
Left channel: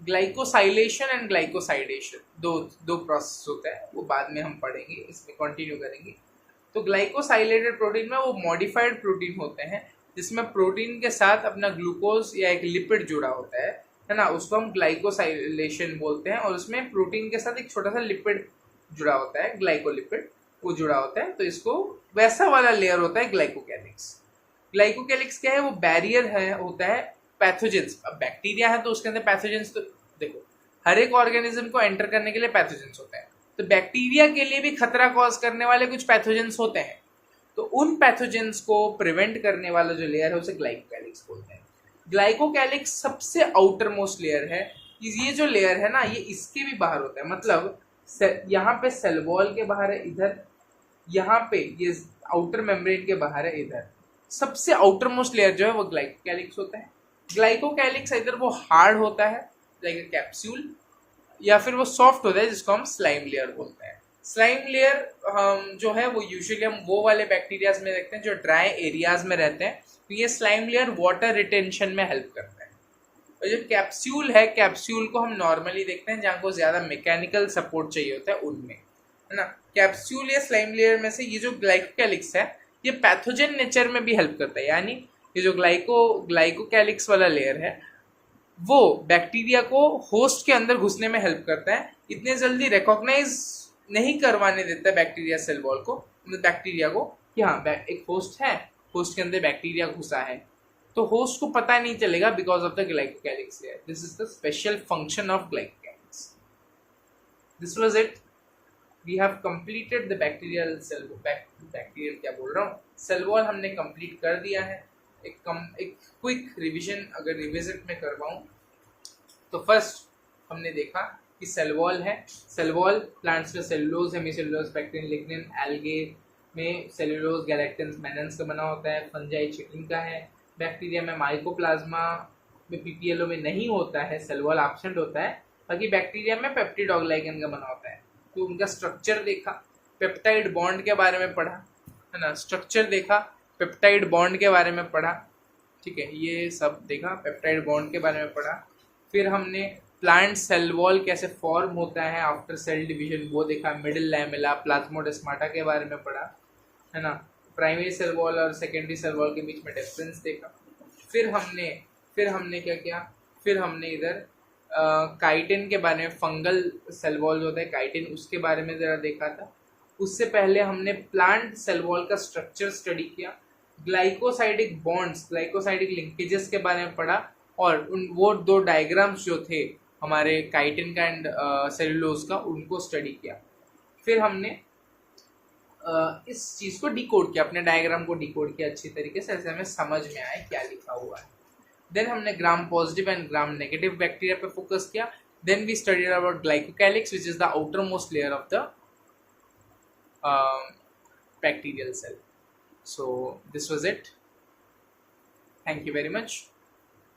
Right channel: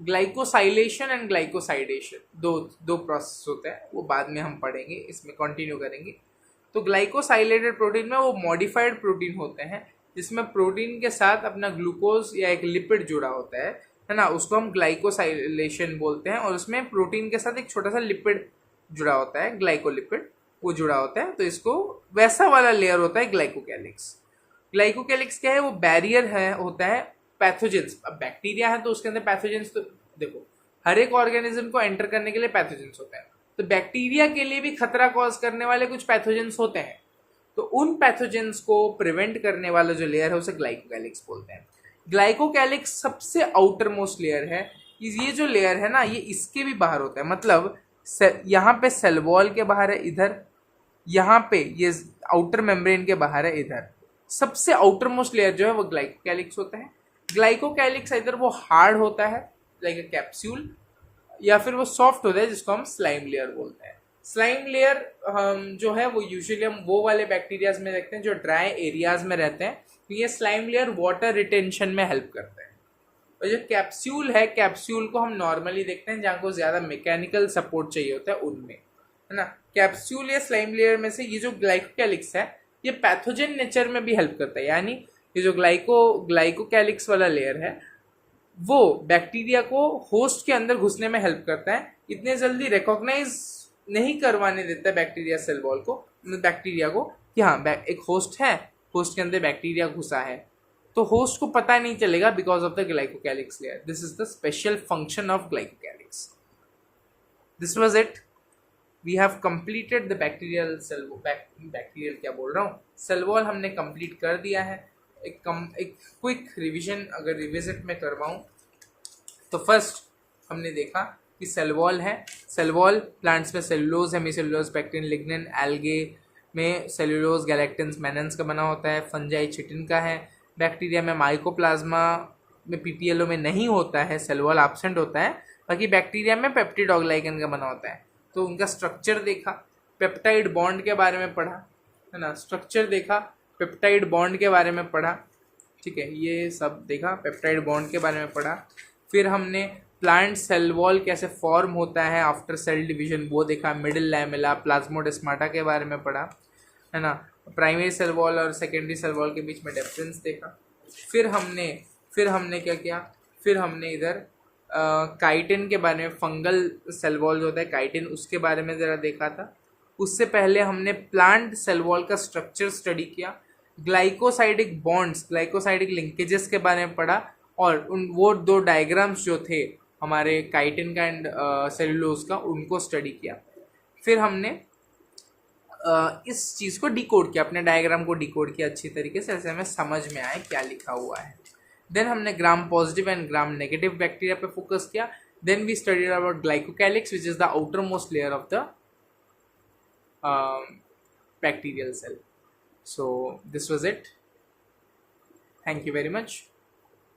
ग्लाइकोसाइलेशन एंड ग्लाइकोसाइडेशन दो प्रोसेस होता है, वो बाद में हम पढ़ेंगे, इसमें कंटिन्यू करेंगे। तो ग्लाइकोसाइलेटेड प्रोटीन में वो मॉडिफाइड प्रोटीन होते हैं जिसमें प्रोटीन के साथ अपना ग्लूकोज या एक लिपिड जुड़ा होता है ना, उसको हम ग्लाइकोसाइलेशन बोलते हैं। और उसमें प्रोटीन के साथ एक छोटा सा लिपिड जुड़ा होता है, ग्लाइकोलिपिड, वो जुड़ा होता है, तो इसको वैसा वाला लेयर होता है ग्लाइकोकैलिक्स। ग्लाइकोकैलिक्स क्या है? वो बैरियर है, होता है पैथोजेंस। अब बैक्टीरिया है तो उसके अंदर पैथोजेंस, तो देखो हर एक ऑर्गेनिज्म को एंटर करने के लिए पैथोजेंस होता है, तो बैक्टीरिया के लिए भी खतरा कॉज करने वाले कुछ पैथोजेंस होते हैं। तो उन पैथोजेंस को प्रिवेंट करने वाला जो लेयर है उसे ग्लाइकोकैलिक्स बोलते हैं। ग्लाइकोकैलिक्स सबसे आउटर मोस्ट लेयर है। ये जो लेयर है ना, ये इसके भी बाहर होता है, मतलब यहाँ पे सेल वॉल के बाहर है इधर, यहाँ पे ये आउटर मेम्ब्रेन के बाहर है इधर। सबसे आउटर मोस्ट लेयर जो है वो ग्लाइकोकैलिक्स होता है। ग्लाइकोकैलिक्स इधर वो हार्ड होता है लाइक ए कैप्सूल, या फिर वो सॉफ्ट होता है जिसको हम स्लाइम लेयर बोलते हैं। स्लाइम लेयर जो है वो यूजुअली हम वो वाले बैक्टीरियाज में देखते हैं जो ड्राई एरियाज में रहते हैं, तो ये स्लाइम लेयर वाटर रिटेंशन में हेल्प करता है। और जो कैप्सूल है, कैप्सूल को हम नॉर्मली देखते हैं जहाँ को ज़्यादा मैकेनिकल सपोर्ट चाहिए होता है उनमें, है ना। कैप्सूल या स्लाइम लेयर में से ये जो ग्लाइकोकैलिक्स है ये पैथोजन नेचर में भी हेल्प करता है, यानी ये जो ग्लाइकोकैलिक्स वाला लेयर है वो बैक्टीरिया को होस्ट के अंदर घुसने में हेल्प करता है। इतने जल्दी रिकॉग्नाइज नहीं करवाने देता है बैक्टीरिया सेल वॉल को, बैक्टीरिया को, कि हाँ एक होस्ट है, होस्ट के अंदर बैक्टीरिया घुसा है, तो होस्ट को पता नहीं चलेगा because of the glycocalyx layer. This is the special function of glycocalyx. This was it, we have completed the bacterial cell, bacterial क्या बोल रहा हूँ, सेल वॉल हमने कंप्लीट कर दिया है। एक क्विक रिवीजन अगर रिविजिट में करवाऊँ तो फर्स्ट हमने देखा कि सेल वॉल है। सेल वॉल प्लांट्स में cellulose, hemicellulose, pectin, lignin, algae में सेलुलोज, गैलेक्टिन्स, मेनन्स का बना होता है। फंजाई चिटिन का है। बैक्टीरिया में माइकोप्लाज्मा में पीपीएलओ में नहीं होता है, सेल वॉल एब्सेंट होता है। बाकी बैक्टीरिया में पेप्टिडोग्लाइकन का बना होता है। तो उनका स्ट्रक्चर देखा, पेप्टाइड बॉन्ड के बारे में पढ़ा, है ना, स्ट्रक्चर देखा, पेप्टाइड बॉन्ड के बारे में पढ़ा, ठीक है, ये सब देखा, पेप्टाइड बॉन्ड के बारे में पढ़ा। फिर हमने प्लांट सेल वॉल कैसे फॉर्म होता है आफ्टर सेल डिवीजन वो देखा, मिडिल लैमेला, प्लाज्मोडेस्माटा के बारे में पढ़ा, है ना, प्राइमरी सेल वॉल और सेकेंडरी सेल वॉल के बीच में डिफरेंस देखा। फिर हमने क्या किया, फिर हमने इधर काइटिन के बारे में, फंगल सेल वॉल जो होता है काइटिन, उसके बारे में ज़रा देखा था। उससे पहले हमने प्लांट सेल वॉल का स्ट्रक्चर स्टडी किया, ग्लाइकोसाइडिक बॉन्ड्स, ग्लाइकोसाइडिक लिंकेजेस के बारे में पढ़ा, और वो दो डायग्राम्स जो थे हमारे काइटिन का एंड सेलुलोज का, उनको स्टडी किया। फिर हमने इस चीज़ को डिकोड किया, अपने डायग्राम को डिकोड किया अच्छी तरीके से, ऐसे हमें समझ में आए क्या लिखा हुआ है। देन हमने gram positive and gram negative bacteria पे फोकस किया। Then we studied about glycocalyx which is the outer most layer of the bacterial cell. So this was it. Thank you very much.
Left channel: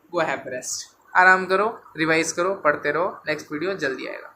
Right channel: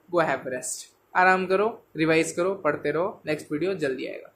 Go have rest. आराम करो, रिवाइज करो, पढ़ते रहो, नेक्स्ट वीडियो जल्दी आएगा।